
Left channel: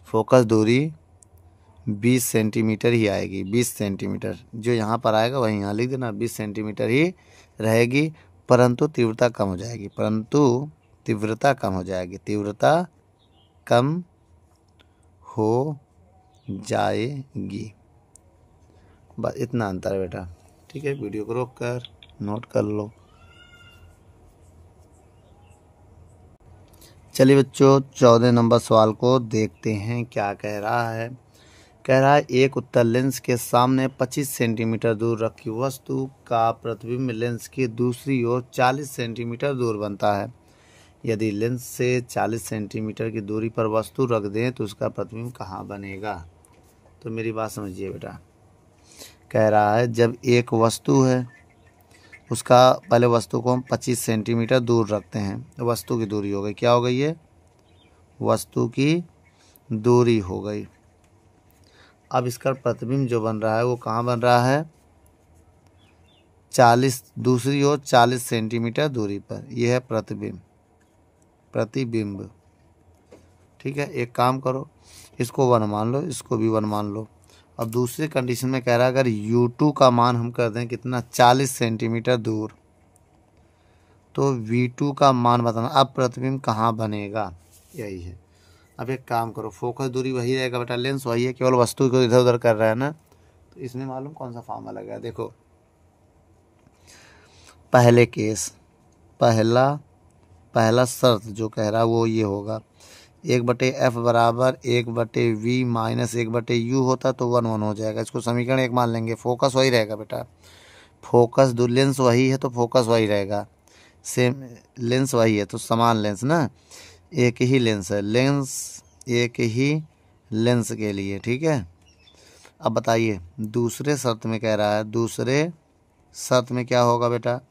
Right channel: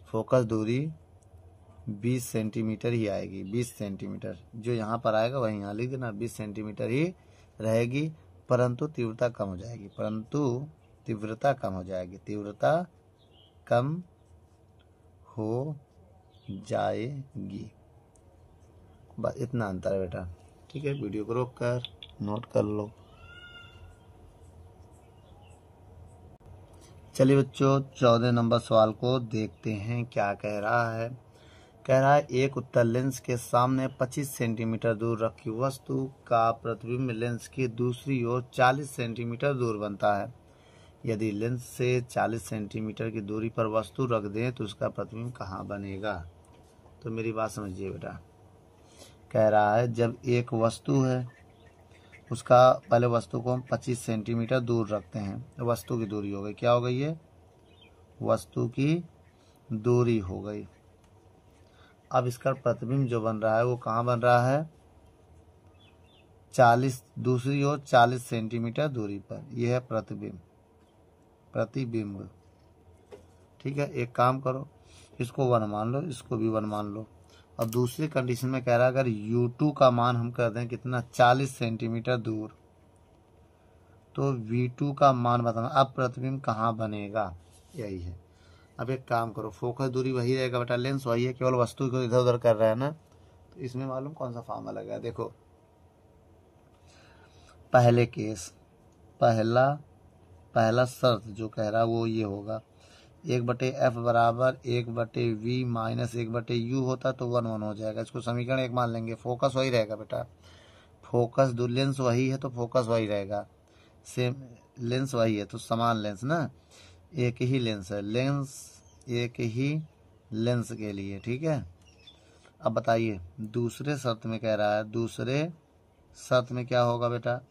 फोकस दूरी 20 सेंटीमीटर ही आएगी, 20 सेंटीमीटर जो यहाँ पर आएगा वही यहाँ लिख देना, 20 सेंटीमीटर ही रहेगी, परंतु तीव्रता कम हो जाएगी, तीव्रता कम हो जाएगी, तीव्रता कम हो जाएगी। बस इतना अंतर है बेटा। ठीक है, वीडियो को रोक कर नोट कर लो। चलिए बच्चों 14 नंबर सवाल को देखते हैं, क्या कह रहा है। कह रहा है एक उत्तल लेंस के सामने 25 सेंटीमीटर दूर रखी वस्तु का प्रतिबिंब लेंस की दूसरी ओर 40 सेंटीमीटर दूर बनता है। यदि लेंस से 40 सेंटीमीटर की दूरी पर वस्तु रख दें तो उसका प्रतिबिंब कहाँ बनेगा। तो मेरी बात समझिए बेटा, कह रहा है जब एक वस्तु है उसका, पहले वस्तु को हम 25 सेंटीमीटर दूर रखते हैं, वस्तु की दूरी हो गई, क्या हो गई है वस्तु की दूरी हो गई। अब इसका प्रतिबिंब जो बन रहा है वो कहाँ बन रहा है 40, दूसरी ओर 40 सेंटीमीटर दूरी पर, यह है प्रतिबिंब। ठीक है, एक काम करो, इसको 1 मान लो, इसको भी 1 मान लो। अब दूसरी कंडीशन में कह रहा है अगर U2 का मान हम कर दें कितना 40 सेंटीमीटर दूर, तो V2 का मान बताना। अब प्रतिबिंब कहाँ बनेगा, यही है। अब एक काम करो, फोकस दूरी वही रहेगा बेटा, लेंस वही है, केवल वस्तु को इधर उधर कर रहा है ना, तो इसमें मालूम कौन सा फार्मूला लगा। देखो पहले केस, पहला शर्त जो कह रहा है वो ये होगा 1/f बराबर 1/v माइनस 1/u होता तो 1 हो जाएगा। इसको समीकरण 1 मान लेंगे, फोकस वही रहेगा बेटा, फोकस लेंस वही है तो फोकस वही रहेगा, सेम लेंस वही है तो समान लेंस ना, एक ही लेंस है, लेंस एक ही लेंस के लिए। ठीक है, अब बताइए दूसरे शर्त में कह रहा है, दूसरे शर्त में क्या होगा बेटा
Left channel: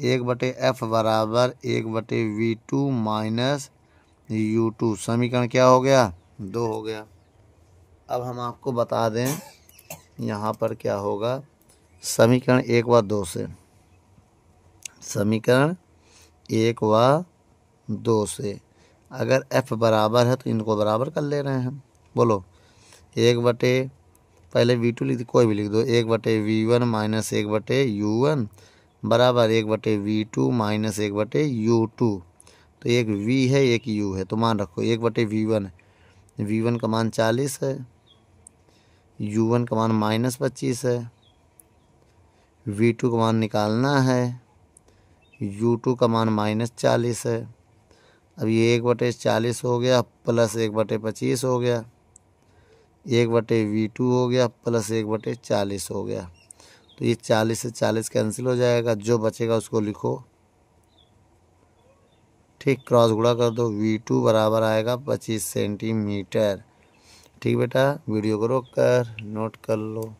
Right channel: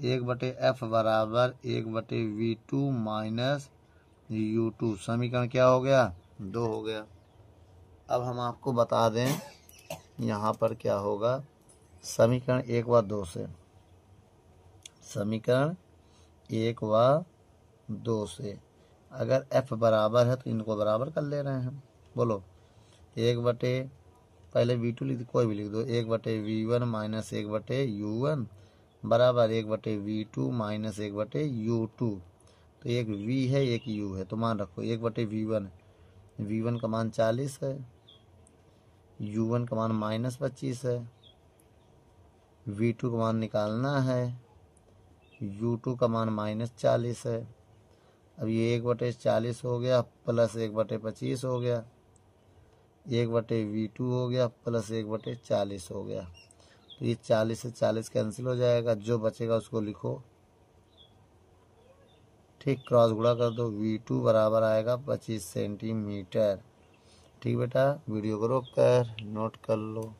1/f बराबर 1/v2 माइनस U2, समीकरण क्या हो गया 2 हो गया। अब हम आपको बता दें यहाँ पर क्या होगा, समीकरण 1 व 2 से, समीकरण 1 व 2 से अगर f बराबर है तो इनको बराबर कर ले रहे हैं। बोलो 1/, पहले v2 लिख दो, कोई भी लिख दो, 1/v1 माइनस 1/u1 बराबर 1/v2 माइनस 1/u2। तो एक v है एक u है, तो मान रखो 1/v1, v1 का मान 40 है, u1 का मान -25 है, v2 का मान निकालना है, u2 का मान -40 है। अब ये 1/40 हो गया प्लस 1/25 हो गया, 1/v2 हो गया प्लस 1/40 हो गया। तो ये 40 से 40 कैंसिल हो जाएगा, जो बचेगा उसको लिखो, ठीक, क्रॉस गुणा कर दो, v2 बराबर आएगा 25 सेंटीमीटर। ठीक बेटा, वीडियो को रोक कर नोट कर लो।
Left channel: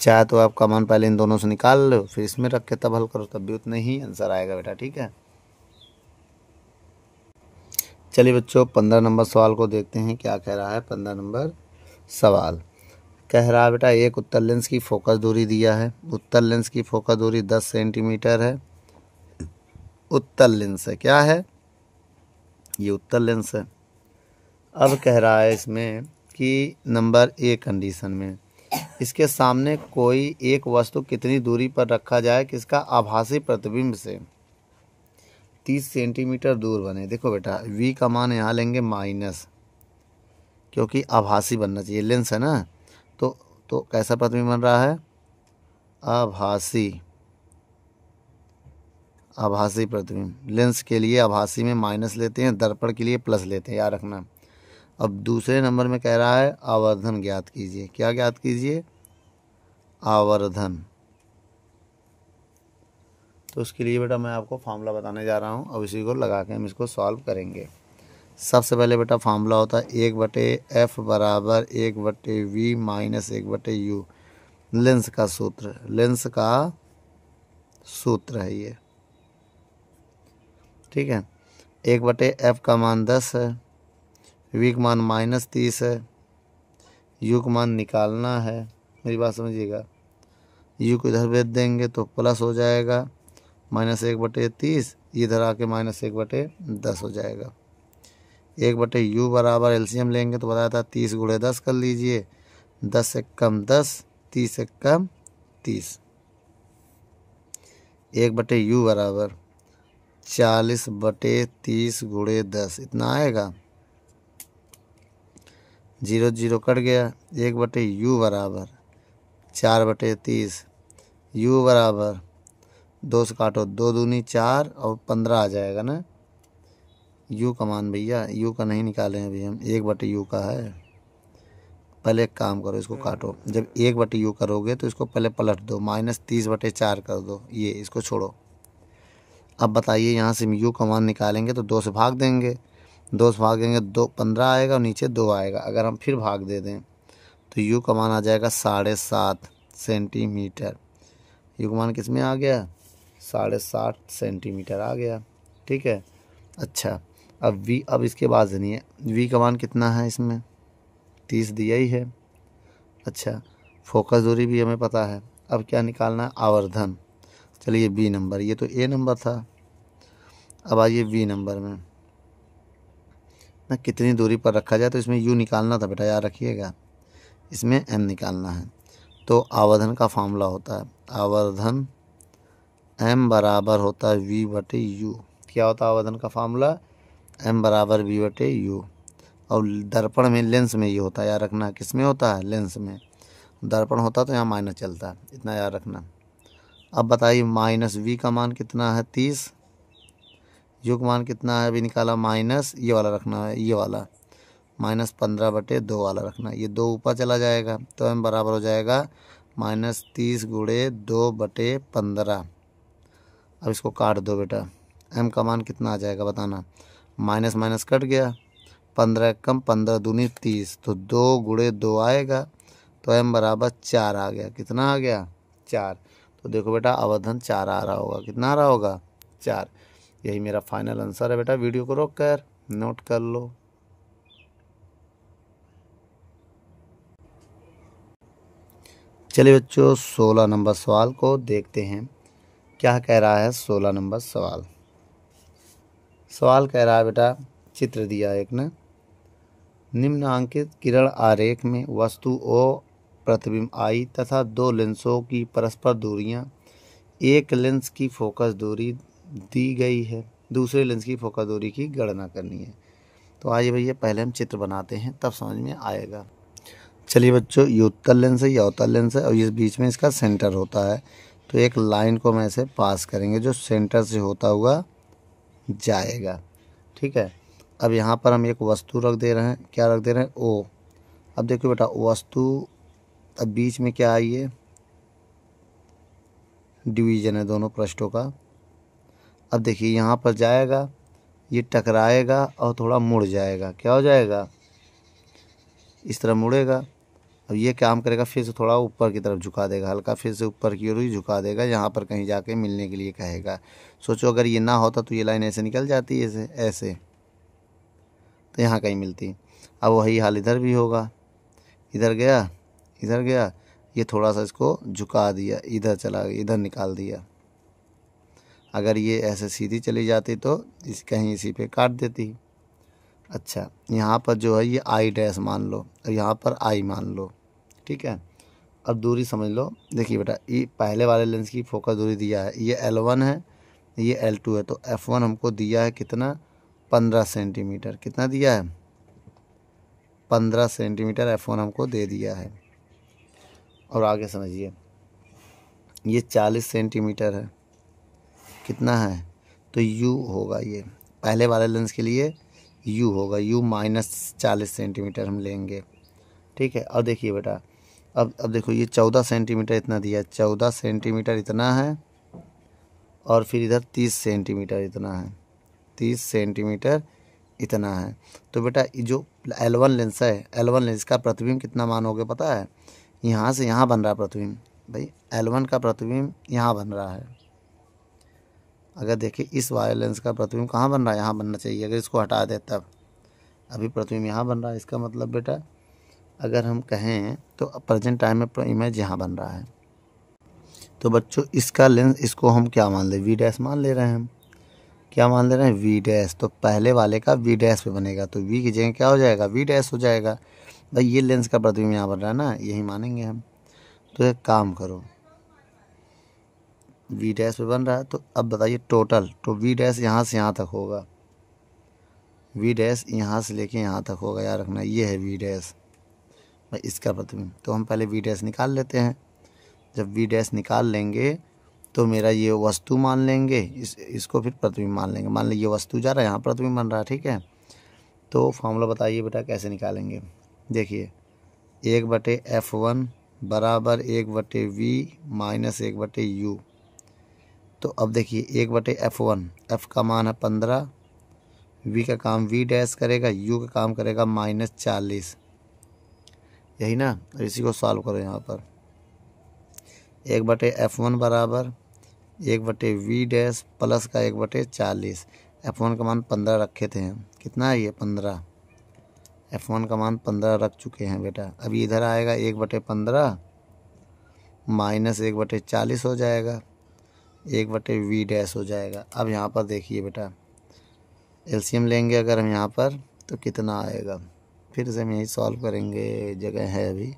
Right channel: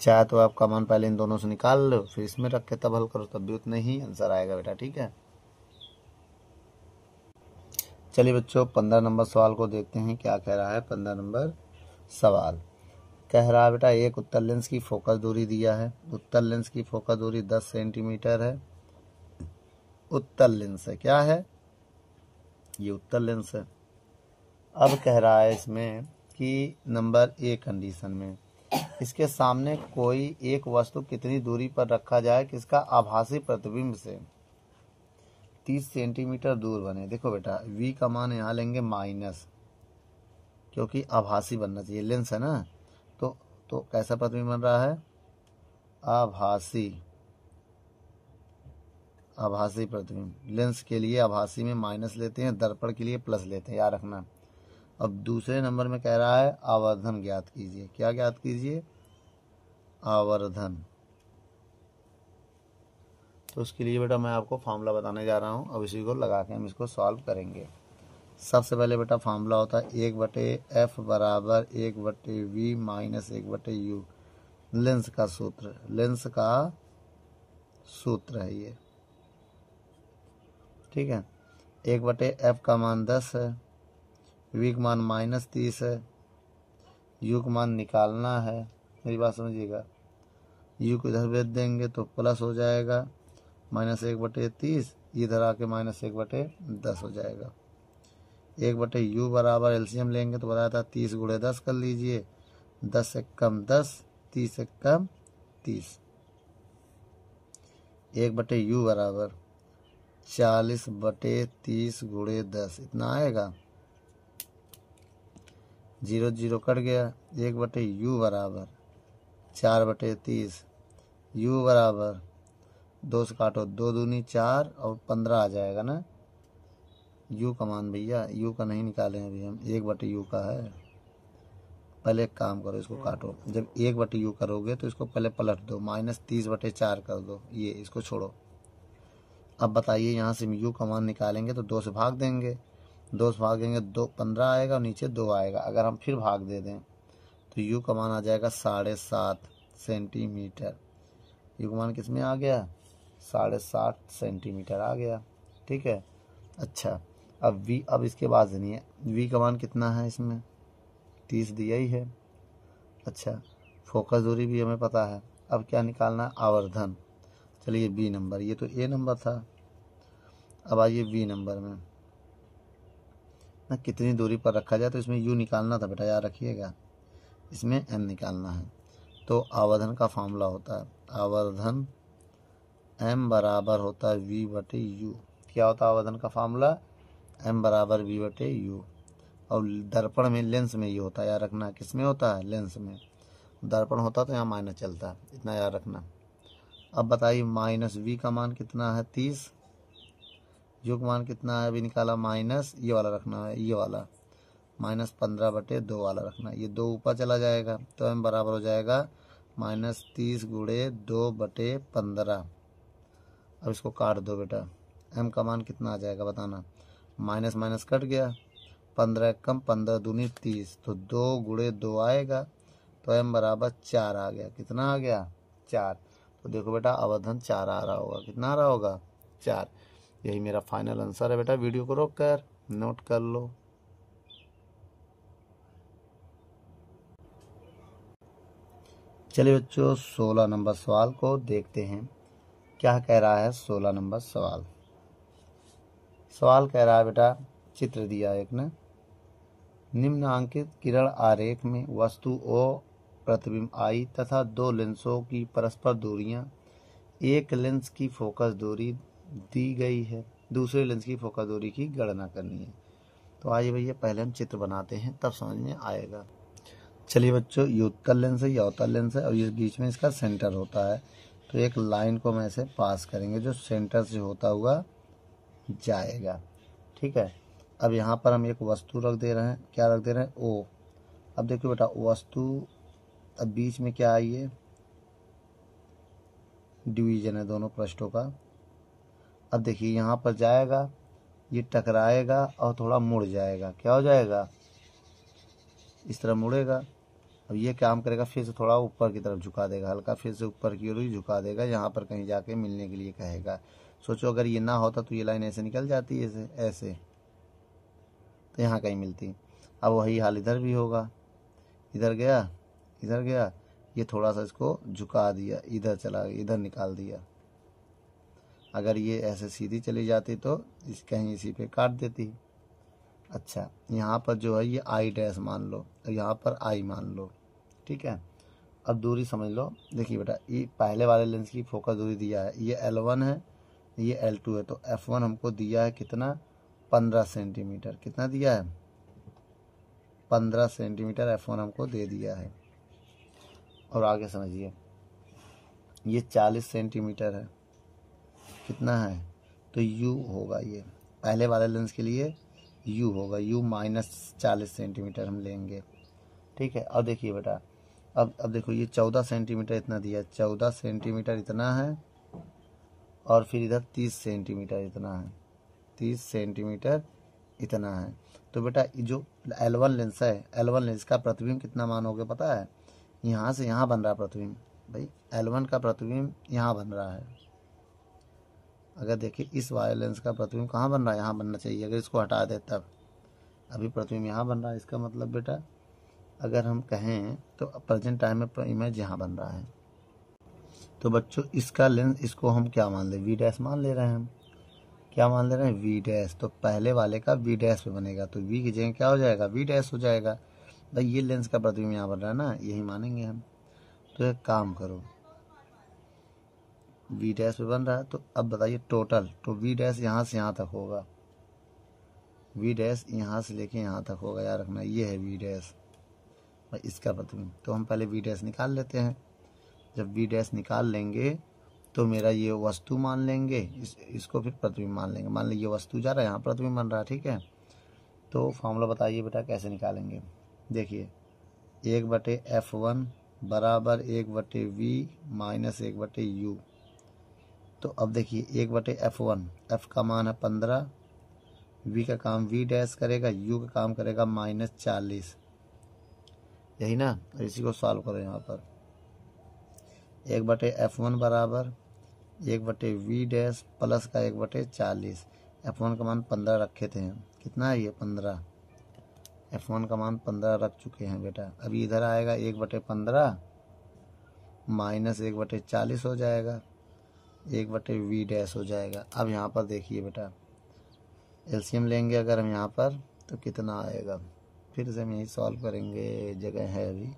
चाहे तो आप कॉमन पहले इन दोनों से निकाल लो, फिर इसमें रख के तब हल करो, तब भी उतना ही आंसर आएगा बेटा। ठीक है, चलिए बच्चों 15 नंबर सवाल को देखते हैं क्या कह रहा है। 15 नंबर सवाल कह रहा है बेटा, एक उत्तल लेंस की फोकस दूरी दिया है। उत्तल लेंस की फोकस दूरी 10 सेंटीमीटर है। उत्तल लेंस है, क्या है ये, उत्तल लेंस है। अब कह रहा है इसमें कि नंबर ए कंडीशन में इसके सामने कोई एक वस्तु कितनी दूरी पर रखा जाए कि इसका आभासी प्रतिबिंब से 30 सेंटीमीटर दूर बने। देखो बेटा, v का मान यहाँ लेंगे माइनस, क्योंकि आभासी बनना चाहिए, लेंस है ना, तो कैसा प्रतिबिंब बन रहा है, आभासी, आभासी प्रतिबिंब। लेंस के लिए आभासी में माइनस लेते हैं, दर्पण के लिए प्लस लेते हैं, याद रखना। अब दूसरे नंबर में कह रहा है आवर्धन ज्ञात कीजिए। क्या ज्ञात कीजिए, आवर्धन। तो उसके लिए बेटा मैं आपको फार्मूला बताने जा रहा हूँ, अब इसी को लगा के हम इसको सॉल्व करेंगे। सबसे पहले बेटा फार्मूला होता है 1/f बराबर 1/v माइनस 1/u। लेंस का सूत्र, लेंस का सूत्र है ये। ठीक है, 1/f का मान 10 है, v का मान -30 है, u का मान निकालना है। मेरी बात समझिएगा, u को इधर भेज देंगे तो प्लस हो जाएगा -1/30, इधर आके -1/10 हो जाएगा। 1/u बराबर एलसीएम लेंगे तो बताया था 30 × 10 कर लीजिए, 10 से कम 10, 30 से कम 30। 1/u बराबर 40/30 × 10, इतना आएगा, 0 0 कट गया। 1/u बराबर 4/30, u बराबर 2 से काटो, 2 दूनी 4 और 15 आ जाएगा ना। u का मान भैया, u का नहीं निकालें अभी हम, 1/u का है। पहले एक काम करो, इसको काटो, जब 1/u करोगे तो इसको पहले पलट दो, -30/4 कर दो, ये इसको छोड़ो। अब बताइए यहाँ से u का मान निकालेंगे तो 2 से भाग देंगे, 2 से भागेंगे 2 15 आएगा और नीचे 2 आएगा। अगर हम फिर भाग दे दें तो u का मान आ जाएगा 7.5 सेंटीमीटर। u का मान किस में आ गया, 7.5 सेंटीमीटर आ गया। ठीक है, अच्छा अब v, अब इसके बाद सुनिए, v का मान कितना है इसमें, 30 दिया ही है। अच्छा, फोकस दूरी भी हमें पता है। अब क्या निकालना है, आवर्धन। चलिए बी नंबर, ये तो ए नंबर था। अब आइए बी नंबर में ना, कितनी दूरी पर रखा जाए, तो इसमें u निकालना था बेटा, याद रखिएगा, इसमें m निकालना है। तो आवर्धन का फार्मूला होता है, आवर्धन m बराबर होता है v/u। क्या होता है आवर्धन का फार्मूला, m बराबर v/u। और दर्पण में, लेंस में ये होता है, याद रखना, किस में होता है, लेंस में। दर्पण होता तो यहाँ माइनस चलता, इतना याद रखना। अब बताइए -v का मान कितना है, 30, u का मान कितना है अभी निकाला, माइनस ये वाला रखना है, ये वाला -15/2 वाला रखना है। ये 2 ऊपर चला जाएगा तो m बराबर हो जाएगा -30 × 2/15। अब इसको काट दो बेटा, m का मान कितना आ जाएगा बताना, माइनस माइनस कट गया, 15 कम 15 दूनी 30, तो 2 × 2 आएगा, तो m बराबर 4 आ गया। कितना आ गया, 4। तो देखो बेटा आवर्धन 4 आ रहा होगा, कितना आ रहा होगा, 4। यही मेरा फाइनल आंसर है बेटा। वीडियो को रोक कर नोट कर लो। चलिए बच्चों 16 नंबर सवाल को देखते हैं, क्या कह रहा है 16 नंबर सवाल। सवाल कह रहा है बेटा, चित्र दिया एक ने, निम्नांकित किरण आरेख में वस्तु O प्रतिबिंब I तथा दो लेंसों की परस्पर दूरियां, एक लेंस की फोकस दूरी दी गई है, दूसरे लेंस की फोकस दूरी की गणना करनी है। तो आइए भैया पहले हम चित्र बनाते हैं, तब समझ में आएगा। चलिए बच्चों, ये उत्तल लेंस है, यह अवतल लेंस है और इस बीच में इसका सेंटर होता है। तो एक लाइन को हम ऐसे पास करेंगे जो सेंटर से होता हुआ जाएगा। ठीक है, अब यहाँ पर हम एक वस्तु रख दे रहे हैं, क्या रख दे रहे हैं, O। अब देखो बेटा वस्तु, अब बीच में क्या आई है, डिवीजन है दोनों पृष्ठों का। अब देखिए यहाँ पर जाएगा, ये टकराएगा और थोड़ा मुड़ जाएगा, क्या हो जाएगा, इस तरह मुड़ेगा। अब ये काम करेगा, फिर से थोड़ा ऊपर की तरफ झुका देगा, हल्का फिर से ऊपर की ओर ही झुका देगा, यहाँ पर कहीं जाके मिलने के लिए कहेगा। सोचो अगर ये ना होता तो ये लाइन ऐसे निकल जाती है, ऐसे ऐसे, तो यहाँ कहीं मिलती। अब वही हाल इधर भी होगा, इधर गया, इधर गया, ये थोड़ा सा इसको झुका दिया, इधर चला गया, इधर निकाल दिया। अगर ये ऐसे सीधी चली जाती तो कहीं इसी पे काट देती। अच्छा, यहाँ पर जो है ये I डैश मान लो और यहाँ पर I मान लो। ठीक है, अब दूरी समझ लो। देखिए बेटा, ये पहले वाले लेंस की फोकस दूरी दिया है, ये L1 है, ये L2 है। तो F1 हमको दिया है कितना, 15 सेंटीमीटर। कितना दिया है, 15 सेंटीमीटर F1 हमको दे दिया है। और आगे समझिए, ये 40 सेंटीमीटर है, कितना है, तो U होगा, ये पहले वाले लेंस के लिए U होगा, U माइनस 40 सेंटीमीटर हम लेंगे। ठीक है, और देखिए बेटा, अब देखो ये 14 सेंटीमीटर इतना दिया है, 14 सेंटीमीटर इतना है, और फिर इधर 30 सेंटीमीटर इतना है, 30 सेंटीमीटर इतना है। तो बेटा ये जो L1 लेंस है, L1 लेंस का प्रतिबिंब कितना मान हो गया पता है, यहाँ से यहाँ बन रहा है प्रतिबिंब। भाई L1 का प्रतिबिंब यहाँ बन रहा है। अगर देखिए इस वाले लेंस का प्रतिबिंब कहाँ बन रहा है, यहाँ बनना चाहिए, अगर इसको हटा दे तब। अभी प्रतिबिंब यहाँ बन रहा है, इसका मतलब बेटा अगर हम कहें तो प्रेजेंट टाइम में इमेज यहाँ बन रहा है। तो बच्चों इसका लेंस, इसको हम क्या मान ले, V डैश मान ले रहे हैं हम। क्या मान ले रहे हैं, V डैश। तो पहले वाले का V डैश पे बनेगा, तो V की जगह क्या हो जाएगा, V डैश हो जाएगा। भाई ये लेंस का प्रतिबिंब यहाँ बन रहा है ना, यही मानेंगे हम। तो एक काम करो, V डैश पे बन रहा है, तो अब बताइए टोटल, तो V डैश यहाँ से यहाँ तक होगा, V डैश यहाँ से लेके यहाँ तक होगा, याद रखना ये है V डैश, भाई इसका प्रतिबिंब। तो हम पहले V डैश निकाल लेते हैं। जब V डैश निकाल लेंगे तो मेरा ये वस्तु मान लेंगे, इसको फिर प्रतिबिंब मान लेंगे। मान लीजिए ये वस्तु जा रहा है, यहाँ प्रतिबिंब बन रहा है। ठीक है, तो फॉर्मूला बताइए बेटा कैसे निकालेंगे। देखिए 1/F1 बराबर 1/V माइनस 1/U। तो अब देखिए 1/F1, F का मान है 15, V का काम V डैश करेगा, U का काम करेगा -40, यही ना। इसी को सॉल्व करो, यहाँ पर 1/F1 बराबर 1/V डैश प्लस का 1/40। F1 का मान 15 रखे थे हम, कितना है ये 15, F1 का मान 15 रख चुके हैं बेटा। अभी इधर आएगा 1/15 माइनस 1/40 हो जाएगा, 1/V डैश हो जाएगा। अब यहाँ पर देखिए बेटा, एलसीएम लेंगे अगर हम यहाँ पर तो कितना आएगा, फिर से हम यही सॉल्व करेंगे, जगह है अभी।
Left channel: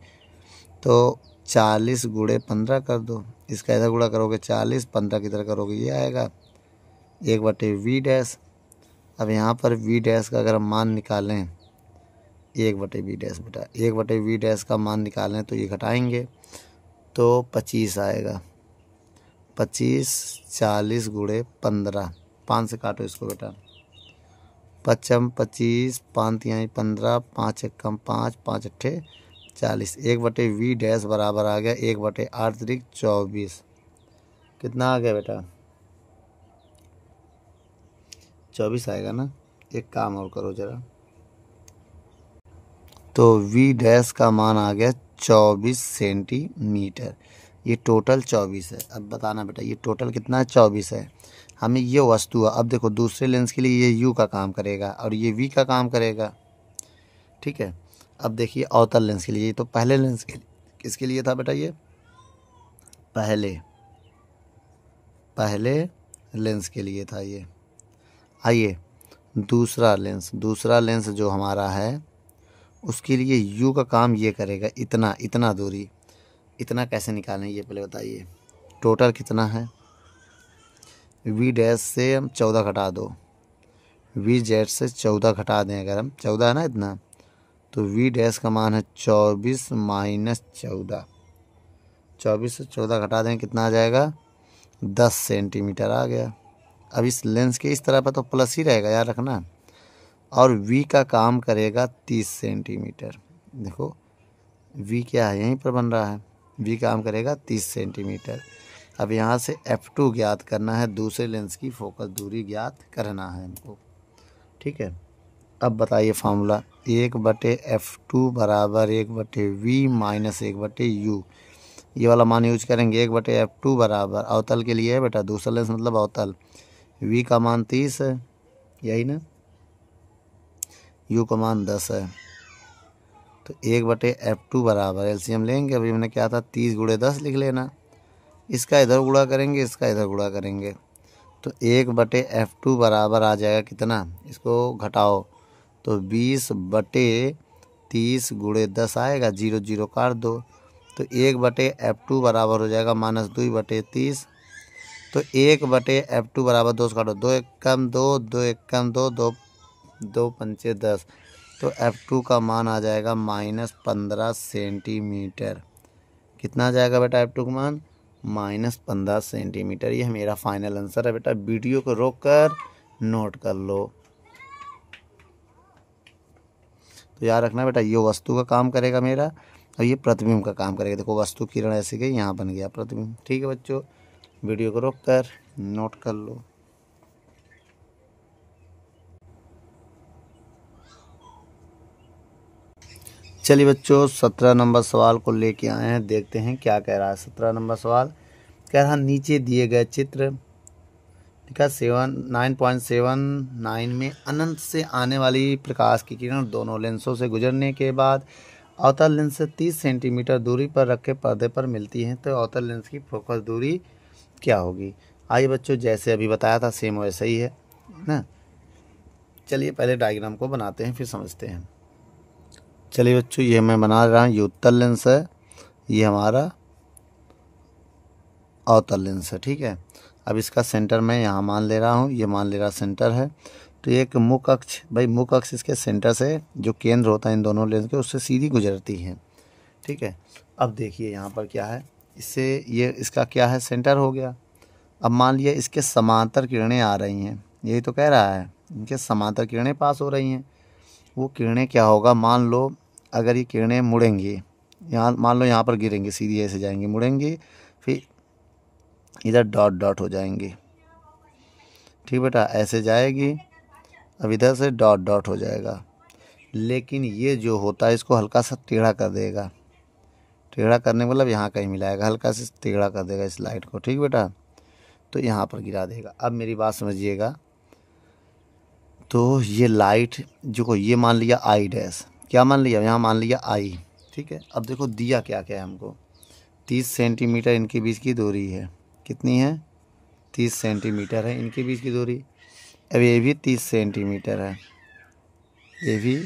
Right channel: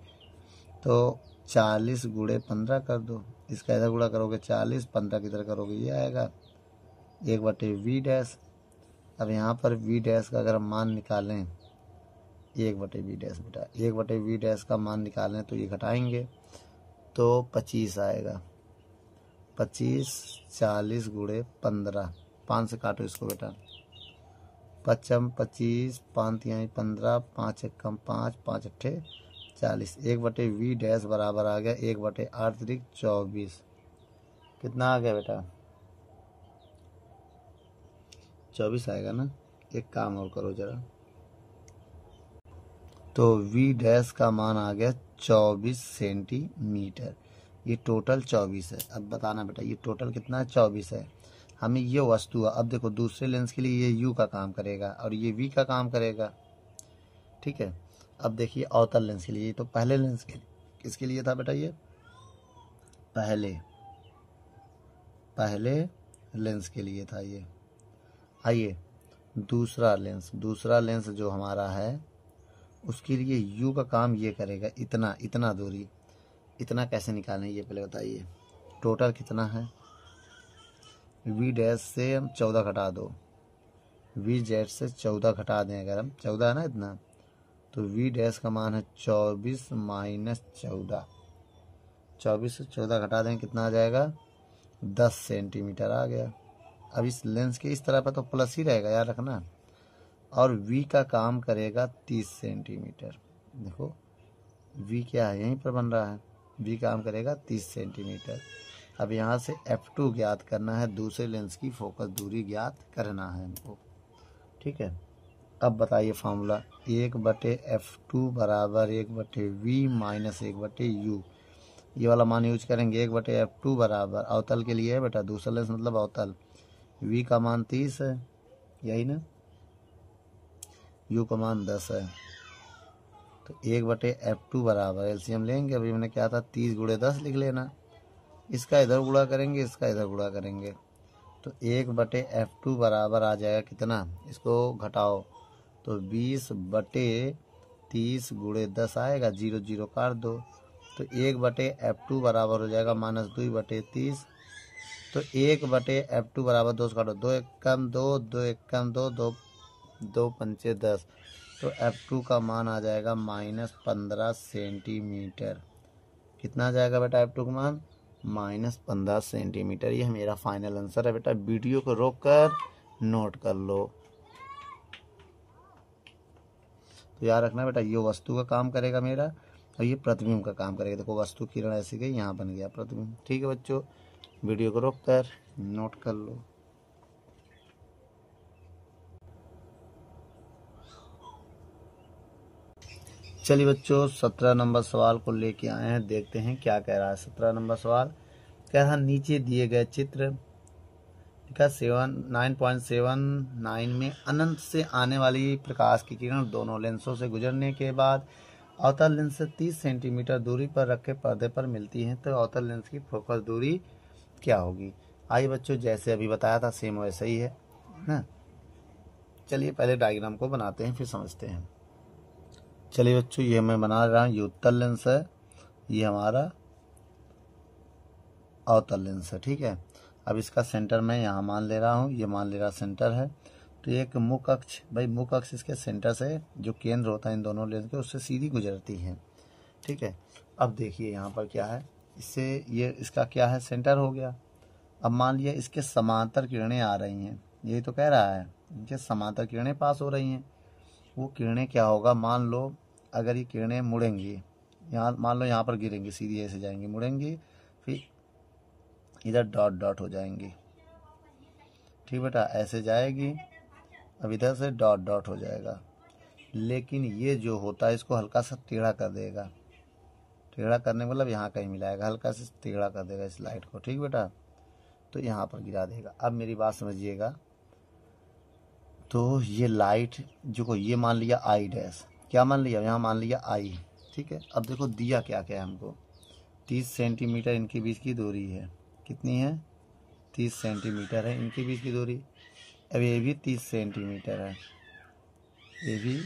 तो 40 गुणे 15 कर दो, इसका इधर गुणा करोगे 40, 15 की तरह करोगे ये आएगा 1/V डैश। अब यहाँ पर V डैश का अगर हम मान निकालें, 1/V डैश बेटा, 1/V डैश का मान निकालें तो ये घटाएंगे तो 25 आएगा। 25, 40 गुणे 15, 5 से काटो इसको बेटा, 5 25, 5 तिहाई 15, 5 एकम 5, 5 अट्ठे 40। 1/V डैश बराबर आ गया 1/8 × 24। कितना आ गया बेटा, 24 आएगा ना। एक काम और करो जरा, तो V डैश का मान आ गया 24 सेंटीमीटर। ये टोटल 24 है। अब बताना बेटा ये टोटल कितना है, 24 है। हमें ये वस्तु है, अब देखो दूसरे लेंस के लिए ये U का काम करेगा और ये V का काम करेगा। ठीक है, अब देखिए अवतल लेंस के लिए, तो पहले लेंस के किसके लिए था बेटा, ये पहले लेंस के लिए था ये। आइए दूसरा लेंस जो हमारा है उसके लिए यू का काम ये करेगा, इतना दूरी, इतना कैसे निकालें ये पहले बताइए। टोटल कितना है, वी डैश से हम 14 घटा दो, वी जेड से 14 घटा दें, अगर हम 14 है ना इतना, तो वी डैश का मान है 24 माइनस 14, 24 से 14 घटा दें कितना आ जाएगा, 10 सेंटीमीटर आ गया। अब इस लेंस के इस तरह पर तो प्लस ही रहेगा, याद रखना। और v का काम करेगा 30 सेंटीमीटर। देखो v क्या है, यहीं पर बन रहा है, v काम करेगा 30 सेंटीमीटर। अब यहाँ से f2 ज्ञात करना है, दूसरे लेंस की फोकस दूरी ज्ञात करना है हमको। ठीक है, अब बताइए फार्मूला, 1/f2 बराबर 1/v माइनस 1/u। ये वाला मान यूज करेंगे। 1/f2 बराबर अवतल के लिए है बेटा, दूसरा लेंस मतलब अवतल, v का मान 30 है, यही ना, u का मान 10 है, तो 1/f2 बराबर एलसीएम लेंगे। अभी हमने क्या था, 30 × 10 लिख लेना, इसका इधर गुणा करेंगे, इसका इधर गुणा करेंगे, तो 1/f2 बराबर आ जाएगा कितना, इसको घटाओ तो 20/30 × 10 आएगा, 0 0 काट दो, तो 1/f2 बराबर हो जाएगा -2/30। तो 1/f2 बराबर 2 से काटो, 2 1 कम 2, 2 1 कम 2, 2 2 पंचे 10, तो f2 का मान आ जाएगा -15 सेंटीमीटर। कितना आ जाएगा बेटा f2 का मान, -15 सेंटीमीटर। ये मेरा फाइनल आंसर है बेटा। वीडियो को रोक कर नोट कर लो। तो याद रखना बेटा, ये वस्तु का काम करेगा मेरा और ये प्रतिबिंब का काम करेगा। देखो वस्तु किरण ऐसे गई, यहाँ बन गया प्रतिबिंब। ठीक है बच्चों, वीडियो को रोक कर नोट कर लो। चलिए बच्चों, 17 नंबर सवाल को लेके आए हैं, देखते हैं क्या कह रहा है। 17 नंबर सवाल कह रहा, नीचे दिए गए चित्र लिखा 9.79 में अनंत से आने वाली प्रकाश की किरण दोनों लेंसों से गुजरने के बाद अवतल लेंस से 30 सेंटीमीटर दूरी पर रखे पर्दे पर मिलती हैं, तो अवतल लेंस की फोकस दूरी क्या होगी। आइए बच्चों, जैसे अभी बताया था सेम वैसा ही है ना। चलिए पहले डायग्राम को बनाते हैं, फिर समझते हैं। चलिए बच्चों, ये मैं बना रहा हूँ, ये उत्तल लेंस है, ये हमारा अवतल लेंस है। ठीक है, अब इसका सेंटर मैं यहाँ मान ले रहा हूँ, ये मान ले रहा सेंटर है, तो एक मुख्य अक्ष, भाई मुख्य अक्ष इसके सेंटर से जो केंद्र होता है इन दोनों लेंस के, उससे सीधी गुजरती है। ठीक है, अब देखिए यहाँ पर क्या है, इससे ये इसका क्या है, सेंटर हो गया। अब मान लिया इसके समांतर किरणें आ रही हैं, यही तो कह रहा है, इनके समांतर किरणें पास हो रही हैं। वो किरणें क्या होगा, मान लो अगर ये किरणें मुड़ेंगी, यहाँ मान लो यहाँ पर गिरेंगी, सीधी ऐसे जाएंगी, मुड़ेंगी, फिर इधर डॉट डॉट हो जाएंगी। ठीक बेटा, ऐसे जाएगी, अब इधर से डॉट डॉट हो जाएगा। लेकिन ये जो होता है इसको हल्का सा टेढ़ा कर देगा, टेढ़ा करने मतलब यहाँ कहीं मिलाएगा, हल्का से टेढ़ा कर देगा इस लाइट को। ठीक बेटा, तो यहाँ पर गिरा देगा। अब मेरी बात समझिएगा, तो ये लाइट जो ये मान लिया आई डैश, क्या मान लिया, यहाँ मान लिया आई। ठीक है, अब देखो दिया क्या क्या है हमको, 30 सेंटीमीटर इनके बीच की दूरी है। कितनी है, 30 सेंटीमीटर है इनके बीच की दूरी। अब ये भी 30 सेंटीमीटर है, ये भी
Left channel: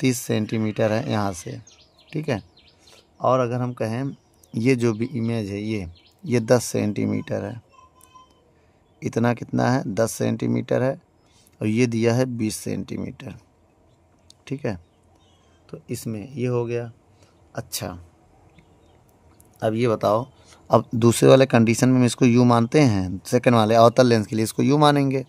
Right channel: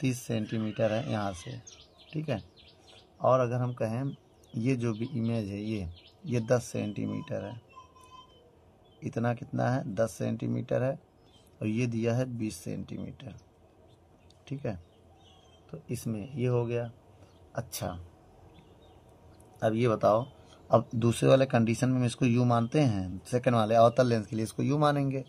30 सेंटीमीटर है यहाँ से। ठीक है, और अगर हम कहें ये जो भी इमेज है ये 10 सेंटीमीटर है, इतना कितना है, 10 सेंटीमीटर है, और ये दिया है 20 सेंटीमीटर। ठीक है, तो इसमें ये हो गया। अच्छा, अब ये बताओ, अब दूसरे वाले कंडीशन में हम इसको यू मानते हैं, सेकंड वाले अवतल लेंस के लिए इसको यू मानेंगे,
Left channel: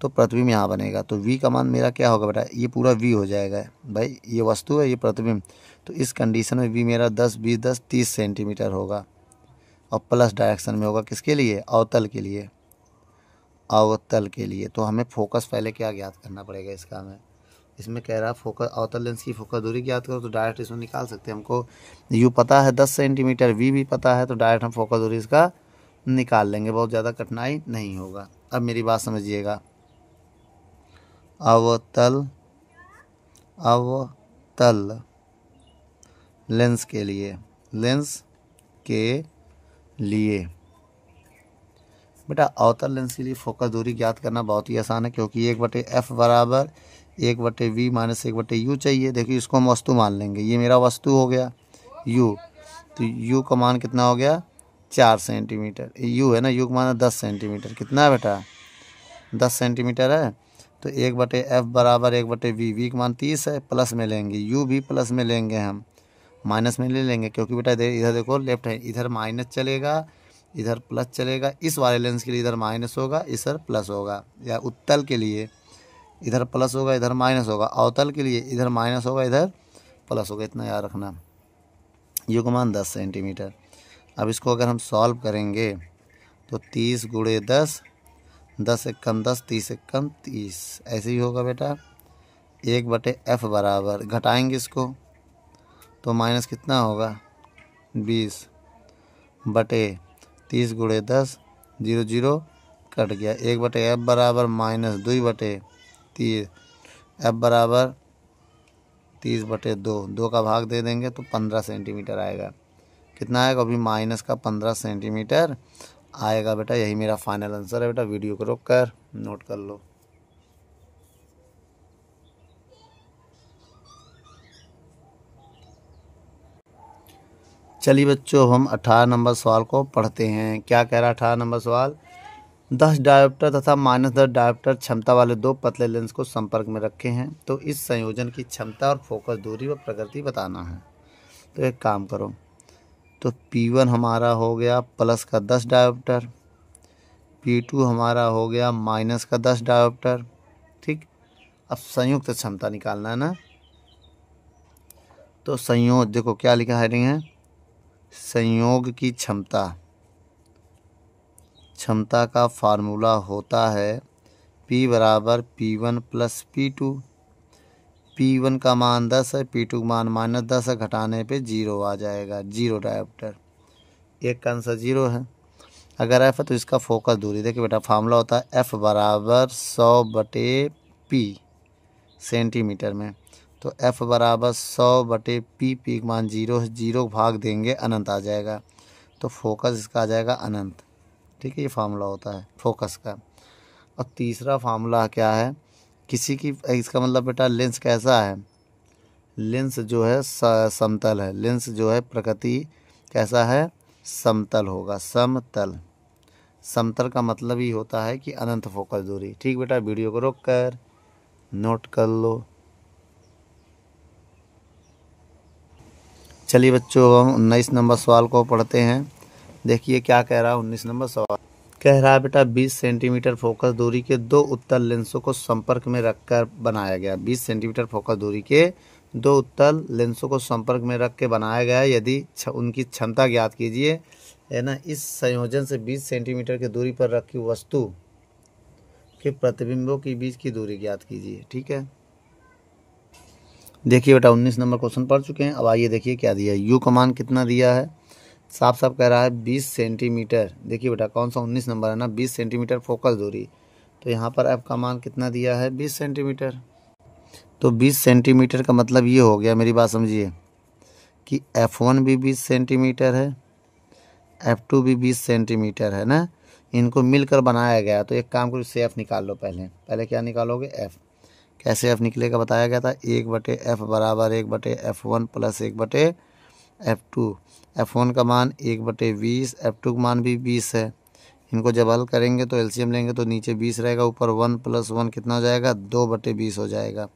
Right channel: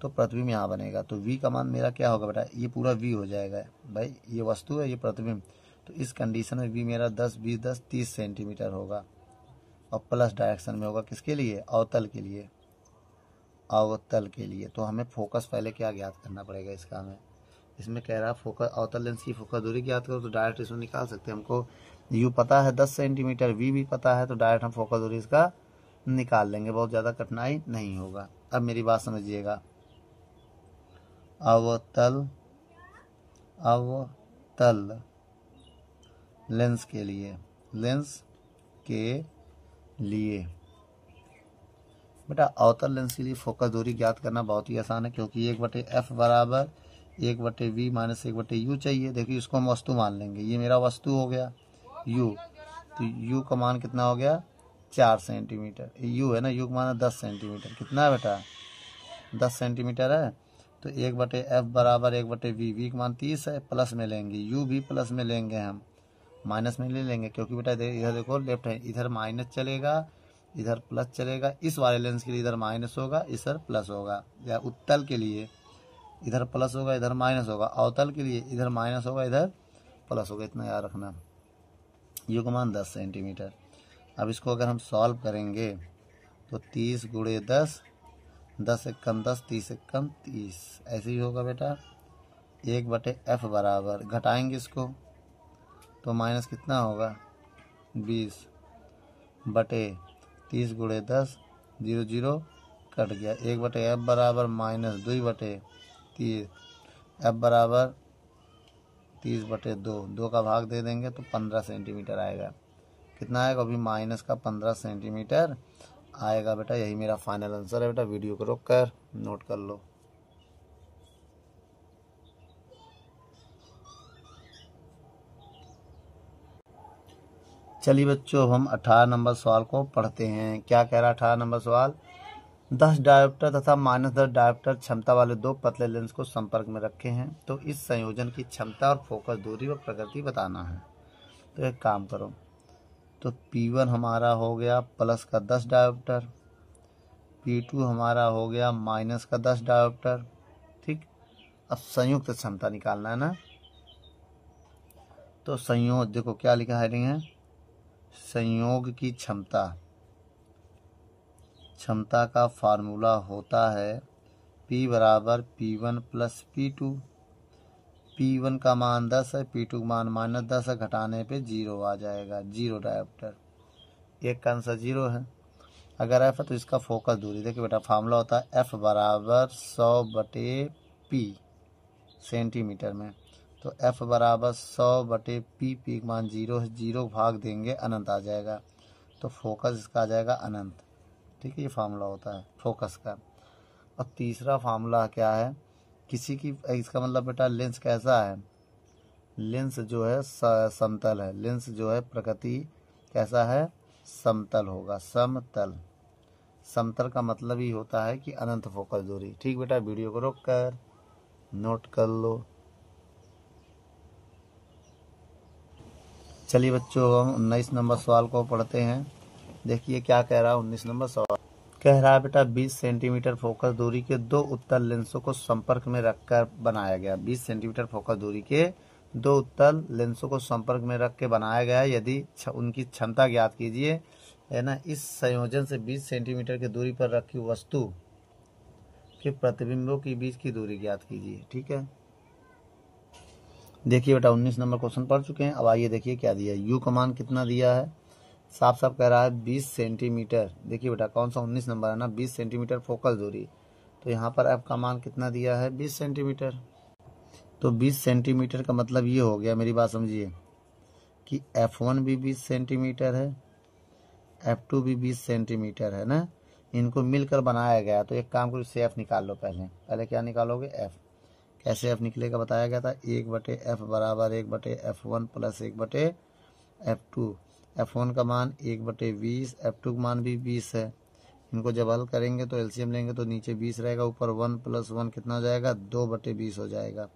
तो प्रतिबिंब यहाँ बनेगा। तो v का मान मेरा क्या होगा बेटा, ये पूरा v हो जाएगा। भाई ये वस्तु है, ये प्रतिबिंब, तो इस कंडीशन में v मेरा 10 20 10 30 सेंटीमीटर होगा, और प्लस डायरेक्शन में होगा, किसके लिए, अवतल के लिए, अवतल के लिए। तो हमें फोकस पहले क्या ज्ञात करना पड़ेगा इसका, हमें इसमें कह रहा है फोकस, अवतल लेंस की फोकस दूरी ज्ञात करो, तो डायरेक्ट इसमें निकाल सकते हैं। हमको यू पता है 10 सेंटीमीटर, वी भी पता है, तो डायरेक्ट हम फोकस दूरी इसका निकाल लेंगे, बहुत ज़्यादा कठिनाई नहीं होगा। अब मेरी बात समझिएगा, अवतल लेंस के लिए, लेंस के लिए। बेटा अवतल लेंस के लिए फोकस दूरी ज्ञात करना बहुत ही आसान है, क्योंकि 1/f बराबर 1/v माइनस 1/u चाहिए। देखिए इसको हम वस्तु मान लेंगे, ये मेरा वस्तु हो गया u, तो u का मान कितना हो गया 4 सेंटीमीटर। u है ना, u का मान 10 सेंटीमीटर। कितना है बेटा 10 सेंटीमीटर है। तो 1/f बराबर 1/v, v का मान 30 है, प्लस में लेंगे, u भी प्लस में लेंगे, हम माइनस में ले लेंगे, क्योंकि बेटा इधर देखो लेफ्ट है, इधर माइनस चलेगा इधर प्लस चलेगा। इस वाले लेंस के लिए इधर माइनस होगा इधर प्लस होगा, या उत्तल के लिए इधर प्लस होगा इधर माइनस होगा, अवतल के लिए इधर माइनस होगा इधर प्लस होगा। इतना याद रखना। यू का मान 10 सेंटीमीटर। अब इसको अगर हम सॉल्व करेंगे तो 30 गुणे 10, 10 एक कम 10, 30 एक कम 30, ऐसे ही होगा बेटा। 1/f बराबर, घटाएंगे इसको तो माइनस कितना होगा 20 बटे 30 गुणे 10, 0 0 कट गया। 1/f बराबर माइनस 2/30, f बराबर 30/2, 2 का भाग दे देंगे तो 15 सेंटीमीटर आएगा। कितना आएगा अभी माइनस का 15 सेंटीमीटर आएगा बेटा। यही मेरा फाइनल आंसर है बेटा। वीडियो को रोक कर नोट कर लो। चलिए बच्चों हम 18 नंबर सवाल को पढ़ते हैं। क्या कह रहा है 18 नंबर सवाल, 10 डायोप्टर तथा -10 डायोप्टर क्षमता वाले दो पतले लेंस को संपर्क में रखे हैं, तो इस संयोजन की क्षमता और फोकस दूरी व प्रकृति बताना है। तो एक काम करो, तो P1 हमारा हो गया प्लस का 10 डायोप्टर, P2 हमारा हो गया माइनस का 10 डायोप्टर। ठीक, अब संयुक्त क्षमता निकालना है ना। तो संयोग देखो क्या लिखा है, संयोग की क्षमता का फार्मूला होता है P बराबर P1 प्लस P2। P1 का मान 10 है, P2 का मान -10 है, घटाने पे 0 आ जाएगा, 0 डायोप्टर। एक का आंसर 0 है। अगर F है तो इसका फोकस दूरी देखिए बेटा, फार्मूला होता है F बराबर 100/P सेंटीमीटर में। तो F बराबर 100/P, P का मान 0 है, 0 भाग देंगे अनंत आ जाएगा, तो फोकस इसका आ जाएगा अनंत। ठीक है, ये फार्मूला होता है फोकस का। और तीसरा फार्मूला क्या है, किसी की, इसका मतलब बेटा लेंस कैसा है, लेंस जो है समतल है, लेंस जो है प्रकृति कैसा है, समतल होगा, समतल। समतल का मतलब ही होता है कि अनंत फोकस दूरी। ठीक बेटा, वीडियो को रोक कर नोट कर लो। चलिए बच्चों हम 19 नंबर सवाल को पढ़ते हैं। देखिए क्या कह रहा है 19 नंबर सवाल। कह रहा है बेटा 20 सेंटीमीटर फोकस दूरी के दो उत्तल लेंसों को संपर्क में रखकर बनाया गया। 20 सेंटीमीटर फोकस दूरी के दो उत्तल लेंसों को संपर्क में रख के बनाया गया है। यदि उनकी क्षमता ज्ञात कीजिए, है ना। इस संयोजन से 20 सेंटीमीटर की दूरी पर रखी वस्तु के प्रतिबिंबों के बीच की दूरी ज्ञात कीजिए। ठीक है, देखिए बेटा 19 नंबर क्वेश्चन पढ़ चुके हैं। अब आइए देखिए क्या दिया है। यू का मान कितना दिया है, साफ साफ कह रहा है 20 सेंटीमीटर। देखिए बेटा कौन सा 19 नंबर है ना, 20 सेंटीमीटर फोकस दूरी। तो यहाँ पर एफ का मान कितना दिया है 20 सेंटीमीटर। तो 20 सेंटीमीटर का मतलब ये हो गया, मेरी बात समझिए, कि F1 भी 20 सेंटीमीटर है, F2 भी 20 सेंटीमीटर है ना। इनको मिलकर बनाया गया। तो एक काम करो, इससे एफ निकाल लो। पहले क्या निकालोगे, एफ। कैसे एफ निकलेगा बताया गया था, 1/f बराबर 1/f1 प्लस 1/f2। F1 का मान 1/20, F2 का मान भी 20 है। इनको जब हल करेंगे तो एलसीएम लेंगे तो नीचे 20 रहेगा, ऊपर 1 + 1 कितना हो जाएगा 2/20 हो जाएगा।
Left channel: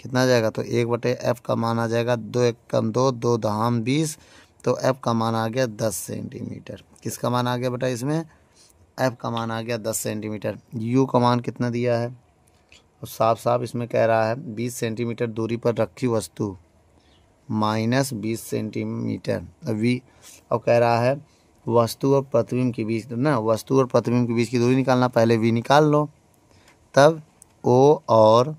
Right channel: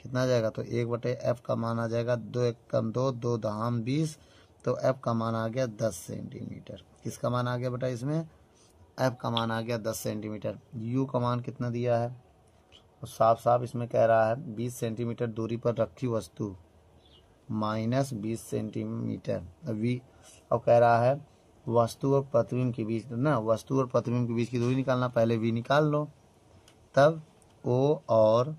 कितना आ जाएगा, तो 1/f का मान आ जाएगा 2 × 1 = 2, 2 × 20। तो f का मान आ गया 10 सेंटीमीटर। किसका मान आ गया बेटा इसमें, f का मान आ गया 10 सेंटीमीटर। u का मान कितना दिया है, तो साफ साफ इसमें कह रहा है 20 सेंटीमीटर दूरी पर रखी वस्तु -20 सेंटीमीटर v। और कह रहा है वस्तु और प्रतिबिंब के बीच ना, वस्तु और प्रतिबिंब के बीच की दूरी निकालना। पहले v निकाल लो, तब o और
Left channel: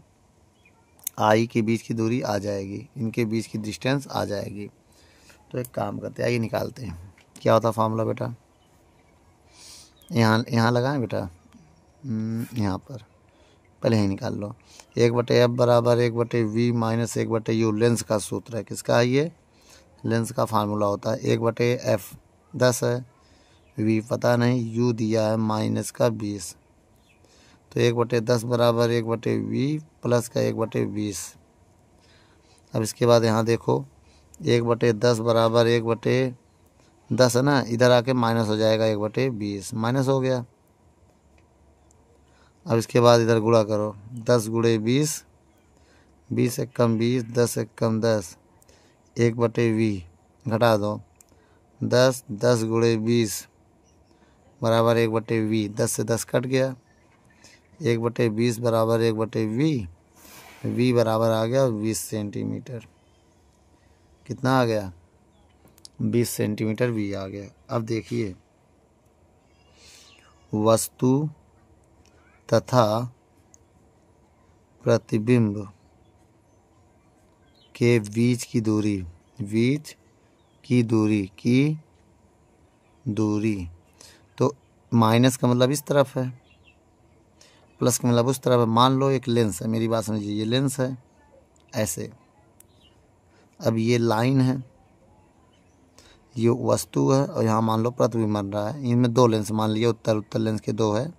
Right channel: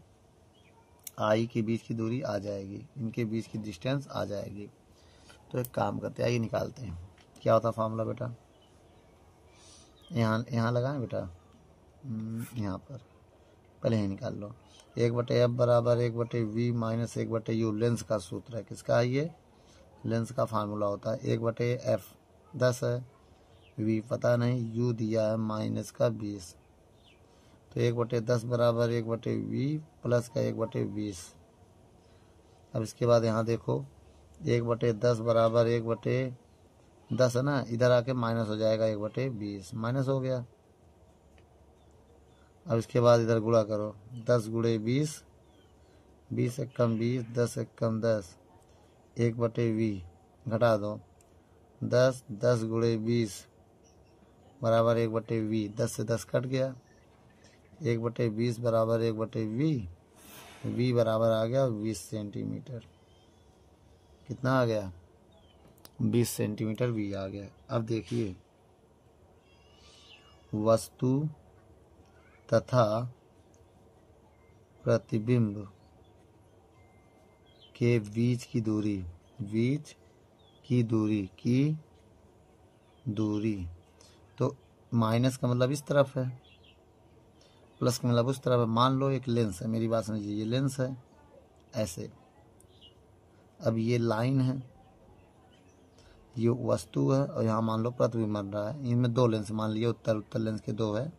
i के बीच की दूरी आ जाएगी, इनके बीच की डिस्टेंस आ जाएगी। तो एक काम करते हैं, आइए निकालते हैं। क्या होता है फार्मूला बेटा, यहाँ लगाएं बेटा, यहाँ पर पहले ही निकाल लो। 1/f बराबर 1/v माइनस 1/u लेंस का सूत्र है। किसका है ये, लेंस का फार्मूला होता है 1/f 10 है, वी पता नहीं, यू दिया है माइनस का 20, तो 1/10 बराबर 1/20 प्लस का 1/20। अब इसके बाद यहाँ देखो 1/10 बराबर 1/10 है ना, इधर आके माइनस हो जाएगा 1/20, माइनस हो गया। अब इसके बाद इधर गुणा करो, 10 गुणे 20, 20 एक कम 20, 10 एक कम 10, 1/20 घटा दो, 10, 10 गुणे 20 बराबर 1/20, 10 से 10 कट गया, 1/20 बराबर 1/20, वी बराबर आ गया 20 सेंटीमीटर। कितना आ गया? 20 सेंटीमीटर वी आ गया। अब देखिए वस्तु तथा प्रतिबिंब के बीच की दूरी, बीच की दूरी तो माइनस का मतलब इस तरफ है, प्लस का मतलब उस तरफ है। मान लो एक लेंस है, मेरी बात समझिए, ये लेंस है ऐसे, अब ये लाइन है, ये वस्तु है, और यहाँ मान लो प्रतिबिंब बन रहा है। इनमें 2 लेंस मान लिया, उत्तर लेंस के 2 है,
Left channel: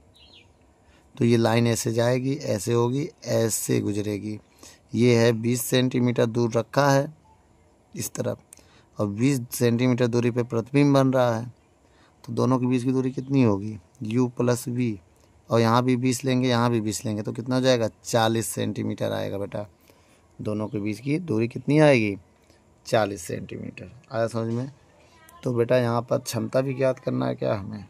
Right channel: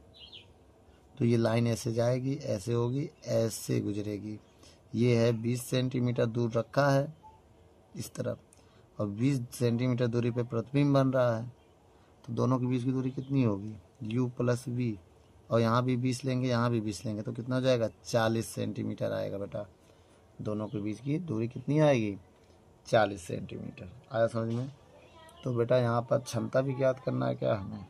तो ये लाइन ऐसे जाएगी, ऐसे होगी, ऐसे गुजरेगी। ये है 20 सेंटीमीटर दूर रखा है इस तरफ, और 20 सेंटीमीटर दूरी पे प्रतिबिंब बन रहा है, तो दोनों के बीच की दूरी कितनी होगी? u प्लस वी, और यहाँ भी 20 लेंगे, यहाँ भी 20 लेंगे, तो कितना हो जाएगा? 40 सेंटीमीटर आएगा बेटा। दोनों के बीच की दूरी कितनी आएगी? 40 सेंटीमीटर। आया समझ में? तो बेटा यहाँ पर क्षमता भी ज्ञात करना है क्या हमें?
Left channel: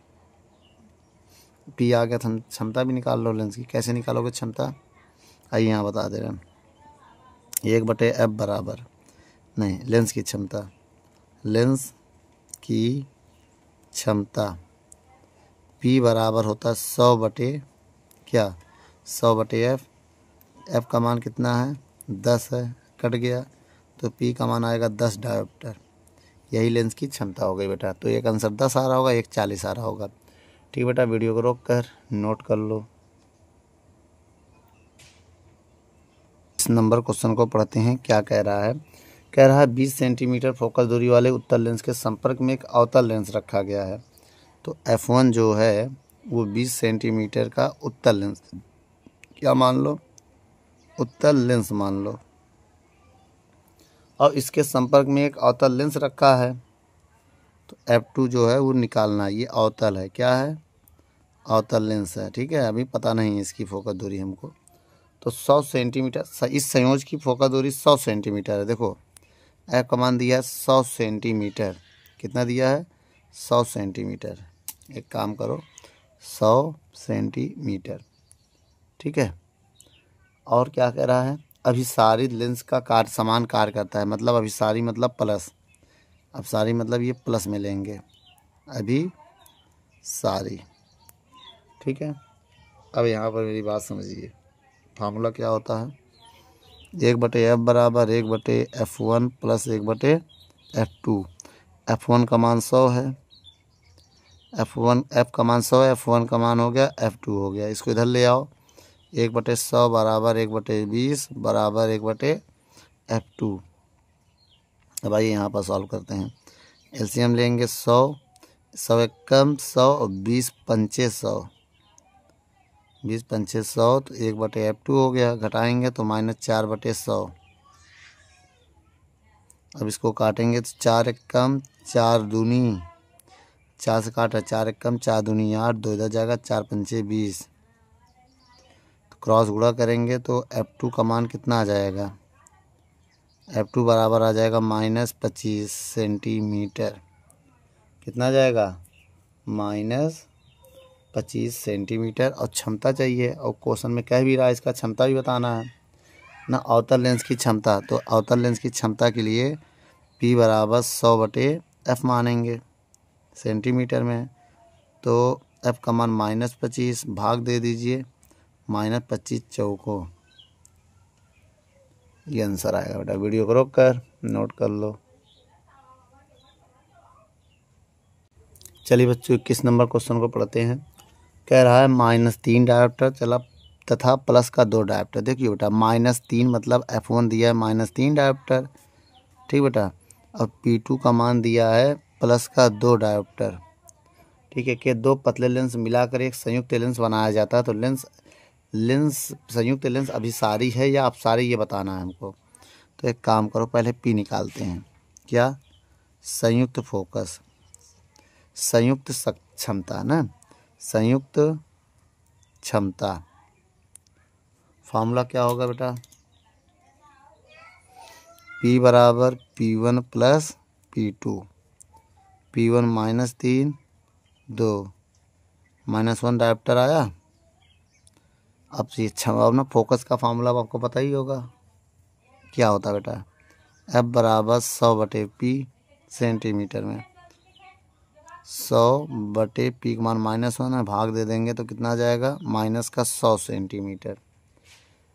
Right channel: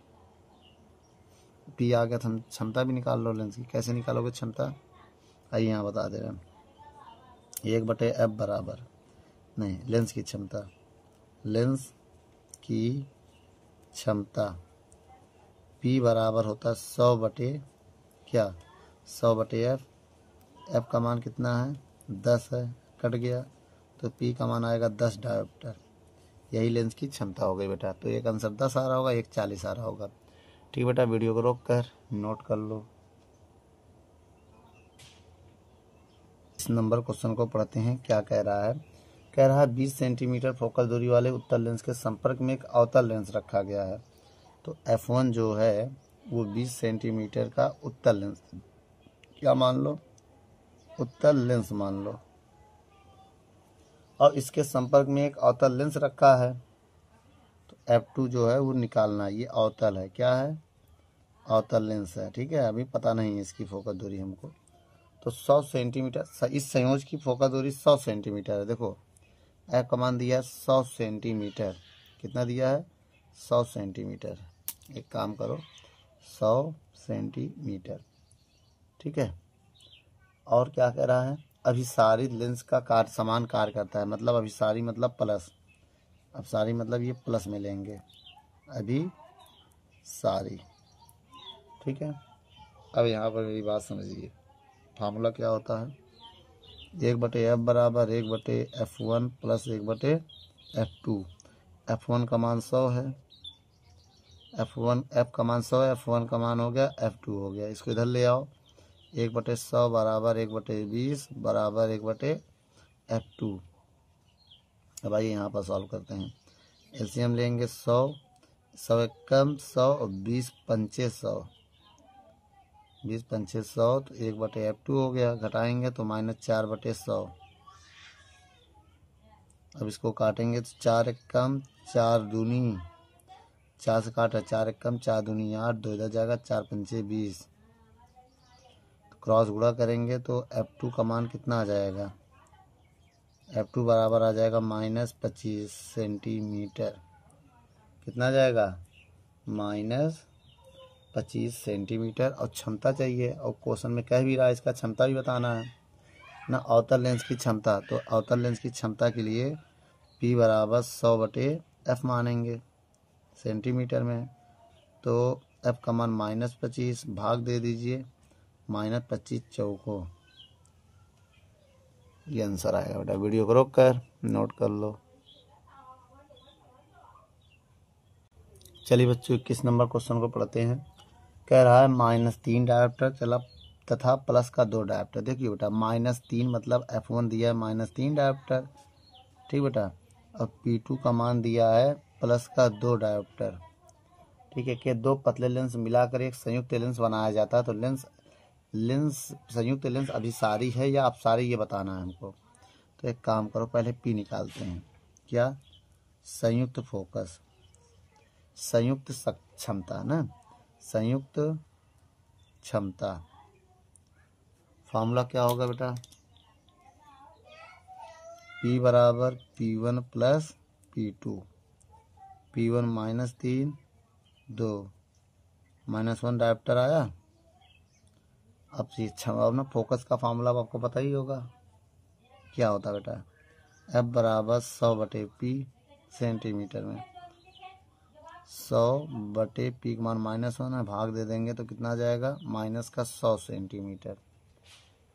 पी आ गया, क्षमता भी निकाल लो लेंस की। कैसे निकालोगे क्षमता? आइए यहाँ बता दे रहे हैं। 1/f बराबर, नहीं, लेंस की क्षमता, लेंस की क्षमता P बराबर होता है 100 क्या? 100/f। f का मान कितना है? 10 है, कट गया, तो P का मान आएगा 10 डायोप्टर। यही लेंस की क्षमता हो गई बेटा। तो एक आंसर 10 आ रहा होगा, एक 40 आ रहा होगा। ठीक बेटा, वीडियो को रोक कर नोट कर लो। इस नंबर क्वेश्चन को पढ़ते हैं। क्या कह रहा है? कह रहा है 20 सेंटीमीटर फोकस दूरी वाले उत्तल लेंस के संपर्क में एक अवतल लेंस रखा गया है। तो F1 जो है वो 20 सेंटीमीटर का उत्तल लेंस, क्या मान लो? उत्तल लेंस मान लो, और इसके संपर्क में एक अवतल लेंस रखा है। तो F2 जो है वो निकालना है। ये अवतल है, क्या है? अवतल लेंस है। ठीक है, अभी पता नहीं है इसकी फोकस दूरी हमको। तो 100 सेंटीमीटर, इस संयोज की फोकस दूरी 100 सेंटीमीटर है। देखो F का मान दिया है 100 सेंटीमीटर। कितना दिया है? 100 सेंटीमीटर। एक काम करो, 100 सेंटीमीटर। ठीक है, और क्या कह रहा है? अभिसारी लेंस का कार्य समान कार्य करता है, मतलब अभिसारी मतलब प्लस, अब सारी मतलब ये प्लस में लेंगे, अभी सारी। ठीक है, अब यहाँ पर मेरी बात समझिए, फार्मूला क्या होता है? 1/f बराबर 1/f1 प्लस 1/f2। F1 का मान 100 है, F का मान 100 है, F1 का मान हो गया, F2 हो गया। इसको इधर ले आओ, 1/100 बराबर 1/20 बराबर 1/f2। अब आइए यहाँ पर सॉल्व करते हैं। एलसीएम लेंगे 100, 100 एक कम 100, और 20 पंचे 100, 20 पंचे 100, तो 1/f2 हो गया। घटाएंगे तो -4/100। अब इसको काटेंगे तो 4 एक कम 4 दूनी, 4 से काटा, 4 एक कम 4 दूनी 8, 2 इधर जाएगा, 4 पंचे 20। तो क्रॉस गुणा करेंगे तो F2 का मान कितना आ जाएगा? F2 बराबर आ जाएगा -25 सेंटीमीटर। कितना जाएगा? -25 सेंटीमीटर। और क्षमता चाहिए, और क्वेश्चन में कह भी रहा है इसका क्षमता भी बताना है ना, अवतल लेंस की क्षमता। तो अवतल लेंस की क्षमता के लिए P बराबर 100/f मानेंगे, सेंटीमीटर में। तो F का मान -25, भाग दे दीजिए, -25 चौको, ये आंसर आएगा बेटा। वीडियो को रोक कर नोट कर लो। चलिए बच्चों, 21 नंबर क्वेश्चन को पढ़ते हैं। कह रहा है -3 डायोप्टर चला तथा प्लस का 2 डायोप्टर। देखिए बेटा, -3 मतलब F1 दिया है -3 डायोप्टर। ठीक बेटा, और P2 का मान दिया है प्लस का 2 डायोप्टर, ठीक है, कि 2 पतले लेंस मिलाकर एक संयुक्त लेंस बनाया जाता है। तो लेंस संयुक्त लेंस अभिसारी है या अपसारी, ये बताना है हमको। तो एक काम करो, पहले पी निकालते हैं। क्या? संयुक्त फोकस, संयुक्त क्षमता ना, संयुक्त क्षमता। फॉर्मूला क्या होगा बेटा? P बराबर P1 plus P2, P1 minus 3 2 -1 dioptre आया। अब ये अब ना फोकस का फार्मूला आपको पता ही होगा, क्या होता है बेटा? F बराबर 100/P सेंटीमीटर में, 100/P का मान -1 है, भाग दे देंगे तो कितना आ जाएगा? माइनस का 100 सेंटीमीटर।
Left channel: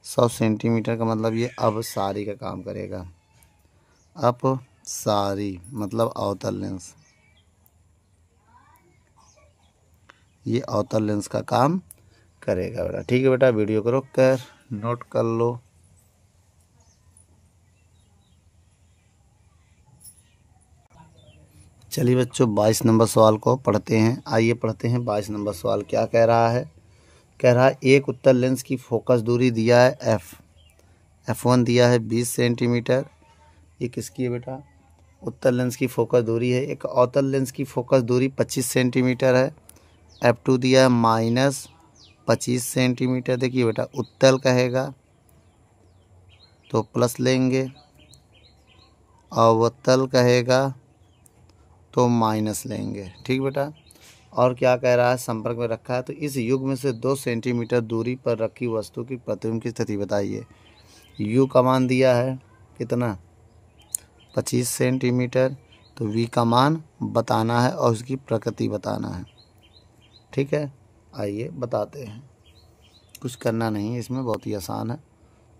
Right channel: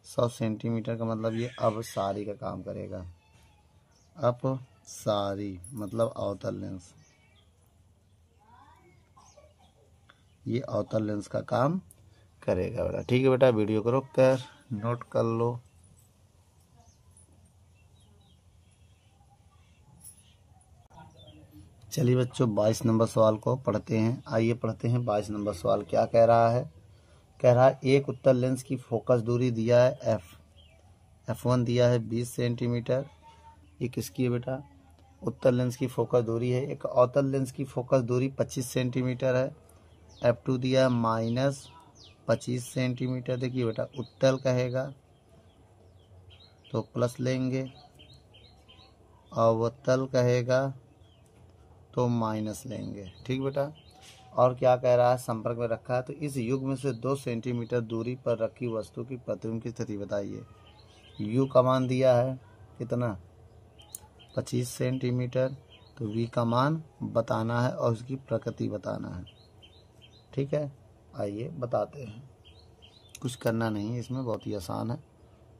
100 सेंटीमीटर का मतलब ये अपसारी का काम करेगा। अपसारी मतलब अवतल लेंस, ये अवतल लेंस का काम करेगा बेटा। ठीक है बेटा, वीडियो को रोक कर नोट कर लो। चलिए बच्चों, 22 नंबर सवाल को पढ़ते हैं। आइए पढ़ते हैं 22 नंबर सवाल क्या कह रहा है। कह रहा है एक उत्तल लेंस की फोकस दूरी दिया है F1 दिया है 20 सेंटीमीटर। ये किसकी है बेटा? उत्तल लेंस की फोकस दूरी है। एक अवतल लेंस की फोकस दूरी 25 सेंटीमीटर है। F2 दिया है -25 सेंटीमीटर। देखिए बेटा, उत्तल कहेगा तो प्लस लेंगे, अवतल कहेगा तो माइनस लेंगे। ठीक बेटा। और क्या कह रहा है? संपर्क में रखा है तो इस युग्म से 2 सेंटीमीटर दूरी पर रखी वस्तु की प्रतिबिंब की स्थिति बताइए। U का मान दिया है कितना? 25 सेंटीमीटर। तो V का मान बताना है और उसकी प्रकृति बताना है। ठीक है, आइए बताते हैं। कुछ करना नहीं है इसमें, बहुत ही आसान है।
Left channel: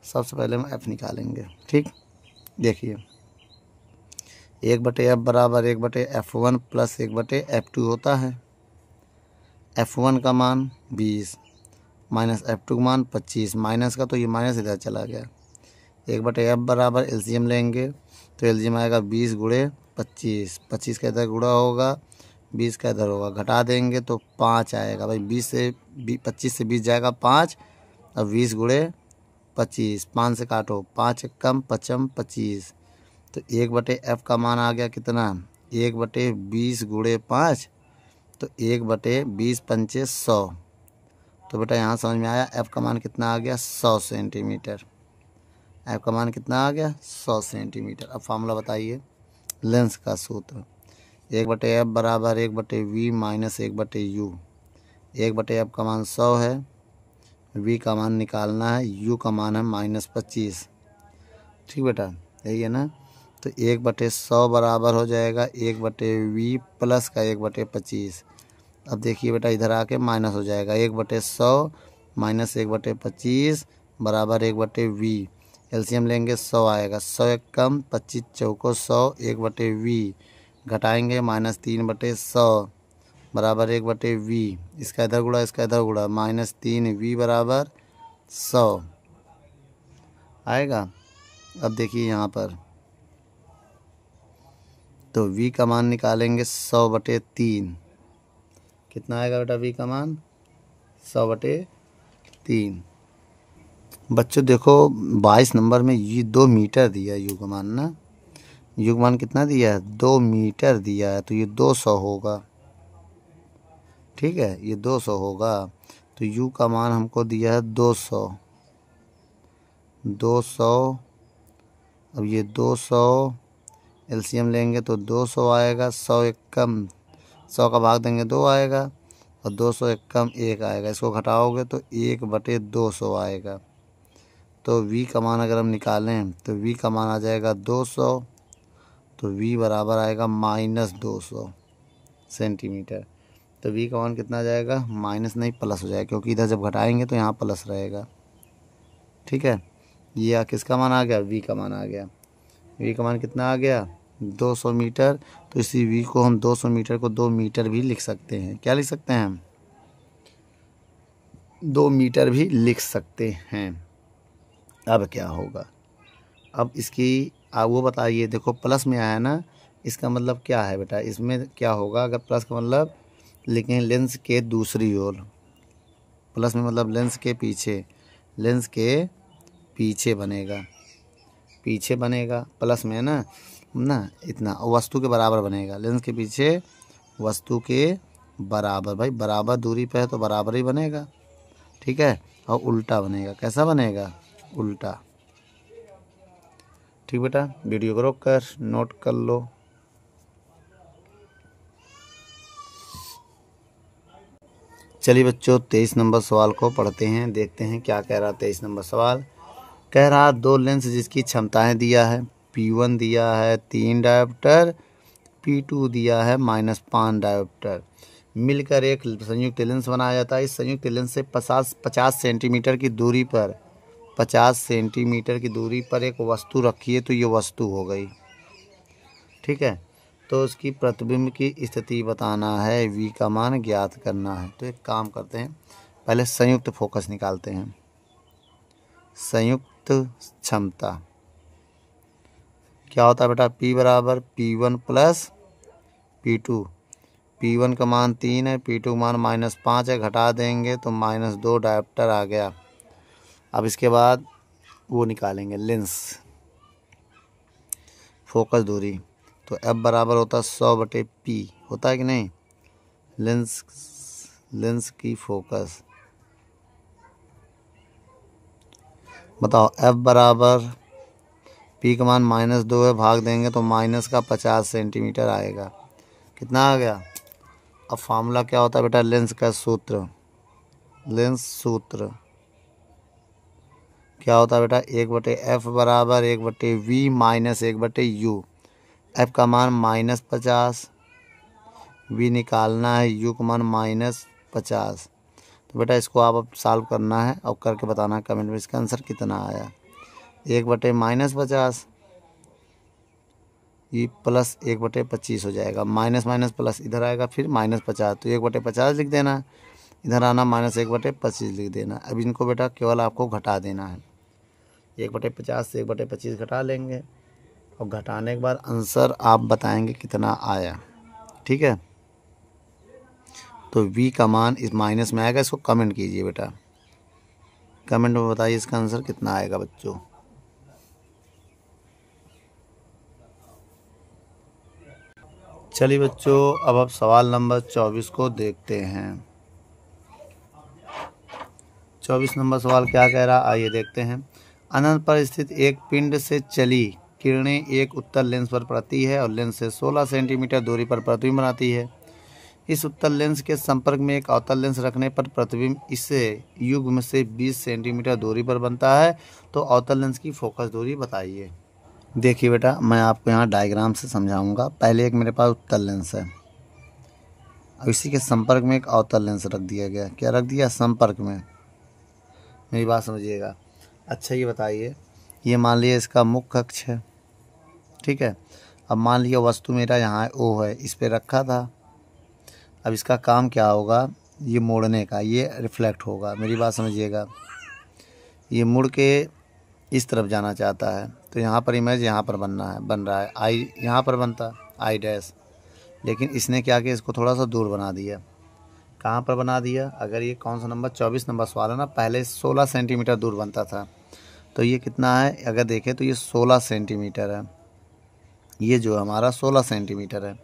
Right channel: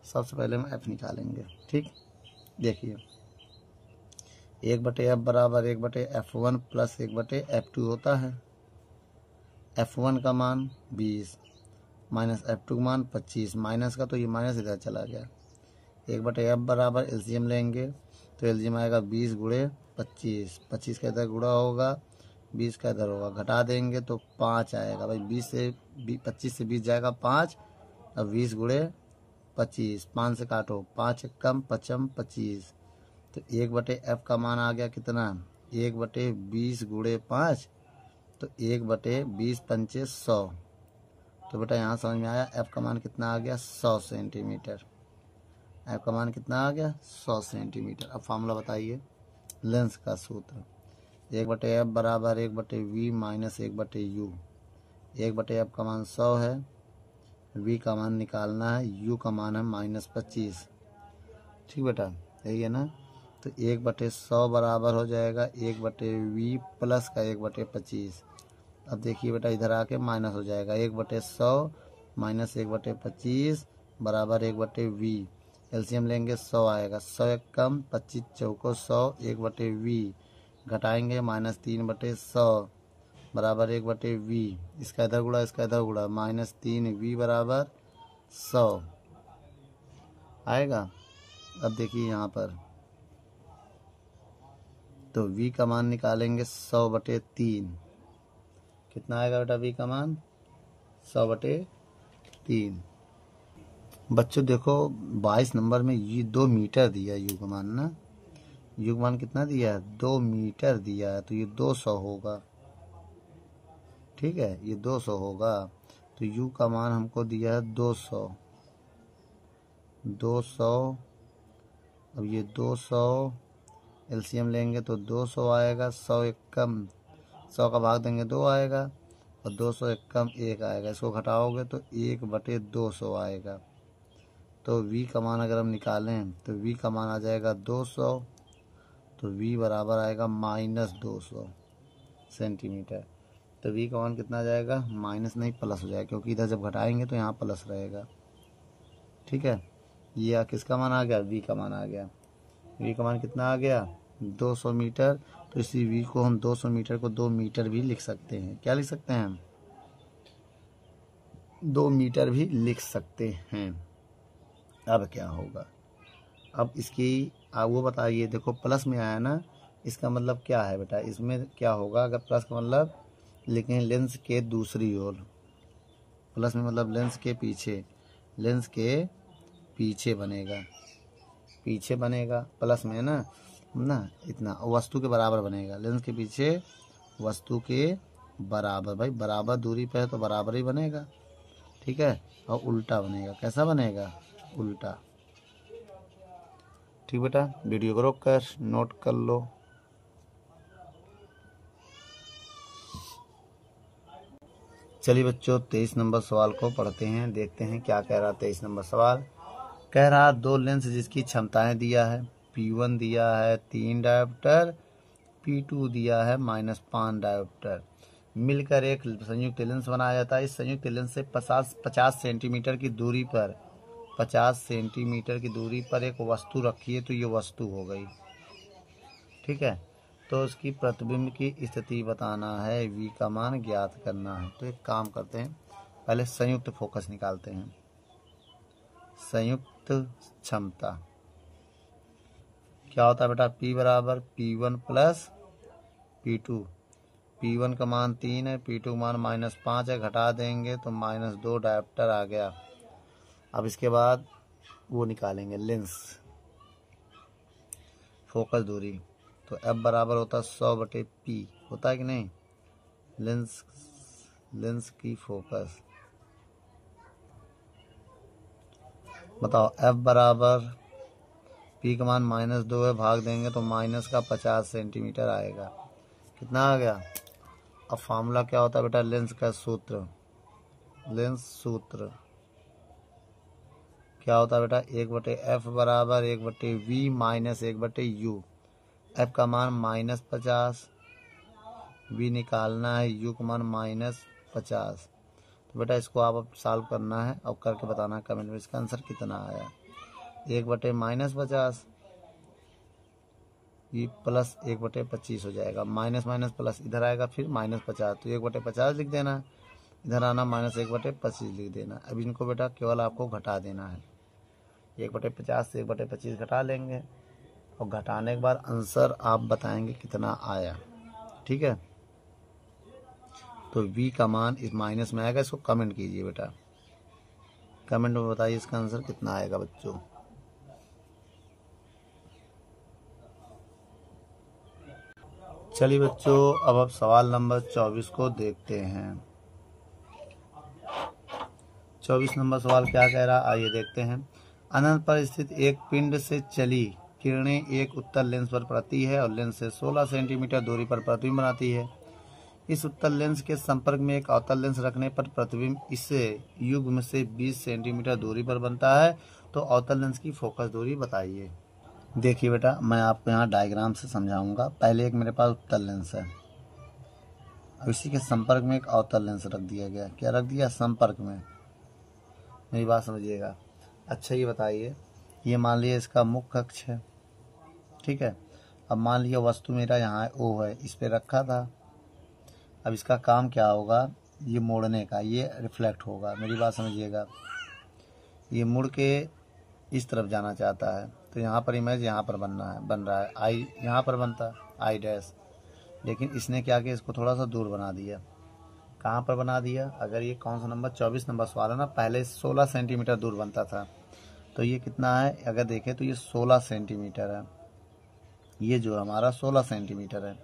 सबसे पहले हम F निकालेंगे। ठीक, देखिए 1/F बराबर 1/F1 प्लस 1/F2 होता है। F1 का मान 20 माइनस F2 का मान 25, माइनस का तो ये माइनस इधर चला गया। 1/F बराबर एलसीएम लेंगे तो एलसीएम आएगा 20 गुणे 25, 25 का इधर गुणा होगा, 20 का इधर होगा, घटा देंगे तो 5 आएगा। भाई 25 से 20 जाएगा 5, अब 20 गुणे 25, 5 से काटो, 5 कम 5 25। तो 1/F का मान आ गया कितना? 1/20 गुणे 5, तो 1/20 पंचे 100। तो बेटा यहाँ समझ में आया F का मान कितना आ गया? 100 सेंटीमीटर। F का मान कितना आ गया? 100 सेंटीमीटर। अब फार्मूला बताइए लेंस का सूत्र। 1/F बराबर 1/V माइनस 1/U। 1/F का मान 100 है, V का मान निकालना है, U का मान है -25। ठीक बेटा, यही है ना। तो 1/100 बराबर हो जाएगा 1/V प्लस का 1/25। अब देखिए बेटा, इधर आके माइनस हो जाएगा। 1/100 माइनस 1/25 बराबर 1/V। एलसीएम लेंगे 100 आएगा, 100 एक कम 25 चौको 100, 1/V घटाएंगे -3/100 बराबर 1/V। इसका इधर गुणा इसका इधर गुणा, -3V बराबर 100 आएगा। अब देखिए यहाँ पर तो V का मान निकालेंगे 100/3। कितना आएगा बेटा V का मान? 100/3। बच्चों देखो 22 नंबर में ये 2 मीटर दिया है U का मान ना। U का मान कितना दिया है? 2 मीटर दिया है, तो ये 200 होगा। ठीक है, ये 200 होगा। तो U का मान हमको दिया है 200। अब ये 200 एलसीएम लेंगे तो 200 आएगा, 100 एक कम 100 का भाग देंगे 2 आएगा, और 200 एक कम 1 आएगा। इसको घटाओगे तो 1/200 आएगा। तो V का मान अगर हम निकालें तो V का मान आ जाएगा 200। तो V बराबर आएगा -200 सेंटीमीटर। तो V का मान कितना आ जाएगा? माइनस नहीं प्लस हो जाएगा, क्योंकि इधर जब घटाएंगे तो यहाँ प्लस रहेगा। ठीक है, ये किसका मान आ गया? V का मान आ गया। V का मान कितना आ गया? 200 मीटर। तो इसी V को हम 200 मीटर को 2 मीटर भी लिख सकते हैं। क्या लिख सकते हैं हम? 2 मीटर भी लिख सकते हैं। अब क्या होगा? अब इसकी वो बताइए। देखो प्लस में आया ना, इसका मतलब क्या है बेटा, इसमें क्या होगा, अगर प्लस का मतलब लिखें लेंस के दूसरी ओर, प्लस में मतलब लेंस के पीछे, लेंस के पीछे बनेगा, पीछे बनेगा प्लस में है ना इतना वस्तु के बराबर बनेगा, लेंस के पीछे वस्तु के बराबर। भाई बराबर दूरी पे है तो बराबर ही बनेगा, ठीक है। और उल्टा बनेगा, कैसा बनेगा, उल्टा। ठीक बेटा, वीडियो को रोक कर नोट कर लो। चलिए बच्चों 23 नंबर सवाल को पढ़ते हैं, देखते हैं क्या कह रहा। 23 नंबर सवाल कह रहा दो लेंस जिसकी क्षमताएं दिया है, P1 दिया है 3 डायोप्टर, P2 दिया है -5 डायोप्टर, मिलकर एक संयुक्त लेंस बनाया जाता है। इस संयुक्त लेंस से 50 सेंटीमीटर की दूरी पर, 50 सेंटीमीटर की दूरी पर एक वस्तु रखी है, तो ये वस्तु हो गई, ठीक है। तो उसकी प्रतिबिंब की स्थिति बताना है, V का मान ज्ञात करना है। तो एक काम करते हैं, पहले संयुक्त फोकस निकालते हैं। संयुक्त क्षमता क्या होता है बेटा, P बराबर P1 प्लस P2। P1 का मान 3 है, P2 का मान -5 है, घटा देंगे तो -2 डायोप्टर आ गया। अब इसके बाद वो निकालेंगे लेंस फोकस दूरी, तो F बराबर होता है 100/P, होता है कि नहीं। लेंस की फोकस बताओ, F बराबर P का मान -2 है, भाग देंगे तो -50 सेंटीमीटर आएगा। कितना आ गया। अब फार्मूला क्या होता है बेटा, लेंस का सूत्र, लेंस सूत्र क्या होता है बेटा, 1/F बराबर 1/V माइनस 1/U। F का मान -50, V निकालना है, U का मान -50। तो बेटा इसको आप अब सॉल्व करना है और करके बताना है कमेंट में इसका आंसर कितना आया। 1/-50 ये प्लस 1/25 हो जाएगा, माइनस माइनस प्लस इधर आएगा, फिर -50, तो 1/50 लिख देना, इधर आना -1/25 लिख देना। अब इनको बेटा केवल आपको घटा देना है, 1/50 से 1/25 घटा लेंगे और घटाने के बाद आंसर आप बताएंगे कितना आया, ठीक है। तो V का मान इस माइनस में आएगा, इसको कमेंट कीजिए बेटा, कमेंट में बताइए इसका आंसर कितना आएगा बच्चों। चलिए बच्चों अब सवाल नंबर 24 को देखते हैं। 24 नंबर सवाल क्या कह रहा, आइए देखते हैं। अनंत पर स्थित एक पिंड से चली किरणें एक उत्तल लेंस पर पड़ती है और लेंस से 16 सेंटीमीटर दूरी पर प्रतिबिंब बनाती है। इस उत्तल लेंस के संपर्क में एक अवतल लेंस रखने पर प्रतिबिंब इससे युग्म से 20 सेंटीमीटर दूरी पर बनता है। तो अवतल लेंस की फोकस दूरी बताइए। देखिए बेटा मैं आपको यहाँ डायग्राम से समझाऊंगा। पहले एक मेरे पास उत्तल लेंस है, अब इसी के संपर्क में एक अवतल लेंस रख दिया गया। क्या रख दिया, संपर्क में। मेरी बात समझिएगा। अच्छा ये बताइए, ये मान लिया इसका मुख्य अक्ष है, ठीक है। अब मान लिया वस्तु मेरा यहाँ O है, इस पर रखा था। अब इसका काम क्या होगा, ये मोड़ने का, ये रिफ्लेक्ट होगा। मेरी बात समझिएगा, ये मुड़ के इस तरफ जाना चाहता है, तो यहाँ पर इमेज यहाँ पर बन रहा है, आई यहाँ पर बनता आई डैश, लेकिन इसने क्या किया, इसको थोड़ा सा दूर बना दिया। कहाँ पर बना दिया, अगर ये कौन सा नंबर 24 नंबर सवाल है ना, पहले 16 सेंटीमीटर दूर बनता था, तो ये कितना है, अगर देखें तो ये 16 सेंटीमीटर है, ये जो हमारा 16 सेंटीमीटर है।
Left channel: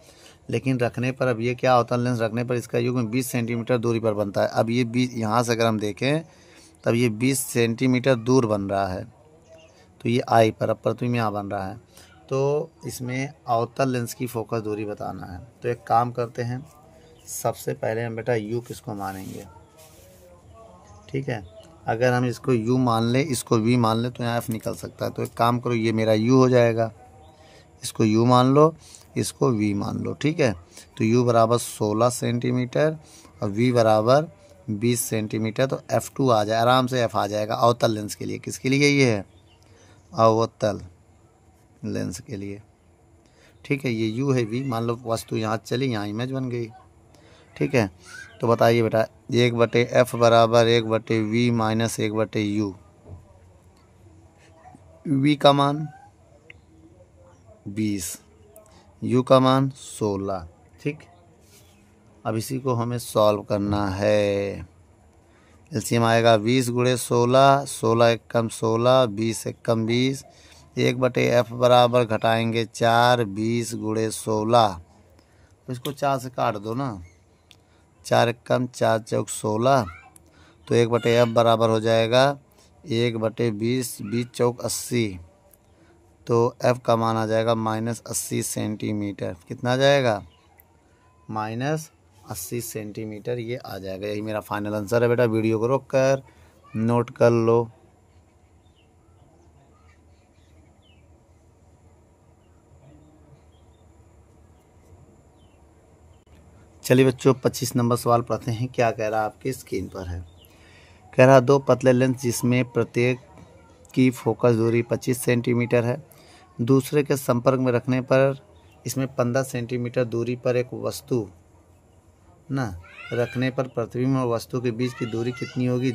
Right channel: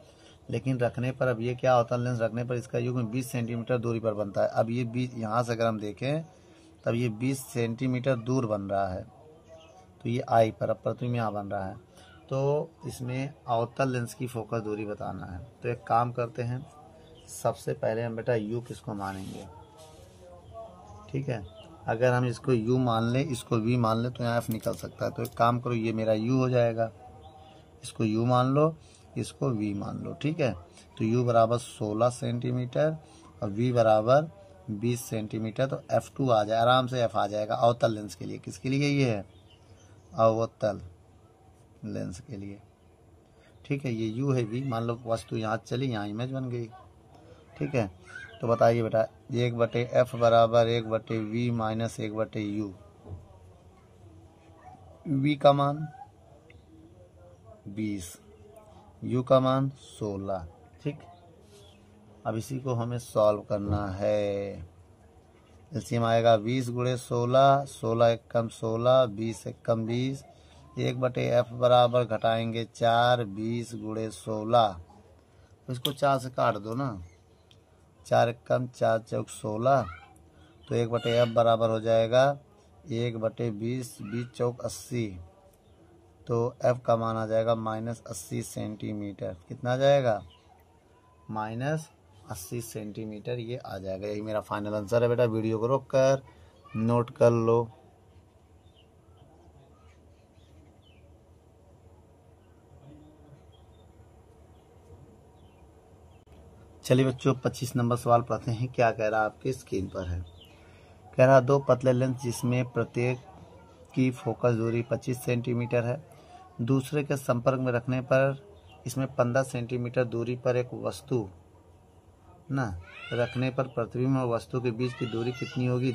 लेकिन रखने पर अब ये क्या होता है, लेंस रखने पर इसका युग्म 20 सेंटीमीटर दूरी पर बनता है। अब ये 20, यहाँ से अगर हम देखें तब ये 20 सेंटीमीटर दूर बन रहा है, तो ये आई पर, अब प्रतिबिंब यहाँ बन रहा है। तो इसमें अवतल लेंस की फोकस दूरी बताना है। तो एक काम करते हैं, सबसे पहले हम बेटा U किसको मानेंगे, ठीक है। अगर हम इसको U मान लें, इसको V मान लें, तो यहाँ F निकल सकता है। तो एक काम करो, ये मेरा U हो जाएगा, इसको U मान लो, इसको V मान लो, ठीक है। तो U बराबर 16 सेंटीमीटर और V बराबर 20 सेंटीमीटर, तो F2 आ जाए, आराम से F आ जाएगा अवतल लेंस के लिए। किसके लिए ये है, अवतल लेंस के लिए, ठीक है। ये U है, V मान लो वस्तु यहाँ चली, यहाँ इमेज बन गई, ठीक है। तो बताइए बेटा 1/F बराबर 1/V माइनस 1/U। V का मान 20, यू का मान 16। ठीक, अब इसी को हमें सॉल्व करना है। एलसीएम आएगा 20 गुणे 16, 16 एक कम 16, 20 एक कम 20, 1/f बराबर घटाएंगे 4, 20 गुणे 16, इसको 4 से काट दो ना, 4 एक कम 4 चौक 16, तो 1/f बराबर हो जाएगा 1/20, 20 चौक 80, तो f का मान आ जाएगा -80 सेंटीमीटर। कितना आ जाएगा? -80 सेंटीमीटर ये आ जाएगा। यही मेरा फाइनल आंसर है बेटा। वीडियो को रोक कर नोट कर लो। चलिए बच्चों 25 नंबर सवाल पढ़ते हैं। क्या कह रहा है आपके स्क्रीन पर है। कह रहा दो पतले लेंस जिसमें प्रत्येक की फोकस दूरी 25 सेंटीमीटर है, दूसरे के संपर्क में रखने पर इसमें 15 सेंटीमीटर दूरी पर एक वस्तु ना रखने पर प्रतिबिंब और वस्तु के बीच की दूरी कितनी होगी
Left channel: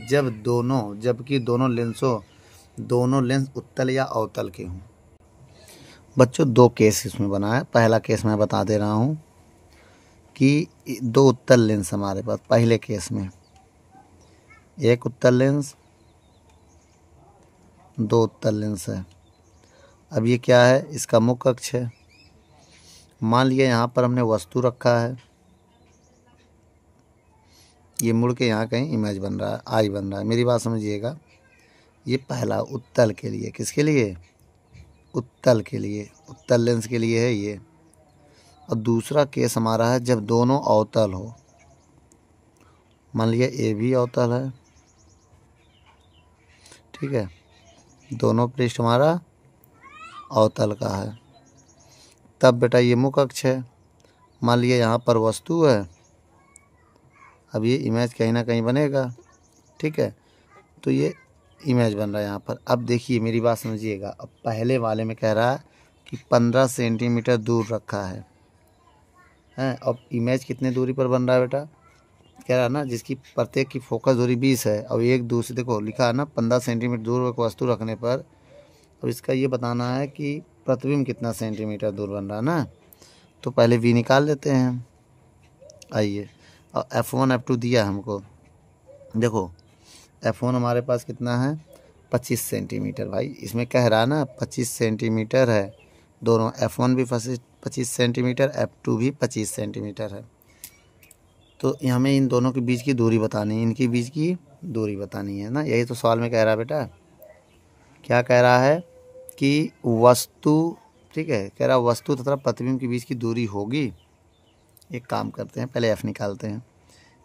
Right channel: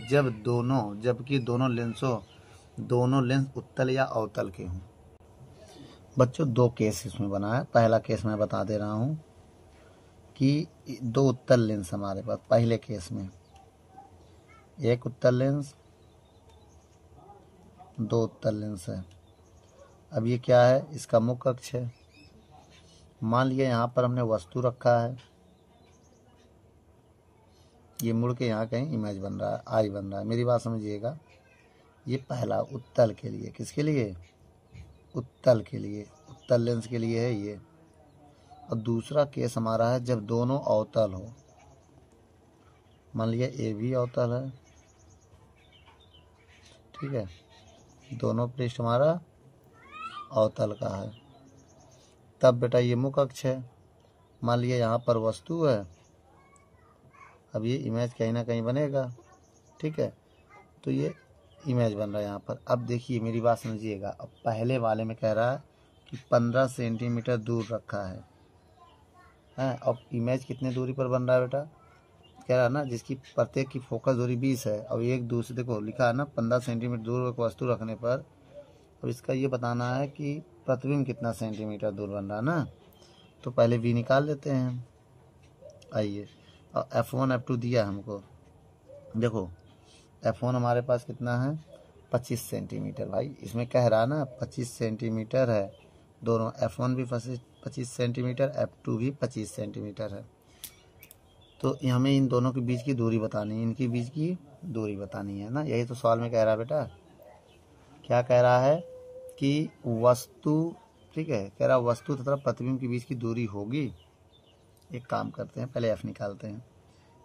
जबकि दोनों लेंस उत्तल या अवतल के हों। बच्चों दो केस इसमें बना है। पहला केस मैं बता दे रहा हूँ कि दो उत्तल लेंस हमारे पास, पहले केस में एक उत्तल लेंस, दो उत्तल लेंस है। अब ये क्या है? इसका मुख्य अक्ष है। मान लिया यहाँ पर हमने वस्तु रखा है, ये मुड़ के यहाँ कहीं इमेज बन रहा है, आई बन रहा है। मेरी बात समझिएगा। ये पहला उत्तल के लिए, किसके लिए? उत्तल के लिए, उत्तल लेंस के लिए है ये। और दूसरा केस हमारा है जब दोनों अवतल हो। मान लिया ए भी अवतल है, ठीक है, दोनों पृष्ठ हमारा अवतल का है, तब बेटा ये मुख्य अक्ष है। मान लिया यहाँ पर वस्तु है, अब ये इमेज कहीं ना कहीं बनेगा, ठीक है, तो ये इमेज बन रहा है यहाँ पर। अब देखिए मेरी बात समझिएगा। अब पहले वाले में कह रहा है कि 15 सेंटीमीटर दूर रखा है, हैं? अब इमेज कितने दूरी पर बन रहा है बेटा? कह रहा है ना जिसकी प्रत्येक की फोकस दूरी 20 है और एक दूसरे, देखो लिखा है ना 15 सेंटीमीटर दूर एक वस्तु रखने पर। अब इसका ये बताना है कि प्रतिबिंब कितना सेंटीमीटर दूर बन रहा है ना, तो पहले v निकाल लेते हैं। आइए, और f1 f2 दिया हमको। देखो f1 हमारे पास कितना है? 25 सेंटीमीटर। भाई इसमें कह रहा है ना 25 सेंटीमीटर है, दोनों f1 भी 25 सेंटीमीटर, f2 भी 25 सेंटीमीटर है। तो हमें इन दोनों के बीच की दूरी बतानी है, इनके बीच की दूरी बतानी है ना। यही तो सवाल में कह रहा है बेटा। क्या कह रहा है कि वस्तु, ठीक है, कह रहा वस्तु तथा प्रतिबिंब के बीच की दूरी होगी। एक काम करते हैं, पहले f निकालते हैं।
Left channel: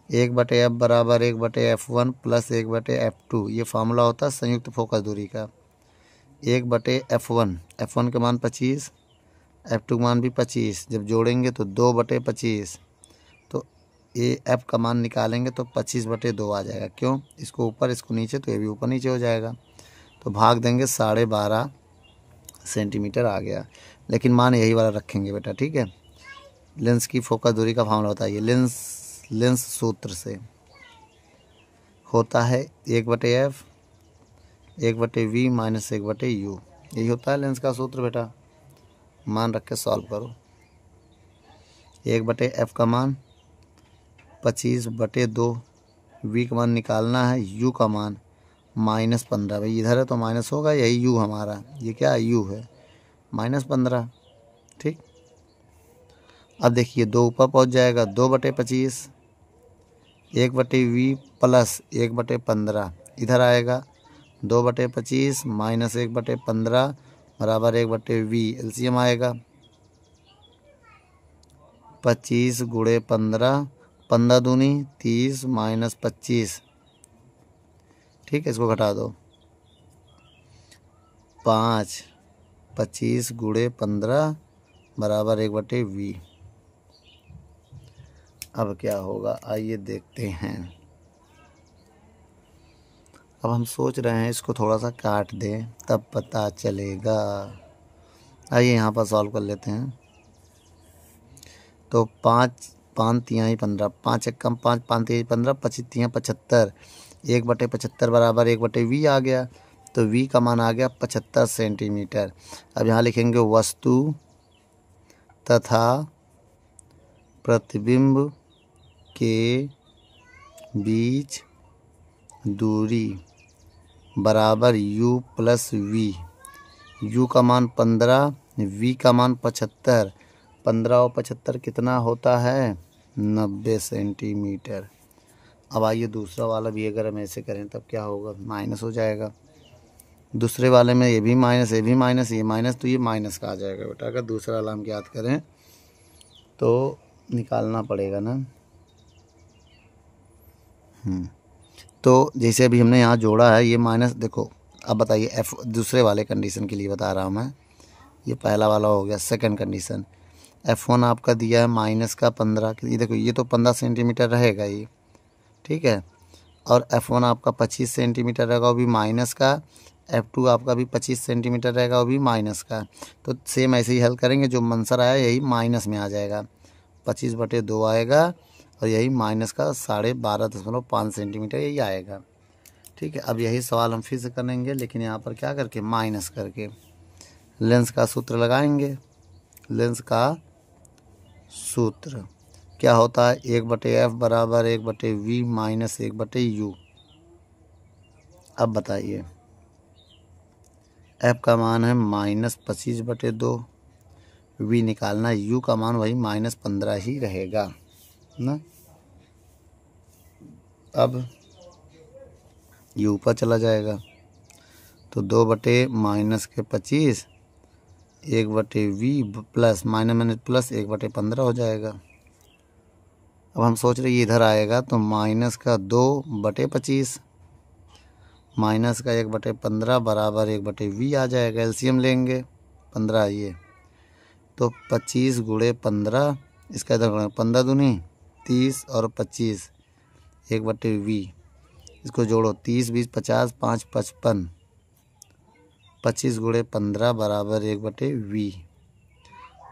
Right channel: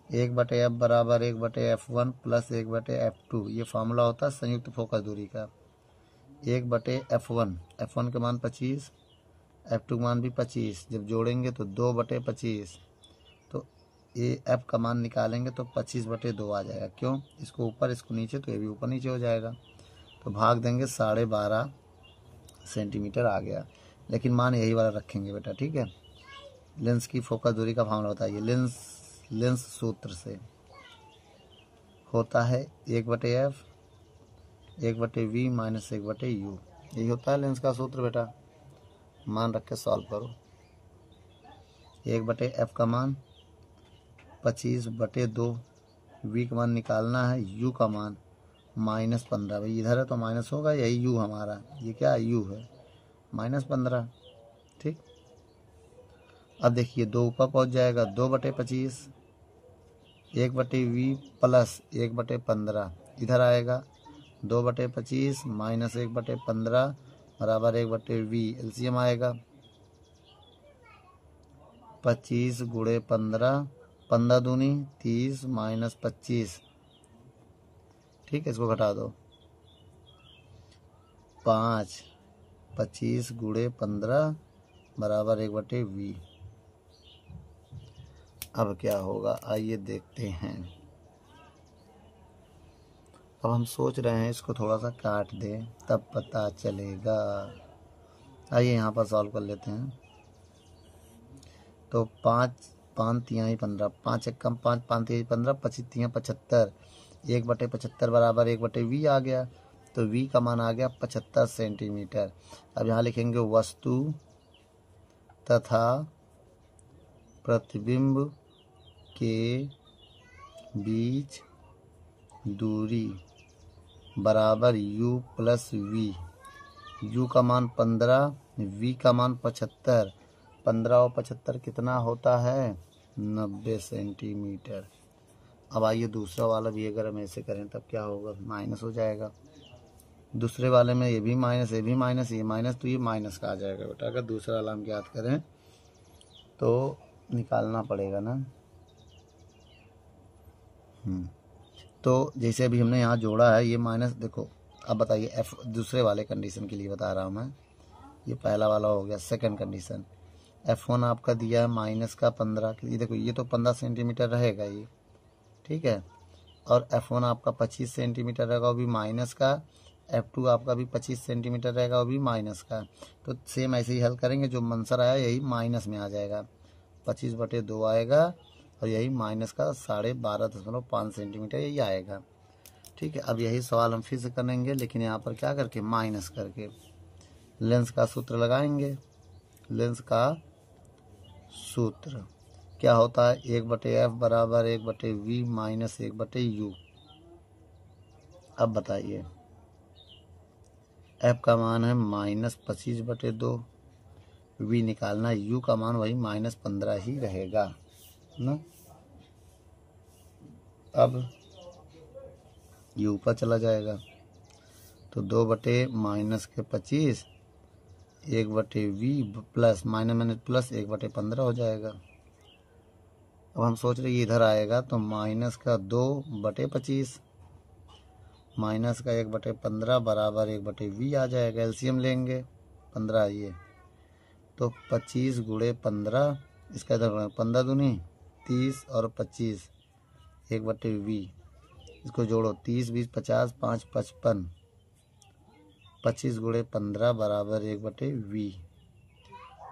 1/f बराबर 1/f1 प्लस 1/f2, ये फार्मूला होता है संयुक्त फोकस दूरी का। 1/f1, f1 का मान 25, f2 का मान भी 25, जब जोड़ेंगे तो 2/25, तो ये f का मान निकालेंगे तो 25/2 आ जाएगा। क्यों? इसको ऊपर इसको नीचे, तो ये भी ऊपर नीचे हो जाएगा, तो भाग देंगे 12.5 सेंटीमीटर आ गया। लेकिन मान यही वाला रखेंगे बेटा, ठीक है। लेंस की फोकस दूरी का फार्मूला बताइए। लेंस सूत्र से होता है 1/f 1/v माइनस 1/u, यही होता है लेंस का सूत्र बेटा। मान रख के सॉल्व करो। 1/f का मान 25/2, v का मान निकालना है, u का मान -15। भाई इधर है तो माइनस होगा, यही u हमारा, ये क्या है? u है, -15, ठीक। अब देखिए 2 ऊपर पहुंच जाएगा, 2/25, 1/v प्लस 1/15 इधर आएगा, 2/25 माइनस 1/15 बराबर 1/v। एलसीएम आएगा 25 गुणे 15, 15 दूनी 30 माइनस 25, ठीक है, इसको घटा दो। 5, 25 गुणे 15 बराबर 1/v। अब क्या होगा आइए देखते हैं। अब हम सोच रहे हैं इसको थोड़ा सा काट दें तब पता चलेगा। आइए यहाँ पर सॉल्व कर लेते हैं। तो 5 5 तिहाई 15, 5 एक कम 5, 5 तिहाई 15, 25 तिहाई 75, 1/75 बराबर 1/v आ गया, तो v का मान आ गया 75 सेंटीमीटर। अब यहाँ लिखेंगे वस्तु तथा प्रतिबिंब के बीच दूरी बराबर u प्लस वी। u का मान 15, v का मान 75। 15 और 75 कितना होता है? 90 सेंटीमीटर। अब आइए दूसरा वाला भी अगर हम ऐसे करें तब क्या होगा? माइनस हो जाएगा। दूसरे वाले में ये भी माइनस, ये भी माइनस, ये माइनस, तो ये माइनस का आ जाएगा बेटा। अगर दूसरा वाला हम ज्ञात करें तो निकालना पड़ेगा ना। तो जैसे अभी हमने यहाँ जोड़ा है ये माइनस, देखो अब बताइए एफ दूसरे वाले कंडीशन के लिए बता रहा हूँ मैं। ये पहला वाला हो गया। सेकंड कंडीशन, F1 आपका दिया है माइनस का 15, ये देखो ये तो 15 सेंटीमीटर रहेगा ये, ठीक है। और F1 आपका 25 सेंटीमीटर रहेगा, वो भी माइनस का। F2 आपका भी 25 सेंटीमीटर रहेगा, वो भी माइनस का। तो सेम ऐसे ही हल करेंगे, जो आंसर आया यही माइनस में आ जाएगा। 25/2 आएगा और यही माइनस का 12.5 सेंटीमीटर यही आएगा, ठीक है। अब यही सवाल हम फिर से करेंगे, लेकिन यहाँ पर क्या करके? माइनस करके। लेंस का सूत्र लगाएंगे। लेंस का सूत्र क्या होता है? 1/f बराबर 1/v माइनस 1/u। अब बताइए, f का मान है -25/2, v निकालना, u का मान वही -15 ही रहेगा ना। अब ये ऊपर चला जाएगा तो 2/-25 1/v प्लस माइनस प्लस 1/15 हो जाएगा। अब हम सोच रहे ये इधर आएगा तो माइनस का 2/25 माइनस का 1/15 बराबर 1/v आ जाएगा। एलसीएम लेंगे 15 ये तो 25 × 15, इसका इधर 15 दूनी 30 और 25 1/v, इसको जोड़ो 30 20 50 5 55, 25 × 15 बराबर 1/v।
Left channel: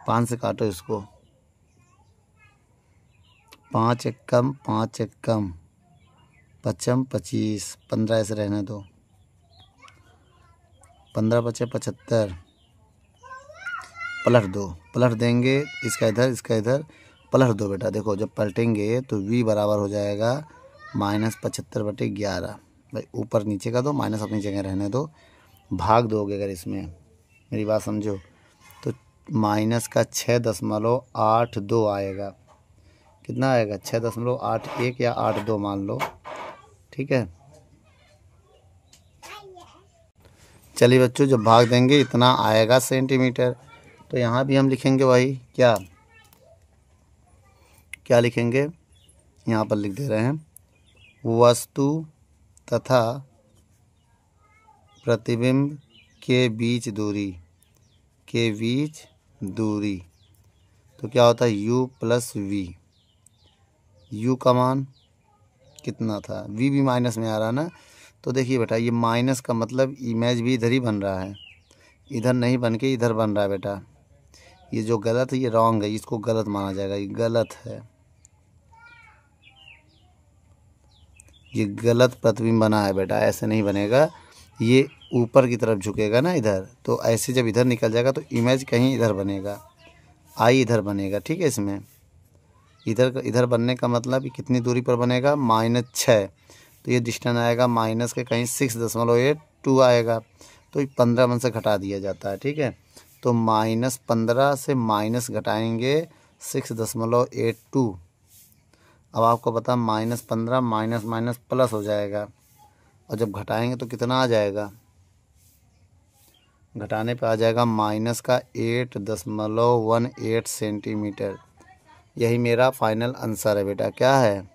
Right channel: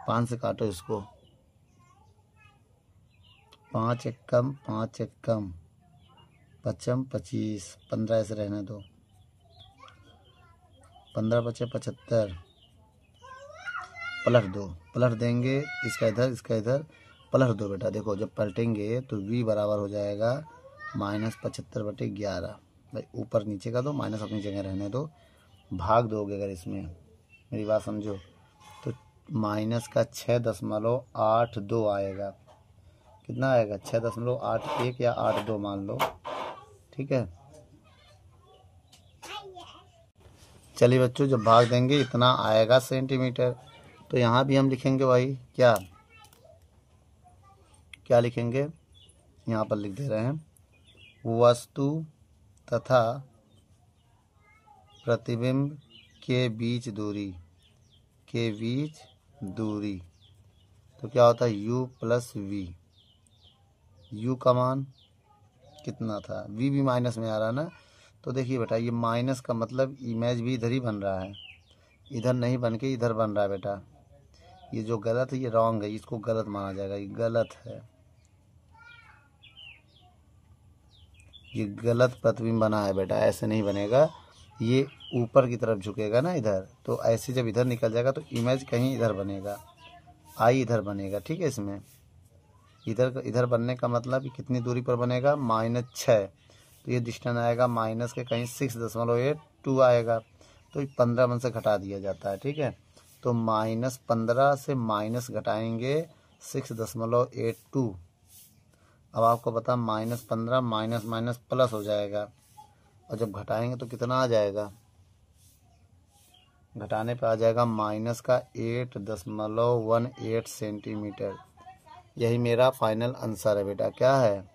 5 से काटो इसको, 5 एकम 5 एकम 55 25, 15 ऐसे रहने दो, 15 × 5 = 75, पलट दो, पलट देंगे इसका इधर पलट दो बेटा। देखो जब पलटेंगे तो v बराबर हो जाएगा -75/11। भाई ऊपर नीचे का दो, माइनस अपनी जगह रहने दो। भाग दोगे अगर इसमें, मेरी बात समझो, तो माइनस का 6.82 आएगा। कितना आएगा? 6.81 या 82 मान लो, ठीक है। चलिए बच्चों, जब भाग देंगे इतना आएगा सेंटीमीटर। तो यहाँ भी हम लिखेंगे वही, क्या लिखेंगे? यहाँ पर लिख दे रहे हैं, वस्तु तथा प्रतिबिंब के बीच दूरी, तो क्या होता है? u plus v। u का मान कितना था? v भी माइनस में आ रहा है ना। तो देखिए बेटा, ये माइनस का मतलब इमेज भी इधर ही बन रहा है, इधर नहीं बन के इधर बन रहा है बेटा। ये जो गलत है ये रॉन्ग है, इसको गलत माना जाएगा, ये गलत है, ये गलत प्रतिबिंब बना है बेटा, ऐसे नहीं बनेगा। ये ऊपर की तरफ झुकेगा ना इधर, तो ऐसे जब इधर निकल जाएगा तो इमेज कहीं इधर बनेगा, आई इधर बनेगा, ठीक है। इसमें इधर बनने का मतलब कि कितनी दूरी पर बनेगा? -6, तो ये डिस्टेंस आएगा माइनस के कहीं 6.82 आएगा। तो ये 15 में से घटा दिया जाता है, ठीक है। तो -15 से माइनस घटाएंगे 6.82। अब आपको पता -15 माइनस माइनस प्लस हो जाएगा, और जब घटाएंगे तो कितना आ जाएगा? घटाने पे आ जाएगा माइनस का 8.18 सेंटीमीटर। यही मेरा फाइनल आंसर है बेटा। क्या है?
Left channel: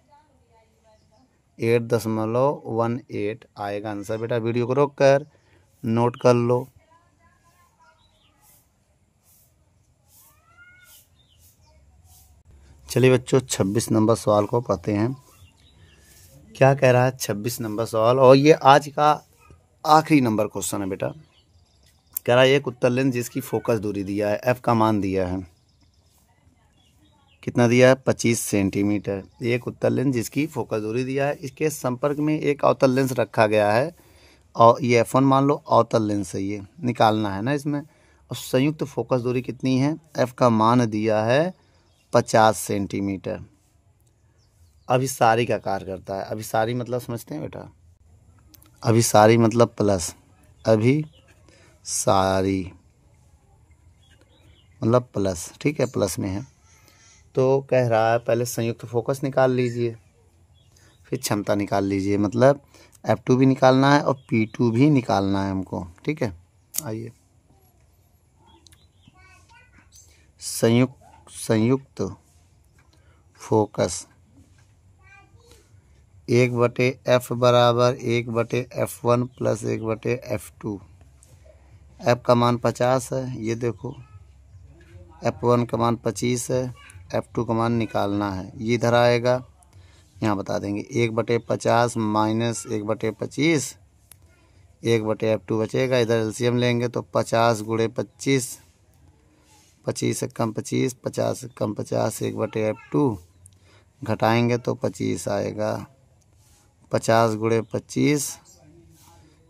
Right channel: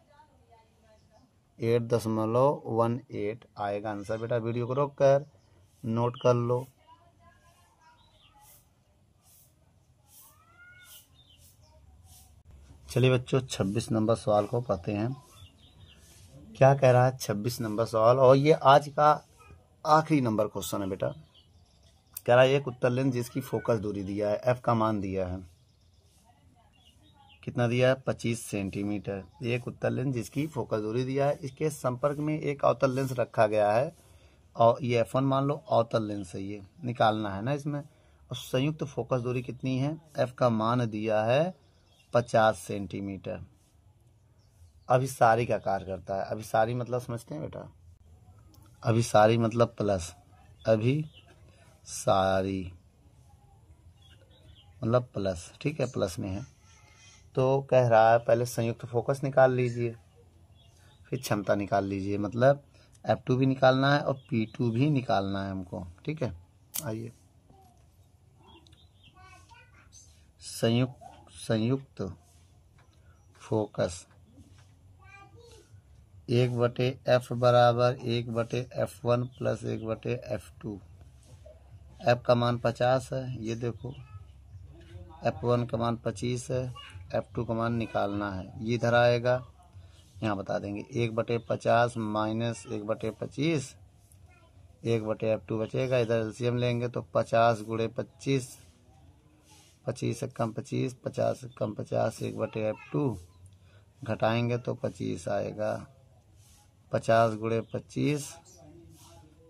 8.18 आएगा आंसर बेटा। वीडियो को रोक कर नोट कर लो। चलिए बच्चों, 26 नंबर सवाल को पढ़ते हैं। क्या कह रहा है 26 नंबर सवाल, और ये आज का आखिरी नंबर क्वेश्चन है बेटा। कह रहा है एक उत्तल लेंस जिसकी फोकस दूरी दिया है, f का मान दिया है, कितना दिया है? 25 सेंटीमीटर। एक उत्तल लेंस जिसकी फोकस दूरी दिया है, इसके संपर्क में एक अवतल लेंस रखा गया है, और ये f1 मान लो अवतल लेंस है, ये निकालना है ना इसमें। और संयुक्त फोकस दूरी कितनी है, एफ का मान दिया है 50 सेंटीमीटर। अभिसारी का कार्य करता है, अभिसारी मतलब समझते हैं बेटा, अभिसारी मतलब प्लस, अभिसारी मतलब प्लस, ठीक है, प्लस में है। तो कह रहा है पहले संयुक्त फोकस निकाल लीजिए, फिर क्षमता निकाल लीजिए, मतलब F2 भी निकालना है और P2 भी निकालना है हमको, ठीक है। आइए, संयुक्त फोकस 1/F बराबर 1/F1 प्लस 1/F2। F का मान 50 है, ये देखो, F1 का मान 25 है, F2 का मान निकालना है, ये इधर आएगा, यहाँ बता देंगे 1/50 माइनस 1/25, 1/F2 बचेगा, इधर एलसीएम लेंगे तो 50 गुणे 25, 25 से कम 25, 50 से कम 50, 1/F2 घटाएंगे तो 25 आएगा, 50 गुणे 25,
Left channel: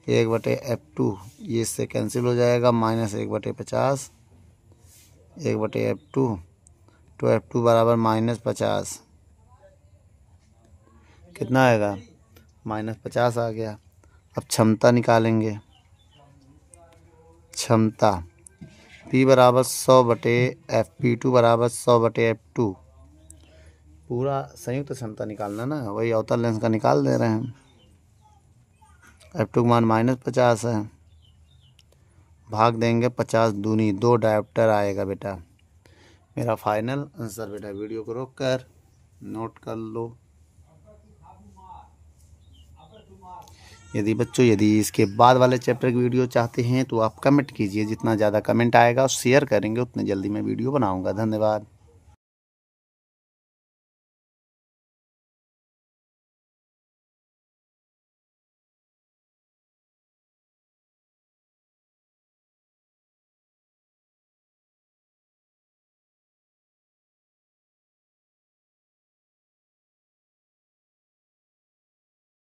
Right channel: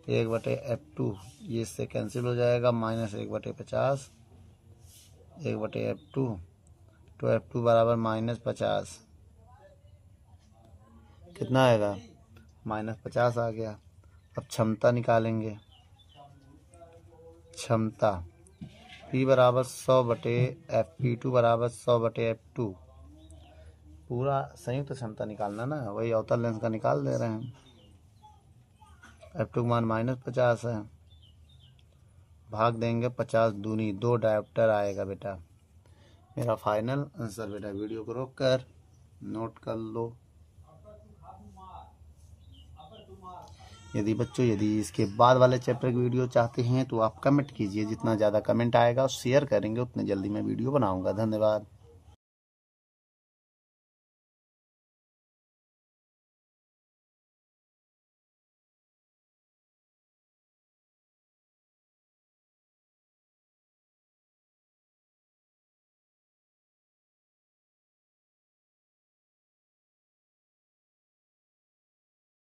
1/F2, ये इससे कैंसिल हो जाएगा, माइनस 1/50, 1/F2, तो F2 बराबर -50, कितना आएगा, -50 आ गया। अब क्षमता निकालेंगे, क्षमता P बराबर 100/F, P2 बराबर 100/F2, पूरा संयुक्त क्षमता निकालना ना, वही अवतल लेंस का निकाल दे रहे हैं। F2 का मान -50 है, भाग देंगे 50 दूनी 2 डायोप्टर आएगा बेटा। मेरा फाइनल आंसर बेटा, वीडियो को रोक कर नोट कर लो। यदि इसके बाद वाले चैप्टर की वीडियो चाहते हैं तो आप कमेंट कीजिए, जितना ज़्यादा कमेंट आएगा और शेयर करेंगे उतने जल्दी मैं वीडियो बनाऊंगा। धन्यवाद।